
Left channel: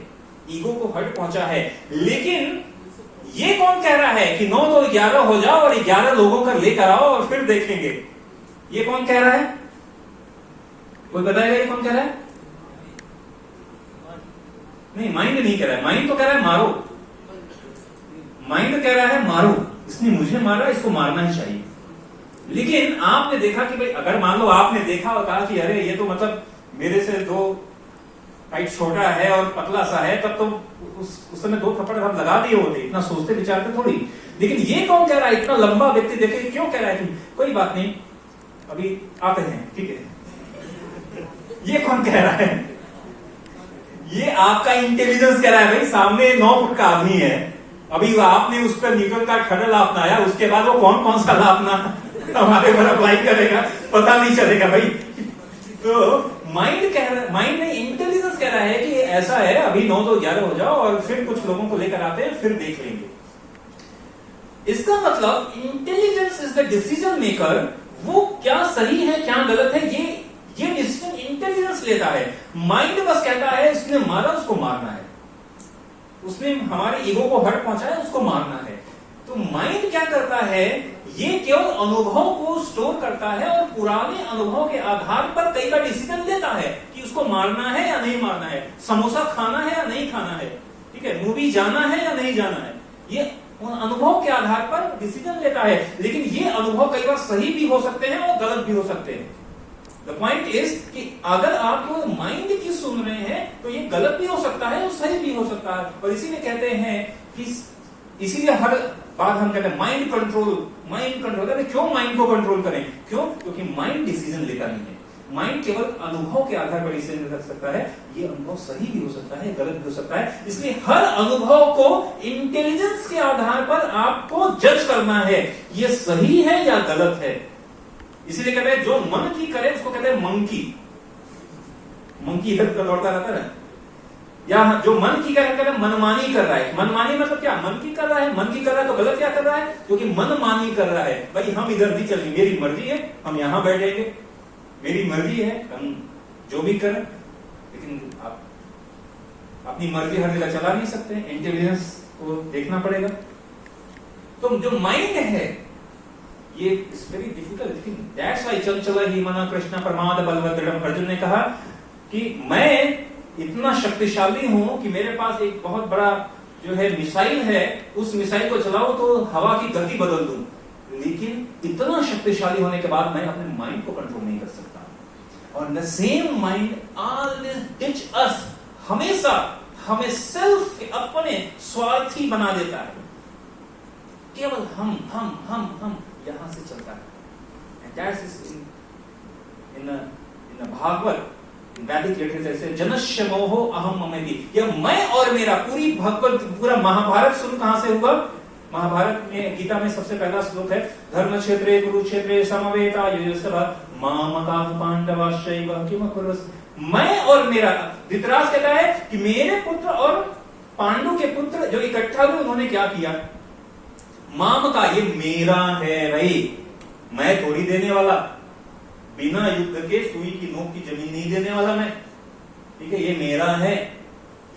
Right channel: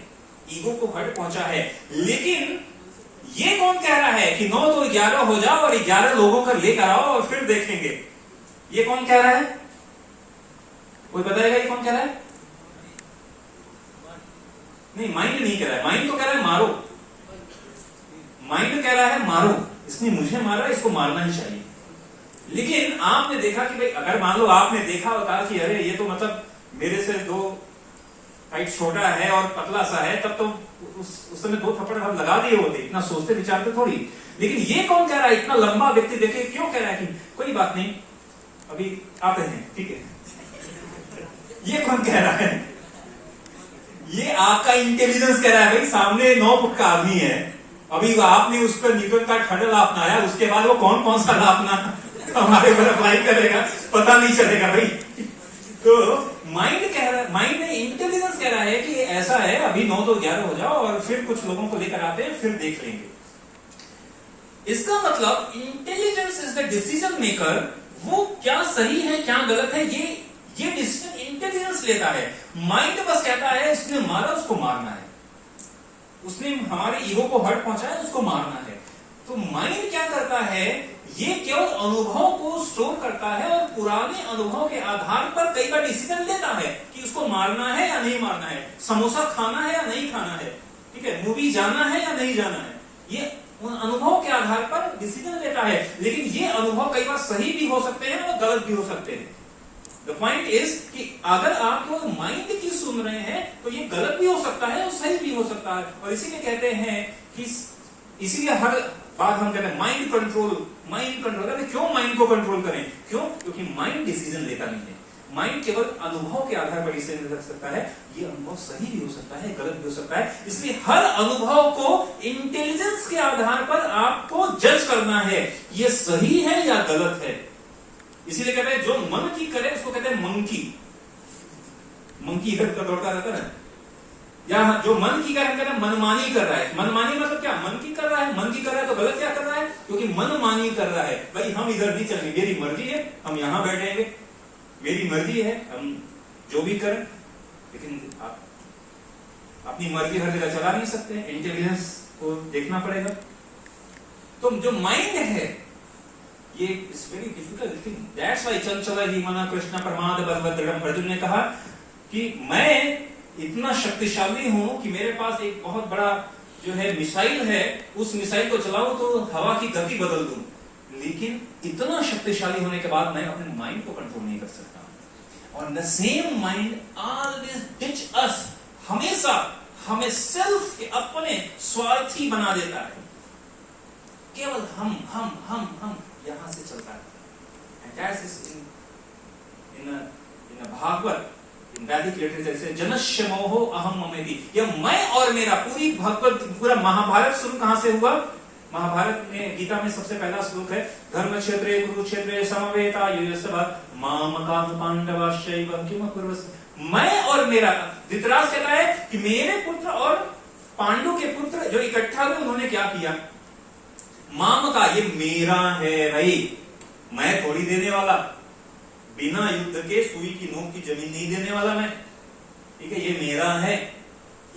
ईगो को हर्ट पहुंचा है। लेकिन ये कौन कह रहा है कि 9, 2, 11 हो जाओ और 11 लोगों को लेकर आओ और फिर देखेंगे? ये कौन कह रहा है? कोई बताएगा ये कौन कह रहा है? नहीं, माइंड नहीं कह रहा है। माइंड तो कह रहा है मारो, माइंड कह रहा है मारो, इसने मुझे मारा, इसको मारना ही चाहिए। लेकिन आपने देखा कि भाई अगर मान लो आपने देखा और कहा कि अरे ये तो मतलब मेरे से 2 हाइट छोटा है और पतला सा है, तब तो उस समय 2 थप्पड़ हम लगा दिए होते, इतना सोचते विचारते थोड़ी। लेकिन ये कौन कह रहा है? इतना लंबा व्यक्ति देखे क्यों कह रहा है कि कोई बात नहीं अभी आते हैं, ठीक है। ये कौन कह रहा है? ये आपका इंटेलिजेंस कह रहा है, भाई सामने 9 फुट का आदमी है, अभी आपने उस पर न्यूटन का थर्ड लॉ अपनाया, उसके बाद वो कौन सा लॉ अपना हमारे पर अप्लाई करेगा पता नहीं चलेगा भाई। तो माइंड कह रहा है, माइंड ने इंटेलिजेंस कह रहा है कि ऐसा है अभी 9, 2, 11 हो जाओ और फिर कुछ लोगों को लेकर आते हैं, फिर देख लेंगे। इसका मतलब intelligence is the decision maker. वो क्या सही है क्या गलत है ये डिसीजन इंटेलिजेंस लेता है। माइंड बस कहता है इसने मारा उसको मारना है, उसने हमारे ईगो को हर्ट पहुंचाया उसको मारना है। तो माइंड क्या करता है, ये केवल अनुभव को स्टोर करता है और पुराने अनुभव के आधार पर कई बार डिसीजन लेता है कि उसको मारना है या नहीं मारना है, समोसा खाना है या नहीं खाना है, ठीक है, मूवी जाना है या नहीं जाना है। ये अनुभव के आधार पर डिसीजन लेता है। लेकिन ये अनुभव कई बार सही भी हो सकते हैं और गलत भी हो सकते हैं। द पॉइंट इज कि अगर आप वो माइंड की सुन रहे हैं तो ये गलत भी हो सकता है और सही भी हो सकता है। और इसीलिए कहते हैं कि इसीलिए हर बात हम कहते हैं माइंड कंट्रोल। क्यों माइंड को कंट्रोल करें? क्यों? क्योंकि माइंड डिसीजन लेता नहीं है। माइंड केवल अनुभव के आधार पर डिसीजन ले सकता है। ये अनुभव सही भी हो सकता है, गलत भी हो सकता है। इसलिए हर अनुभव को इंटेलिजेंस के आधार पर आपको जज करना है, ये सही है या गलत है। इसीलिए कहते हैं जो मन की करे उसको कहते हैं मंकी। मंकी इधर उधर दौड़ता रहता है, या जो मन की करे मनमानी कर रहा है। मनमानी मतलब क्या? मन की कर रहा है, मन की कर रहा है तो गलत क्या कर रहा है? क्योंकि मनमानी कर रहा है। भाई हम इधर नहीं चलेंगे, मेरी मर्जी है, हम यहां बैठेंगे, मेरी मर्जी है, हम जो भी करें। लेकिन आप अपनी मर्जी हर जगह चला नहीं सकते, इंटेलिजेंस को देखना पड़ेगा। तो जो माइंड है ये is very difficult thing. That's why चंचल ही मन कृष्ण प्रमाद बलभद्रम। अर्जुन ने कहा कि मैं इतना शक्तिशाली हूं कि मेरे पास एक बहुत बड़ा जो है मिसाइल है, उस मिसाइल को चलाऊं तो हवा की गति बदल दूं, लेकिन इतना शक्तिशाली होने के बाद मैं अपने माइंड को कंट्रोल नहीं कर सकता। और the same mind always teach us, हमेशा हमें सेल्फ के अपने स्वार्थी बना देता है। केवल हम यहां से चलता है। And that is in Bhagavat, वैदिक लिटरेचर से जनस्य मोहो अहम ममेति, यह मैं और मेरा। पूरा महाभारत शुरू कहां से हुआ? महाभारत में गीता में सबसे पहला श्लोक है धर्म क्षेत्रे कुरुक्षेत्रे समवेता युयुत्सव मामका पांडवाश्चैव किम कुरुस्। मैं और मेरा। धृतराष्ट्र कहता है कि मेरे पुत्र और पांडु के पुत्र जो इकट्ठा हुए उन्होंने क्या किया? माम का, ये मेरा है भाई, मैं थोड़ी देने वाला, बिना युद्ध के सुई की नोक की जमीन नहीं देने वाला मैं, ठीक है, ये मेरा है।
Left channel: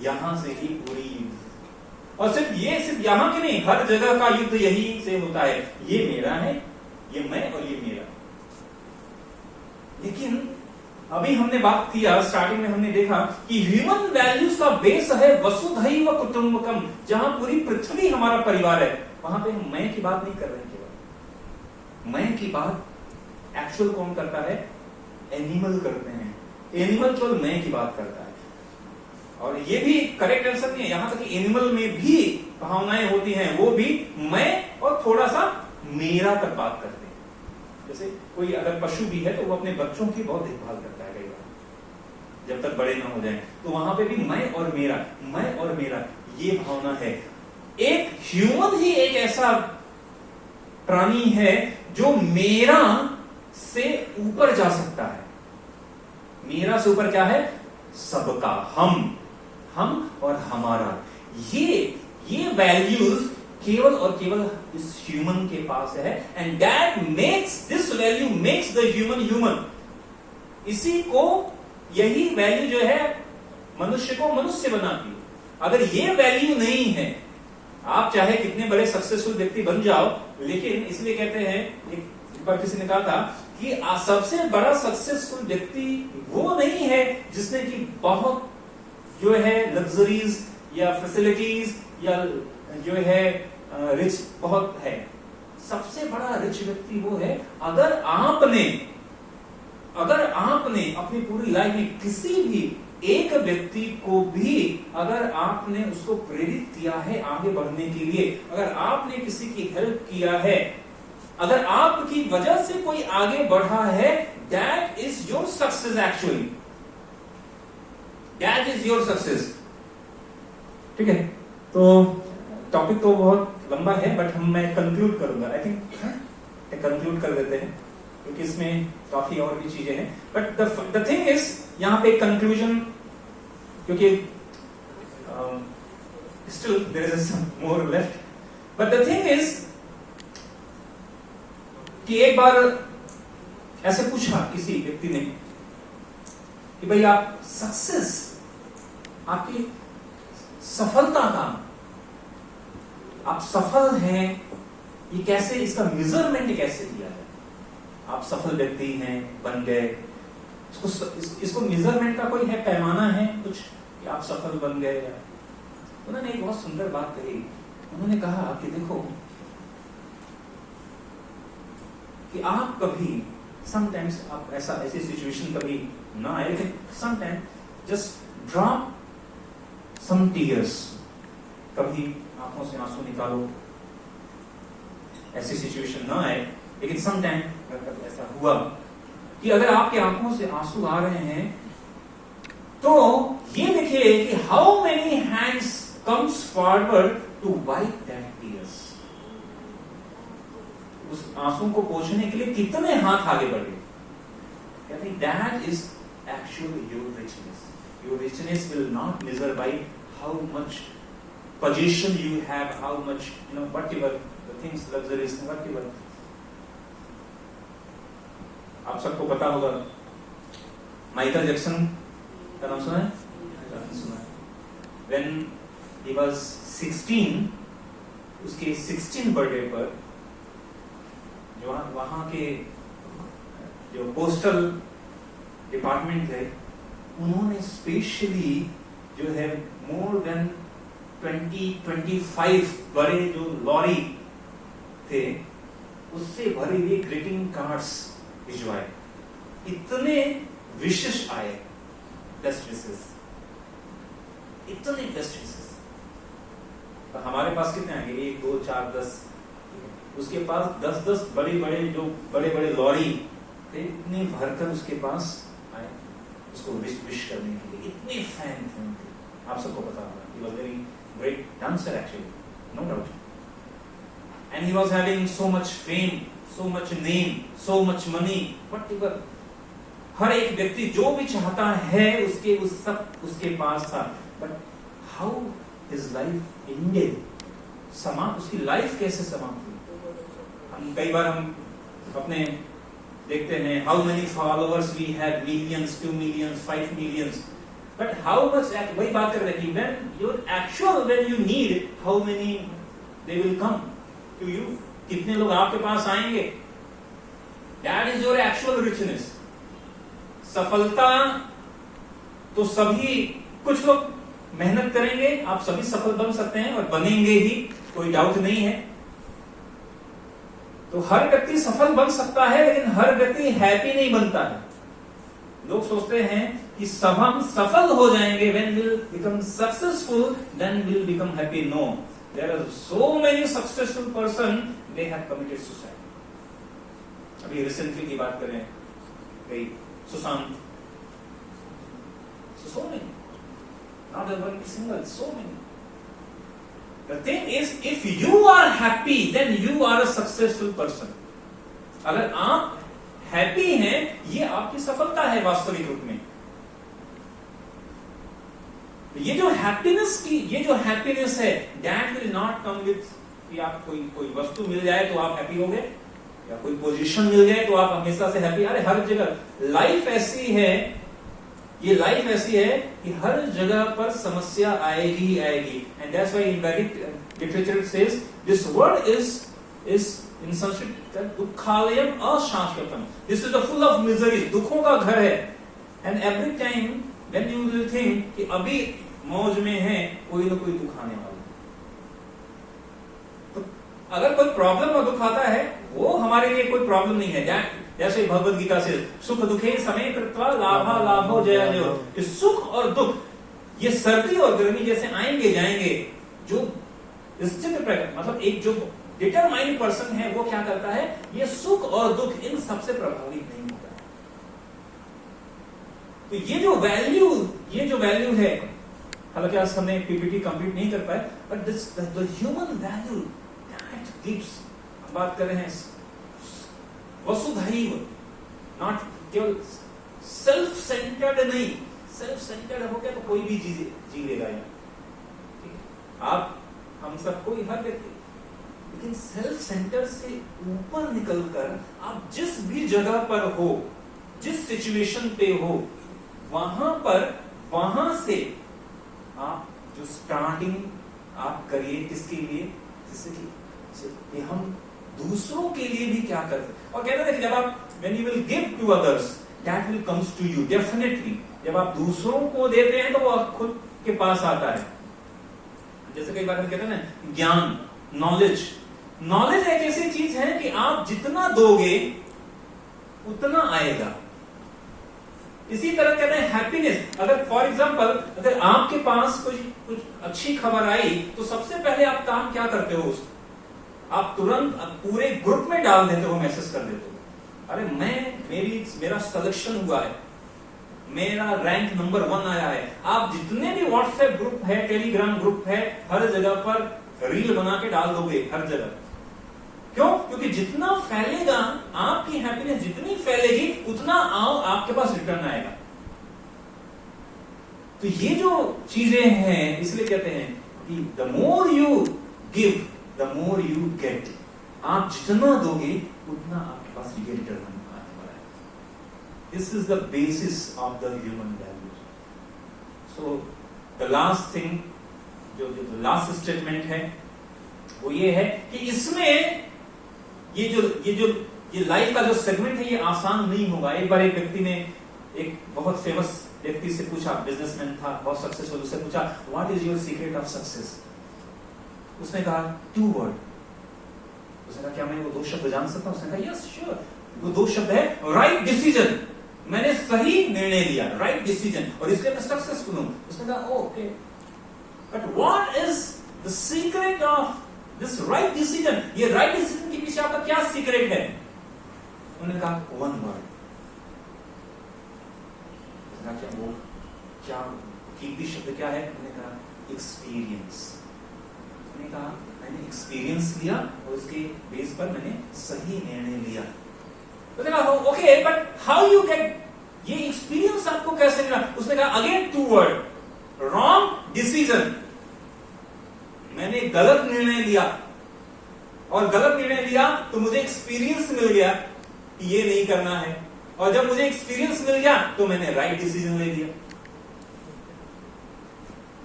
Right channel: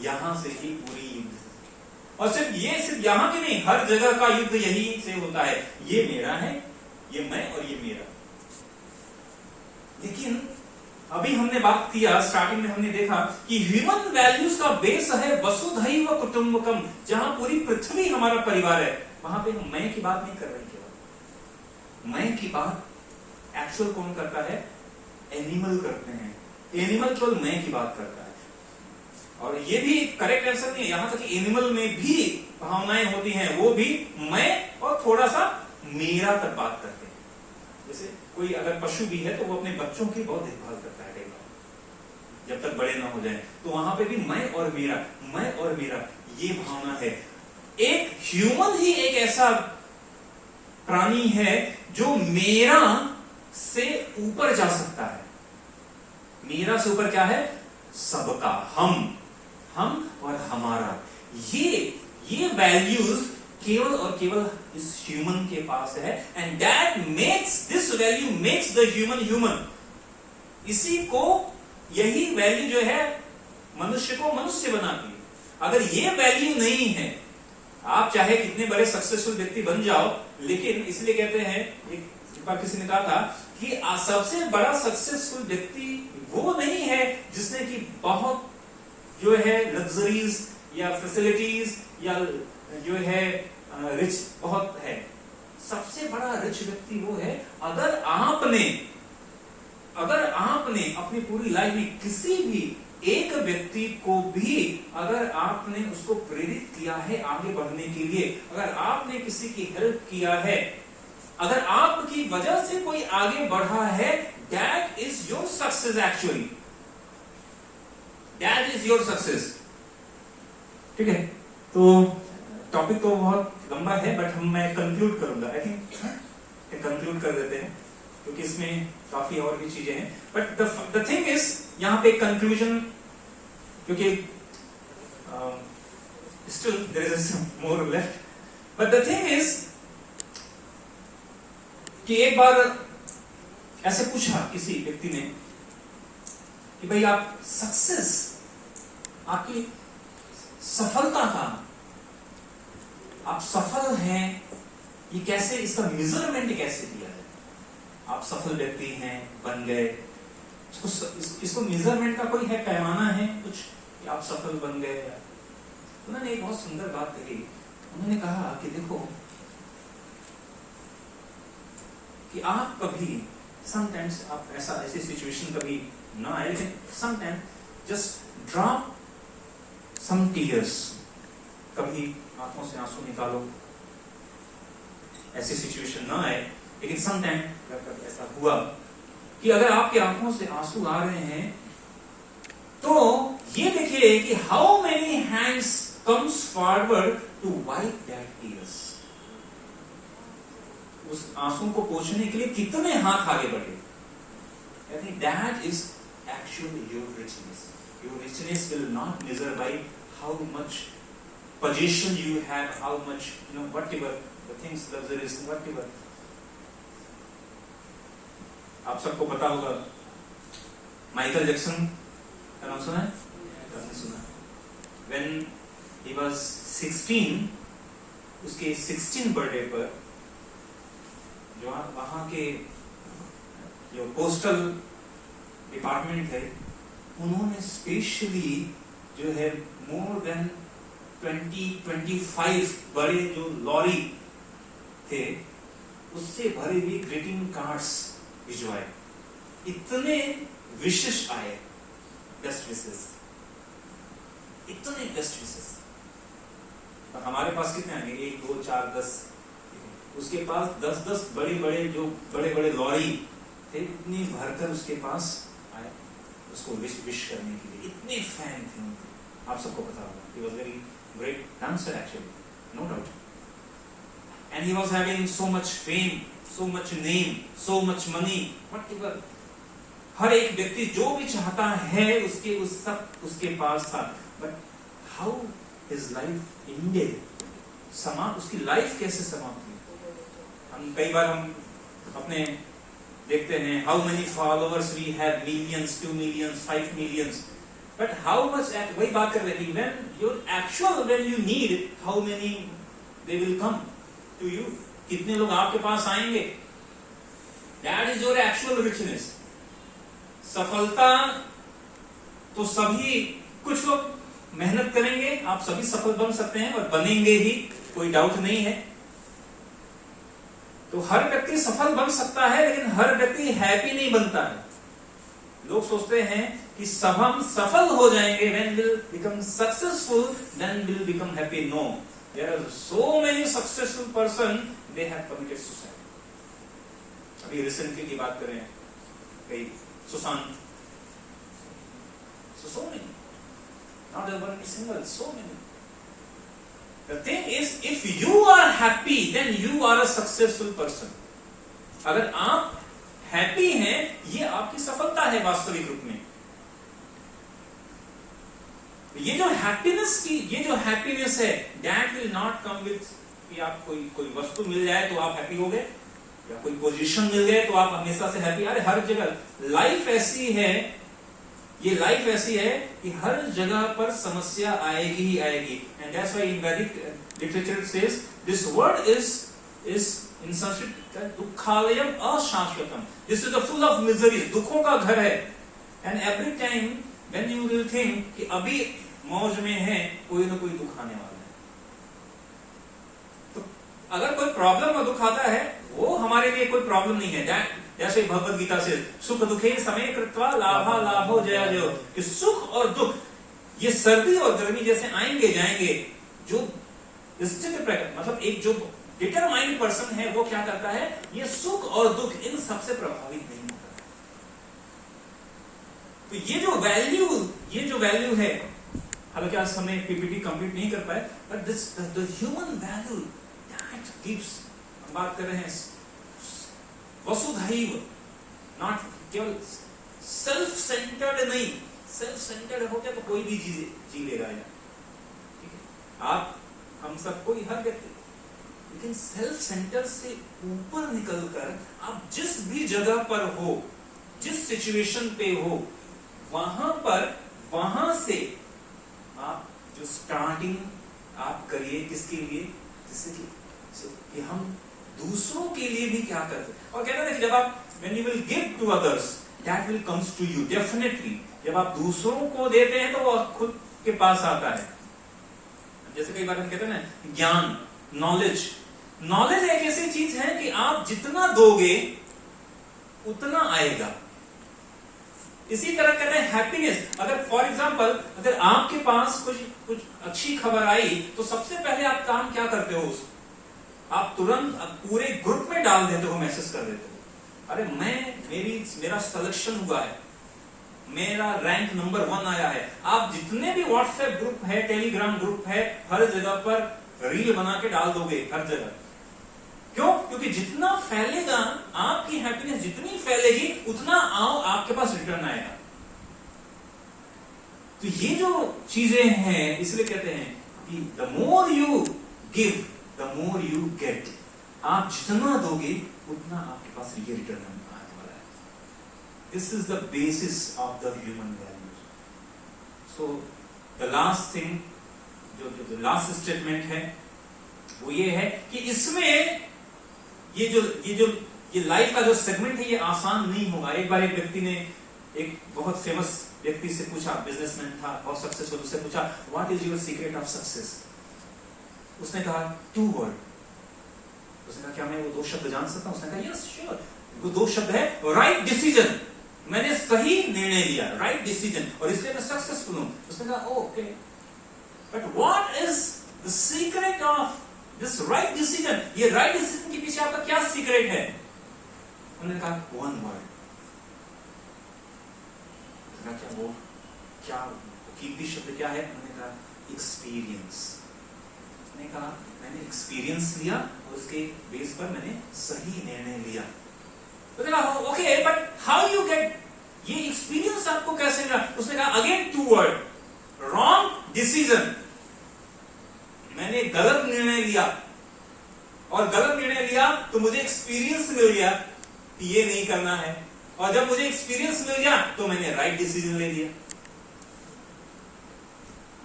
यहां से ही पूरी युद्ध, और सिर्फ यहां की नहीं, हर जगह का युद्ध यही से होता है। ये मेरा है, ये मैं और ये मेरा। लेकिन अभी हमने बात किया, स्टार्टिंग में हमने देखा कि ह्यूमन वैल्यूज का बेस है वसुधैव कुटुंबकम। जहां पूरी पृथ्वी हमारा परिवार है, वहां पे हम मैं की बात नहीं कर रहे हैं। केवल मैं की बात एक्चुअल कौन करता है? एनिमल करते हैं। एनिमल केवल मैं की बात करता है। और ये भी करेक्ट आंसर नहीं है। यहां तक एनिमल में भी भावनाएं होती हैं, वो भी मैं और थोड़ा सा मेरा तक बात करते हैं। जैसे कोई अगर पशु भी है तो वो अपने बच्चों की बहुत देखभाल करता है जब तक बड़े ना हो जाएं, तो वहां पे भी मैं और मेरा ये भावना है। एक ह्यूमन ही एक ऐसा प्राणी है जो मेरा से ऊपर जा सकता है। मेरा से ऊपर क्या है? सबका, हम और हमारा। ये वैल्यूज केवल और केवल इस ह्यूमन के पास है। And that makes this value makes the human. इसी को, यही वैल्यू जो है मनुष्य को मनुष्य बनाती है। अगर ये वैल्यू नहीं है, आप चाहे कितने बड़े सक्सेसफुल व्यक्ति बन जाओ, लेकिन इसलिए कहते हैं, एक बार किसी ने कहा था कि सबसे बड़ा सक्सेसफुल व्यक्ति वो नहीं है जिसने की बहुत जो है लग्जरीज या फैसिलिटीज या जो है रिच बहुत है। सबसे बड़ा रिच व्यक्ति वो है अगर आपने अपनी पूरी लाइफ में किसी भी एक व्यक्ति को भी अगर आपने उसको प्रेरित किया है आगे बढ़ने के लिए, अगर आपने किसी की हेल्प किया है, अगर आपकी वजह से कोई आगे बढ़ा है, that is your success. Actually that is your success. ठीक है, तो टॉपिक तो बहुत लंबा है, बट मैं कंक्लूड करूंगा। आई थिंक कंक्लूड कर देते हैं क्योंकि इसमें काफी और भी चीजें हैं। बट द थिंग इज, यहां पे कंक्लूजन, क्योंकि still there is more left, but the thing is कि एक बार ऐसे पूछा किसी व्यक्ति ने कि भाई आप सक्सेस, आपकी सफलता का, आप सफल हैं, ये कैसे, इसका मेजरमेंट कैसे दिया जाए? आप सफल व्यक्ति हैं, बन गए, इसको मेजरमेंट का कोई है, पैमाना है कुछ कि आप सफल बन गए? उन्होंने एक बहुत सुंदर बात कही। उन्होंने कहा कि देखो कि आप कभी समटाइम्स आप ऐसी सिचुएशन कभी ना आए, लेकिन sometimes just drop some tears, कभी आंखों से आंसू निकालो। ऐसी सिचुएशन ना आए, लेकिन समटाइम ऐसा हुआ कि अगर आपके आंखों से आंसू आ रहे हैं तो ये देखिए कि how many hands comes forward to wipe that tears. उस आंसू को पोंछने के लिए कितने हाथ आगे बढ़े? कहते हैं that is actually your richness. Your richness will not measure by how much position you have, how much whatever the things, luxuries, whatever. आप सबको पता होगा माइकल जैक्सन का नाम सुना है? When he was 16, उसके 16 बर्थडे पर जो वहां के जो पोस्टल डिपार्टमेंट थे, उन्होंने स्पेशली जो है मोर देन 25 बड़े जो लॉरी थे उससे भरे हुए ग्रीटिंग कार्ड्स भिजवाए। इतने विशेष आए, बेस्ट विशेष, इतने बेस्ट विशेष। हमारे पास कितने आएंगे? 1, 2, 4, 10। उसके पास 10 बड़ी बड़े जो बड़े बड़े लॉरी थे, इतने भरकर उसके पास आए उसको विश करने के लिए। इतने फैन थे उनके, आप सबको पता होगा। He was very great dancer actually, no doubt. And he was having so much fame, so much name, so much money, whatever. हर एक व्यक्ति जो भी चाहता है उसके पास था। But how his life ended? उसकी लाइफ कैसे समाप्त हुई? हम कई बार हम अपने देखते हैं how many followers we have, millions, 2 millions, 5 millions. But how much? वही बात कर रहे हैं, when you need, how many they will come to you? कितने लोग आपके पास आएंगे? That is your actual richness. सफलता तो सभी, कुछ लोग मेहनत करेंगे, आप सभी सफल बन सकते हैं और बनेंगे ही, कोई डाउट नहीं है। तो हर व्यक्ति सफल बन सकता है, लेकिन हर व्यक्ति हैप्पी नहीं बनता है। लोग सोचते हैं कि सब हम सफल हो जाएंगे, when we'll become successful, then we'll become happy. No, there are so many successful person, they have committed suicide. अभी रिसेंटली की बात करें, कई Sushant, so many, not one single, so many. The thing is, if you are happy, then you are a successful person. अगर आप happy हैं, ये आपकी सफलता है वास्तविक रूप में। ये जो हैप्पीनेस है, that will not come with कि आप कोई वस्तु मिल जाए तो आप हैप्पी हो गए, या कोई पोजीशन मिल जाए तो आप हमेशा से हैप्पी। अरे हर जगह लाइफ ऐसी है, ये लाइफ ऐसी है कि हर जगह पर समस्या आएगी ही आएगी। And that's why in Vedic literature says this word is in Sanskrit दुःखालयम अशाश्वतम। This is the full of miseries, दुखों का घर है। And every time when you will think कि अभी मौज में है, कोई ना कोई दुख आने वाला है। तो अगर कोई प्रॉब्लम और दुख आता है, वो हमारे लिए कोई प्रॉब्लम नहीं है। जैसे भगवद गीता से सुख दुखे समय कृत्वा लाभा लाभो जय जयो, कि सुख और दुख ये सर्दी और गर्मी जैसे आएंगे जाएंगे। जो स्थित मतलब एक जो डिटरमाइंड पर्सन है, वो क्या करता है, ये सुख और दुख इन सबसे प्रभावित नहीं होता। तो ये जो वैल्यू है, हालांकि आज हमने पीपीटी कंप्लीट नहीं कर पाए, but this the human value that gives, बात कर रहे हैं वसुधैव, नॉट केवल सेल्फ सेंटर्ड नहीं। सेल्फ सेंटर्ड होके तो कोई भी जी लेगा। आप हम सब, कोई हर व्यक्ति लेकिन सेल्फ सेंटर से ऊपर निकलकर आप जिस भी जगह पर हो, जिस सिचुएशन पे हो, वहां से आप जो स्टार्टिंग आप करिए, किसके लिए? जिससे कि हम दूसरों के लिए भी क्या करते हैं। और कहते हैं जब आप when you will give to others that will comes to you definitely, जब आप दूसरों को देते हैं तो वो खुद के पास आता है। जैसे कई बार हम कहते हैं ना, ज्ञान, नॉलेज एक ऐसी चीज है कि आप जितना दोगे उतना आएगा। इसी तरह कहते हैं हैप्पीनेस। अगर फॉर एग्जांपल अगर आपके पास कुछ अच्छी खबर आई तो सबसे पहले आप काम क्या करते हो? आप तुरंत पूरे ग्रुप में डाल देते हो, मैसेज कर देते हो, अरे मेरा सिलेक्शन हुआ है, मेरा रैंक नंबर 1 आया है। आप जितने भी व्हाट्सएप ग्रुप है, टेलीग्राम ग्रुप है, हर जगह पर रील बना के डाल दोगे, हर जगह। क्यों? क्योंकि जितना फैलेगा आपकी हैप्पीनेस, जितनी फैलेगी उतना आपके पास रिटर्न आएगा। तो ये जो चीजें हैं, इसलिए कहते हैं कि the more you give the more you get. आप जितना दोगे उतना आपके पास ये रिटर्न आएगा। This is the basis of the human values. So the last thing, जो लास्ट स्टेटमेंट है वो ये है कि इसमें ये लाइफ का जो सेगमेंट है ये आसान नहीं होगा। एक बार एक व्यक्ति ने एक बहुत फेमस व्यक्ति से पूछा, बिजनेसमैन था, बहुत सक्सेसफुल, उससे पूछा what is your secret of success? उसने कहा 2 वर्ड। उसने कहा क्या मैं वो 2 शब्द जान सकता हूं? उसने कहा यस श्योर, वो 2 शब्द है राइट डिसीजन। मैंने सही निर्णय लिया, राइट डिसीजन, और इसलिए मैं सक्सेसफुल हूं। उसने कहा okay, but what is the secret of this right decision? ये राइट डिसीजन के पीछे आपका क्या सीक्रेट है? उन्होंने कहा 1 वर्ड। वो क्या कीमती शब्द क्या है? उन्होंने कहा एक्सपीरियंस। उसने कहा मैंने एक्सपीरियंस लिया और उसके बेस पर मैंने सही निर्णय लिया। उसने कहा okay, but how you get ये एक्सपीरियंस? आपको कैसे मिला? उसने कहा अगेन 2 वर्ड, रॉन्ग डिसीजन। मैंने गलत निर्णय लिया, और गलत निर्णय लिया तो मुझे एक्सपीरियंस मिल गया कि ये नहीं करना है, और जब मुझे एक्सपीरियंस मिल गया तो मैंने राइट डिसीजन ले लिया।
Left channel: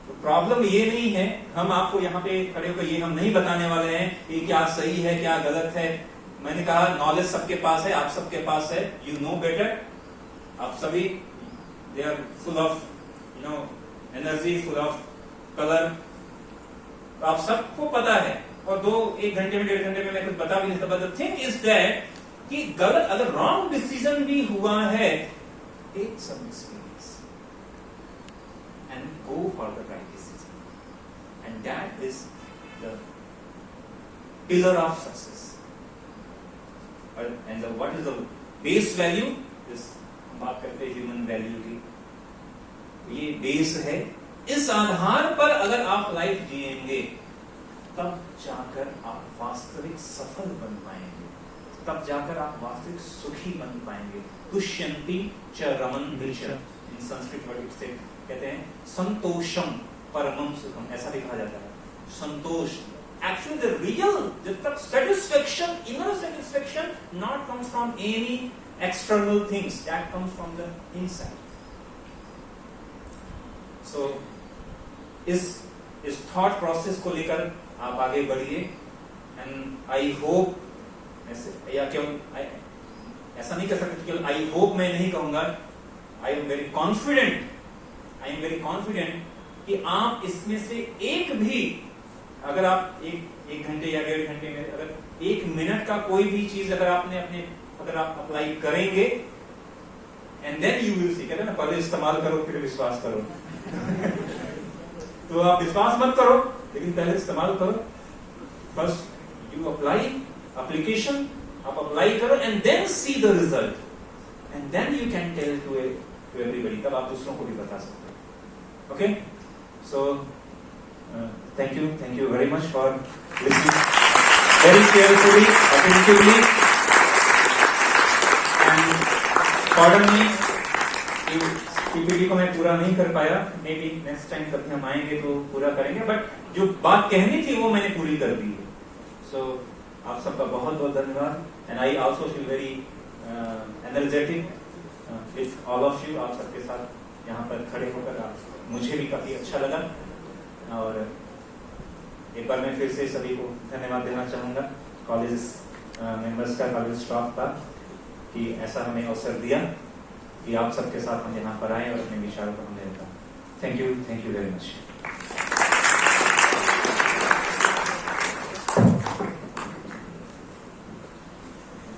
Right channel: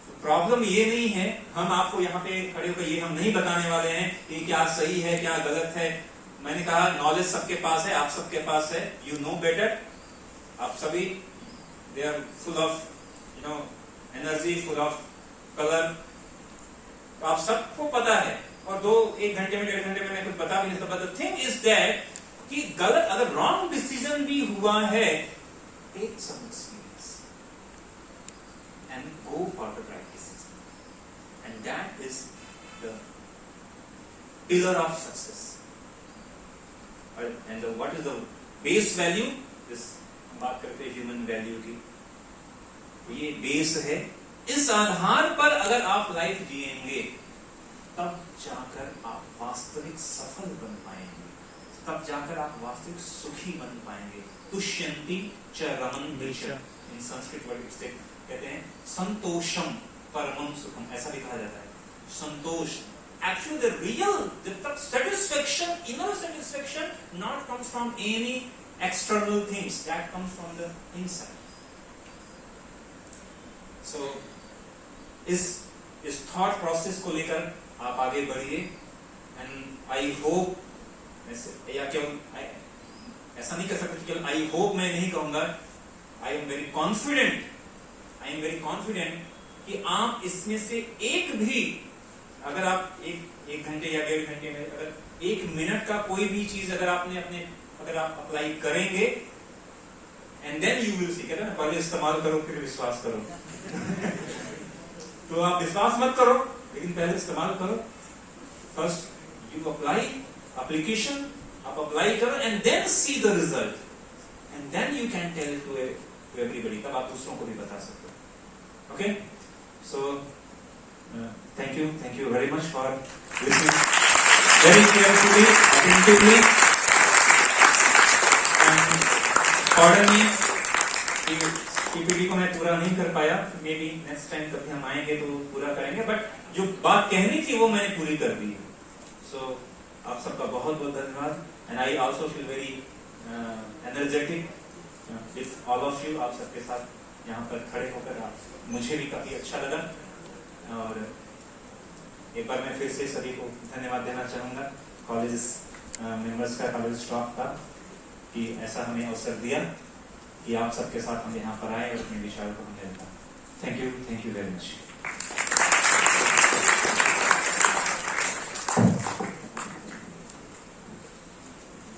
तो प्रॉब्लम ये नहीं है, हम आपको यहाँ पे खड़े होकर ये हम नहीं बताने वाले हैं कि क्या सही है क्या गलत है। मैंने कहा नॉलेज सबके पास है, आप सबके पास है, यू नो बेटर। आप सभी they are full of energy, full of colour, तो आप सबको पता है। और 1 घंटे में 1.5 घंटे में मैं कुछ बता भी नहीं सकता। द थिंग इज दैट कि गलत अगर रॉन्ग डिसीजन भी हुआ है, take some experience and go for the right decision, and that is the pillar of success. And what is the base value? इस बात करते हैं ह्यूमन वैल्यू की, ये बेस है। इस आधार पर अगर आप लाइफ जिएंगे तब जाकर आप वास्तविक सफल बन पाएंगे, तब जाकर आप वास्तविक सुखी बन पाएंगे। तुष्यंति च रमन दृश्य, इन संस्कृत वर्ड से कहते हैं संतोषम परमं सुखम, ऐसा भी कहा जाता है। संतोष actually the real satisfaction, inner satisfaction not comes from any external things, that comes from the inside. So इस थॉट प्रोसेस को लेकर आप आगे बढ़िए, एंड आई होप, या क्यों ऐसा नहीं कर सकते केवल आई होप मैं नहीं कहूंगा, आई एम वेरी कॉन्फिडेंट कि आप इसमें से एक भी, अगर आप एक घंटे या 1.5 घंटे में अगर 1 मिनट का कोई भी चीज अगर आप अप्लाई करेंगे, and then you will see, कहते हैं ना पहले इस्तेमाल करो फिर विश्वास करो। तो आप विश्वास मत करो, लेकिन पहले इस्तेमाल करो। फर्स्ट यू अप्लाई, एप्लीकेशन आप अप्लाई करो, and then see the result, and then you can tell to everybody, तब आप दूसरों को भी बता सकते हो। Okay, so thank you very much for listening very carefully, attentively, and pardon me PPT को मैं पूरा नहीं कर पाया, मे बी नेक्स्ट टाइम कभी हम आएंगे तो पूरा करेंगे, बट जो बात कहनी थी वो मैंने पूरी कर दी है। सो आप सबका बहुत बहुत धन्यवाद. And I also feel very energetic with all of you. आप सबके साथ यहाँ पर खड़े होकर मुझे भी काफी अच्छा लगा. और एक बार मैं फिर से सभी को धन्यवाद देना चाहूंगा, कॉलेज मेंबर्स का, कॉलेज स्टाफ का, कि ऐसा हमें अवसर दिया कि आप सबके साथ हम यहाँ पर आए और अपने विचारों को हमने रखा. Thank you very much.